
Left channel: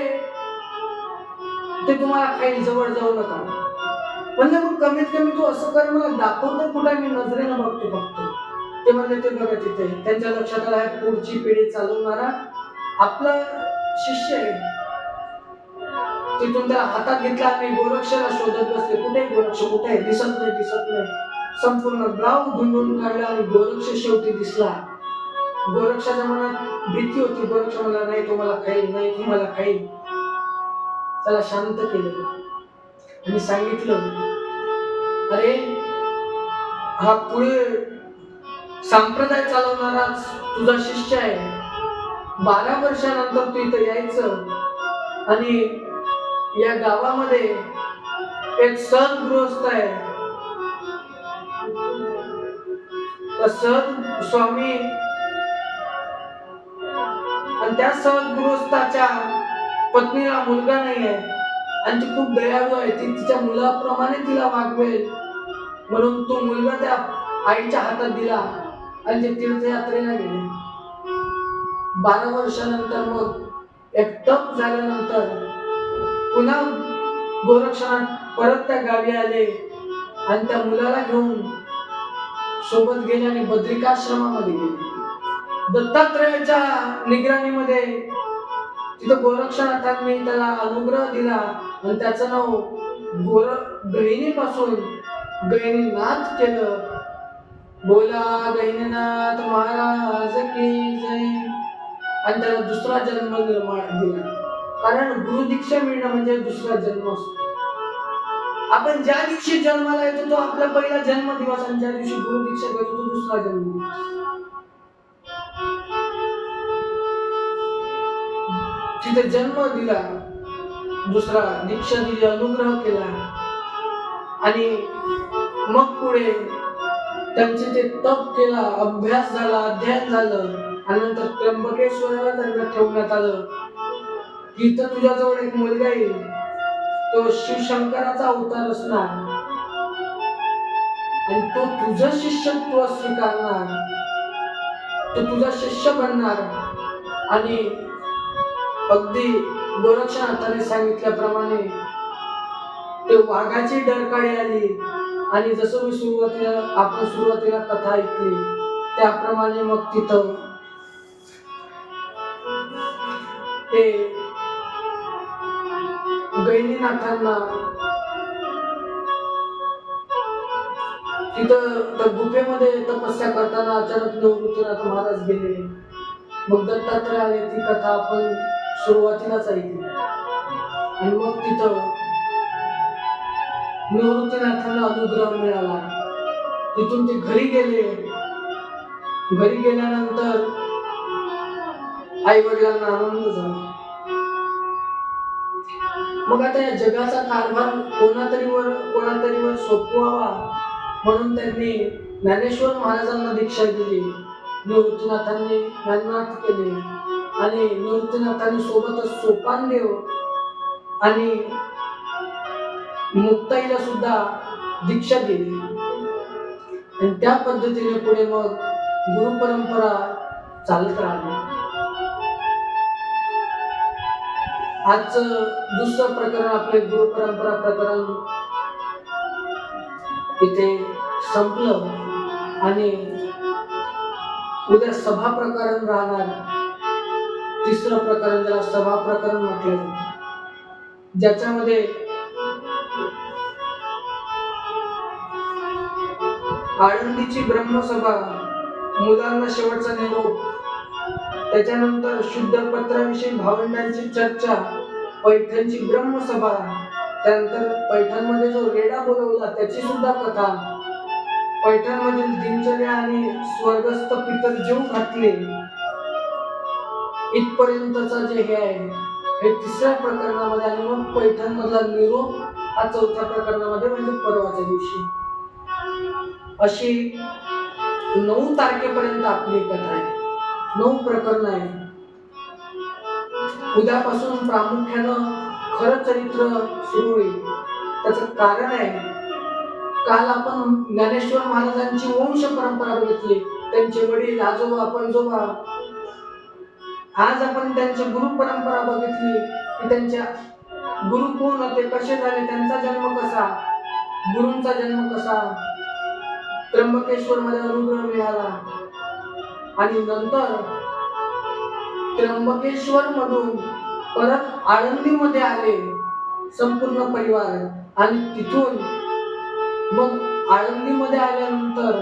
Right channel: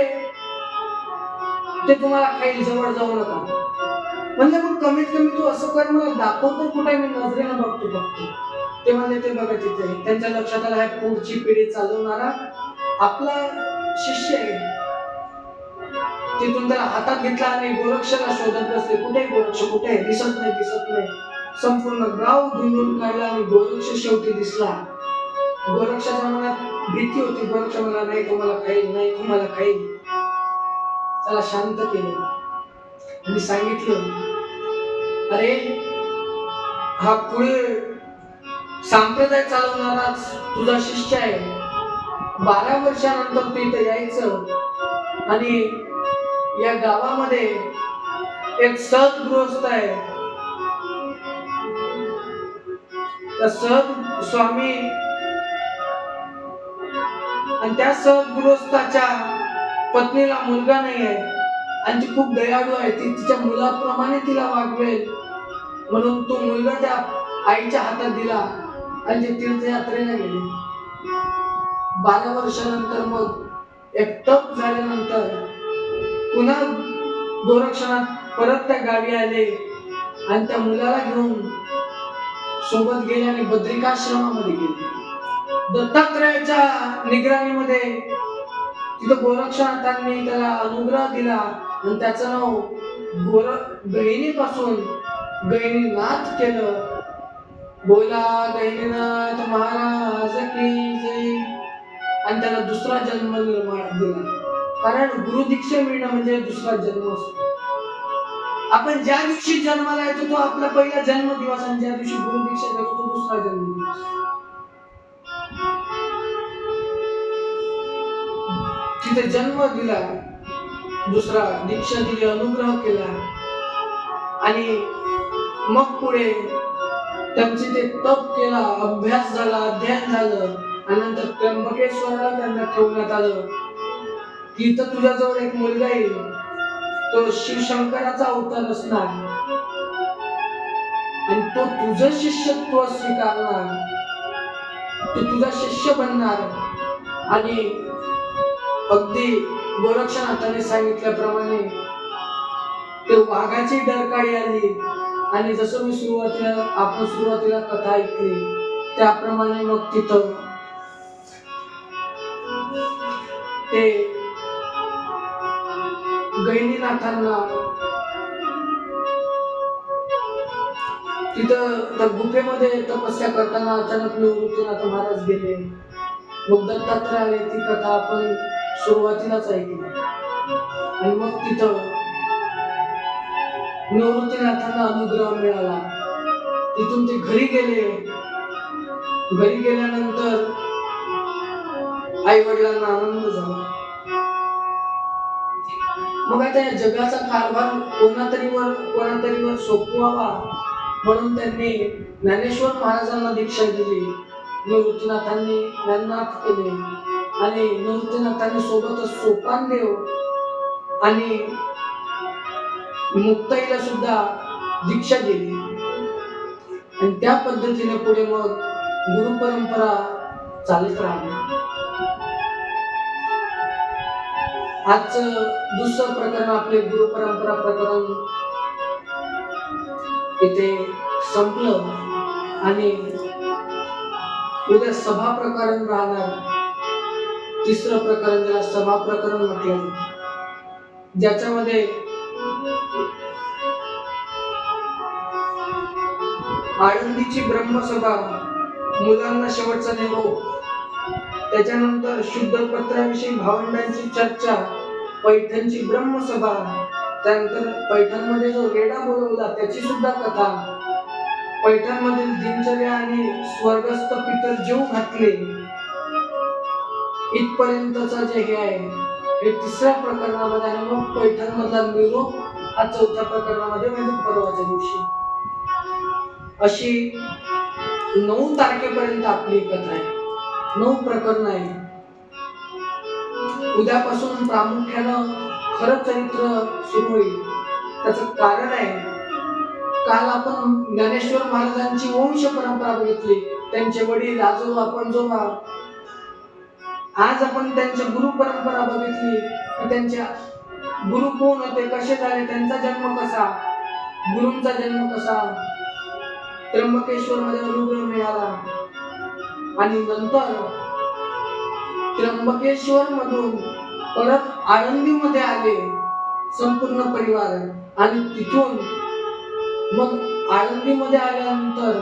ते तुम्हाला खाईल, जवळ जाऊ नका. म्हणलं मग कमीत कमी तू असं कर, मला दाखवतो कुठे, मी नजरेनं बघतो फक्त. ते म्हणले ते बघा तिथे. त्यांच्या लक्षात आलं, पुढची पिढी चालवणारा आपला शिष्य आहे. तिथून त्याला हातात घेतला आणि गोरक्षाला शोधत बसले. कुठे गोरक्ष, कुठे दिसत नाही, दिसत नाही. संपूर्ण गाव धुंडून काढला आणि गोरक्ष शेवटी दिसला. गोरक्षाच्या मनात भीती होती. गोरक्ष मला नाही तुम्हाला खाईल, नाही तुम्हाला खाईल. त्याला शांत केलं आणि सांगितलं, अरे हा पुढे संप्रदाय चालवणाराच तुझा शिष्य आहे. 12 वर्षानंतर तू इथं यायचं आणि या गावामध्ये एक सद्गृहस्थ आहे. त्या सद स्वामी आणि त्या सद्गृहस्थाच्या पत्नीला मुलगा नाही आहे आणि ती खूप दयाळू आहे. ती तिच्या मुलाप्रमाणे तिला वागवेल म्हणून तो मुलगा त्या आईच्या हातात दिला आणि ते तीर्थयात्रेला गेले. 12 वर्षानंतर मग एक तप झाल्यानंतर पुन्हा गोरक्षनाथ परत त्या गावी आले आणि त्या मुलाला घेऊन सोबत गेले आणि बद्रिकाश्रमामध्ये गेले. दत्तात्रयाच्या निगराणीमध्ये तिथं गोरक्षनाथांनी त्याला अनुग्रह दिला आणि त्याचं नाव गहिनीपासून गहिनीनाथ केलं. बोला गहिनीनाथ महाराज की जय. आणि त्याला दुसरा जन्म निर्माण दिला, कारण गुरुदीक्षा मिळणं म्हणजे दुसरा जन्म असतो. आपण ज्या दिवशी जन्माला येतो तो आपला पहिला जन्म दिवस आणि ज्या दिवशी गुरुदीक्षा घेतो तो दुसरा जन्म दिवस. तिथे जन्म दिला, दुसरा दीक्षा दिली, अनुग्रह केला आणि मग पुढे त्यांचे ते तप केला, अभ्यास झाला, अध्ययन झालं आणि नंतर त्र्यंबकेश्वराला त्यांना ठेवण्यात आलं की इथं तुझ्याजवळ एक मुलगा येईल, तो शिवशंकराचा अवतार असणार आणि तो तुझं शिष्यत्व स्वीकारणार, तो तुझा शिष्य बनणार. आणि अगदी गोरक्षनाथाने सांगितल्याप्रमाणे ते वाघाची डरकाळी आली आणि जसं मी आपण सुरुवातीला कथा ऐकली त्याप्रमाणे मग तिथं ते गहिनीनाथांना तिथं त्या गुफेमध्ये तपस्या करताना अचानक निवृत्तीनाथ महाराज गेले. मग दत्तात्रय आले. ती कथा आपण सुरुवातीलाच ऐकली आणि मग तिथं निवृत्तीनाथांना अनुग्रह मिळाला. तिथून ते घरी गेले. घरी गेल्यानंतर आई वडिलांना आनंद झाला. मग आता या जगाचा कारभार कोणातरीवर सोपवावा म्हणून त्यांनी ज्ञानेश्वर महाराजांना दीक्षा दिली. निवृत्तीनाथांनी ज्ञाननाथ केले आणि निवृत्तीनाथांनी सोबतच सोपानदेव आणि मुक्ताईला सुद्धा दीक्षा दिली आणि त्या पद्धतीने पुढे मग गुरु परंपरा चालत राहिली. आजचं दुसरं प्रकरण आपले गुरु परंपरा प्रकरण इथे संपलं आणि उद्या सभा प्रकरण राहणार. तिसरं प्रकरण, ज्याला सभा प्रकरण म्हटलं जातं, ज्याच्यामध्ये आळंदीची ब्रह्मसभा, मुलांना शेवटचा निरोप, त्याच्यानंतर शुद्ध पत्राविषयी भावंडांची चर्चा, पैठणची ब्रह्मसभा, त्यानंतर पैठणमध्ये जो रेडा बोलवला त्याची सुद्धा कथा, पैठणमधील दिनचर्या आणि स्वर्गस्थ पितर जीव घातले, इथपर्यंतचा जे हे आहे हे तिसऱ्या प्रकरणामध्ये, आणि मग पैठण मधला निरोप हा चौथ्या प्रकरणामध्ये, म्हणजे परवाच्या दिवशी. अशी 9 तारखेपर्यंत आपली कथा आहे. 9 प्रकरण आहे. उद्यापासून प्रामुख्यानं खरं चरित्र सुरू होईल. त्याचं कारण आहे, काल आपण ज्ञानेश्वर महाराजांची वंश परंपरा बघितली, त्यांचे वडील, आजोबा, पणजोबा. आज आपण त्यांची गुरु परंपरा बघितली, की त्यांच्या गुरु कोण होते, कसे झाले, त्यांचा जन्म कसा, गुरूंचा जन्म कसा, त्र्यंबकेश्वर मध्ये अनुग्रह मिळाला, आणि नंतर त्र्यंबकेश्वर मधून परत आळंदीमध्ये आले संपूर्ण परिवार, आणि तिथून मग आळंदीमध्ये आल्यानंतर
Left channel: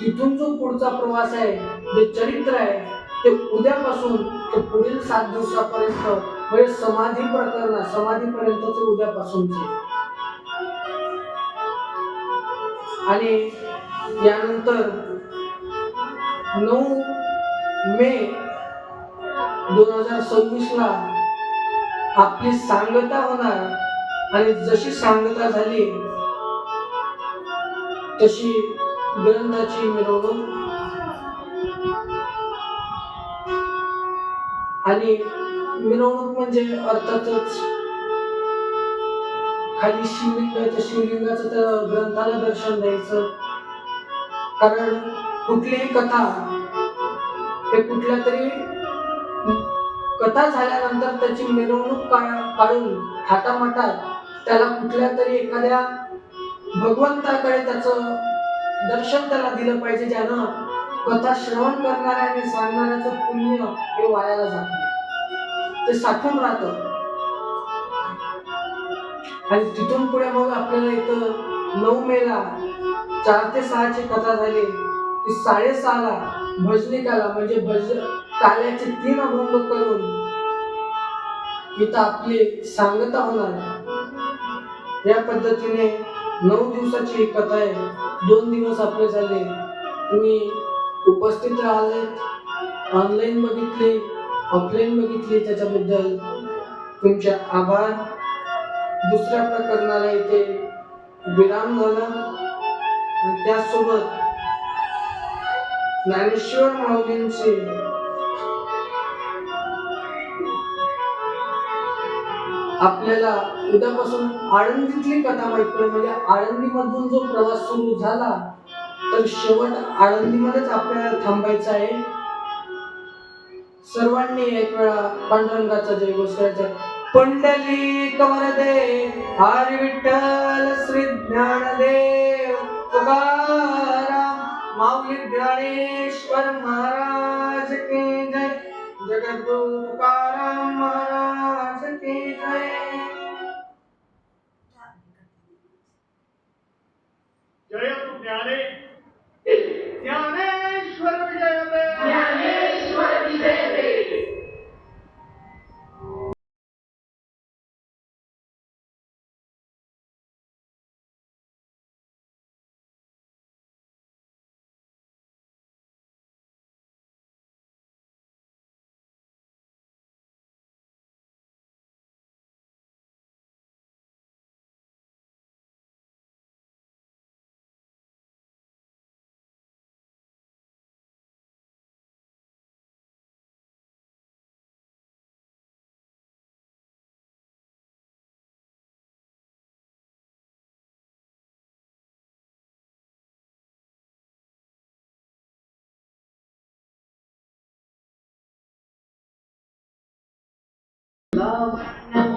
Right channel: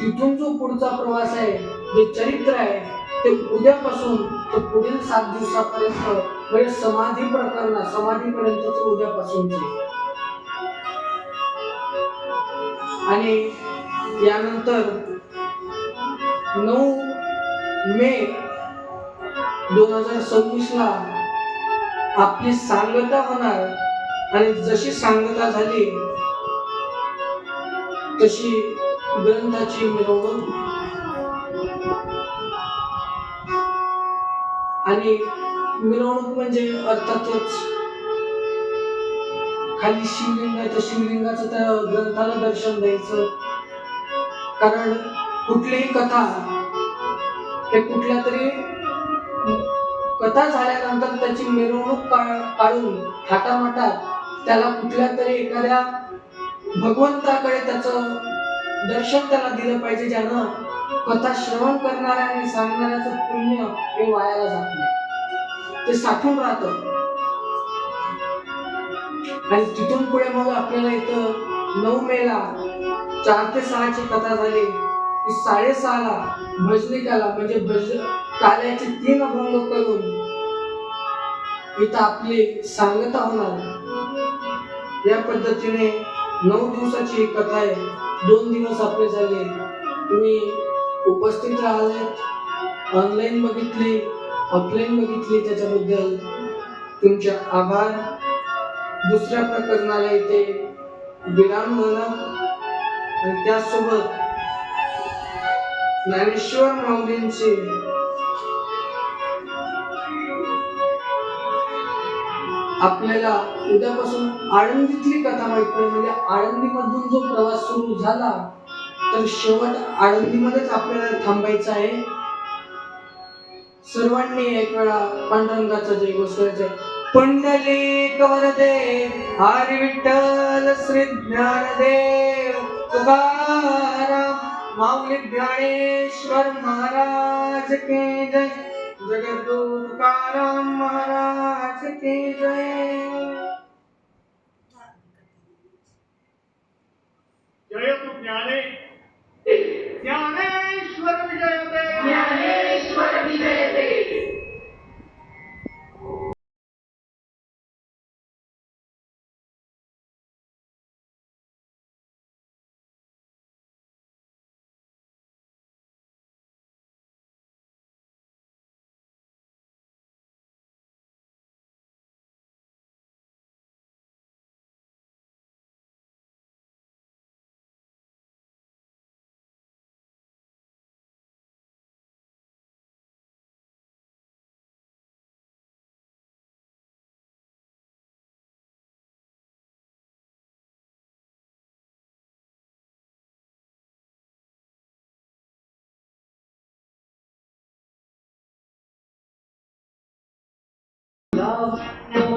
तिथून जो पुढचा प्रवास आहे, जे चरित्र आहे, ते उद्यापासून तो पुढील 7 दिवसापर्यंत, म्हणजे समाधी प्रकरण, समाधीपर्यंतच उद्यापासूनचे. आणि यानंतर 9 मे 2026 ला आपली सांगता होणार, आणि जशी सांगता झाली तशी ग्रंथाची मिरवणूक, आणि मिरवणूक म्हणजे अर्थातच खाली शिवलिंग आहे तर शिवलिंगाचं त्या ग्रंथाला दर्शन द्यायचं. कारण कुठलीही कथा हे कुठल्या तरी कथा झाल्यानंतर त्याची मिरवणूक काढून थाटामाटात त्याला कुठल्या तरी एखाद्या भगवंताकडे त्याचं दर्शन त्याला दिलं पाहिजे, ज्यानं कथा श्रवण करणाऱ्या आणि सांगणाऱ्याचं पुण्य हे वायाला जात नाही, ते साठून राहतं. आणि तिथून पुढे मग आपल्याला इथं 9 मेला 4 ते 6 ची कथा झाली, की 6:30 ला भजनिकाला, म्हणजे काल्याचे 3 अभंग करून इथं आपली सांगता होणार. या पद्धतीने 9 दिवसाची ही कथा आहे. 2 दिवस आपले झाले, तुम्ही उपस्थित राहिले, ऑनलाईन बघितली, ऑफलाईन बघितली, त्याच्याबद्दल तुमचे आभार. दुसऱ्या प्रकरणाला इथे विराम झाला, आणि त्यासोबत ज्ञानेश्वर माऊलींची आपल्याला उद्यापासून आळंदीतली कथा माहित पडेल. म्हणजे आळंदीमधून जो प्रवास सुरू झाला तर शेवट आळंदीमध्येच आपल्याला थांबायचं आहे. सर्वांनी एक वेळा पांडुरंगाचा जयघोष करायचा. पुंडलिक वरदे हरी विठ्ठल श्री ज्ञानदेव तुकाराम माऊली ज्ञानेश्वर महाराज की जय. जगद्गुरु तुकाराम महाराज की जय. जय तु ज्ञाने ज्ञानेश्वर विजयते. ज्ञानेश्वर विजयते. love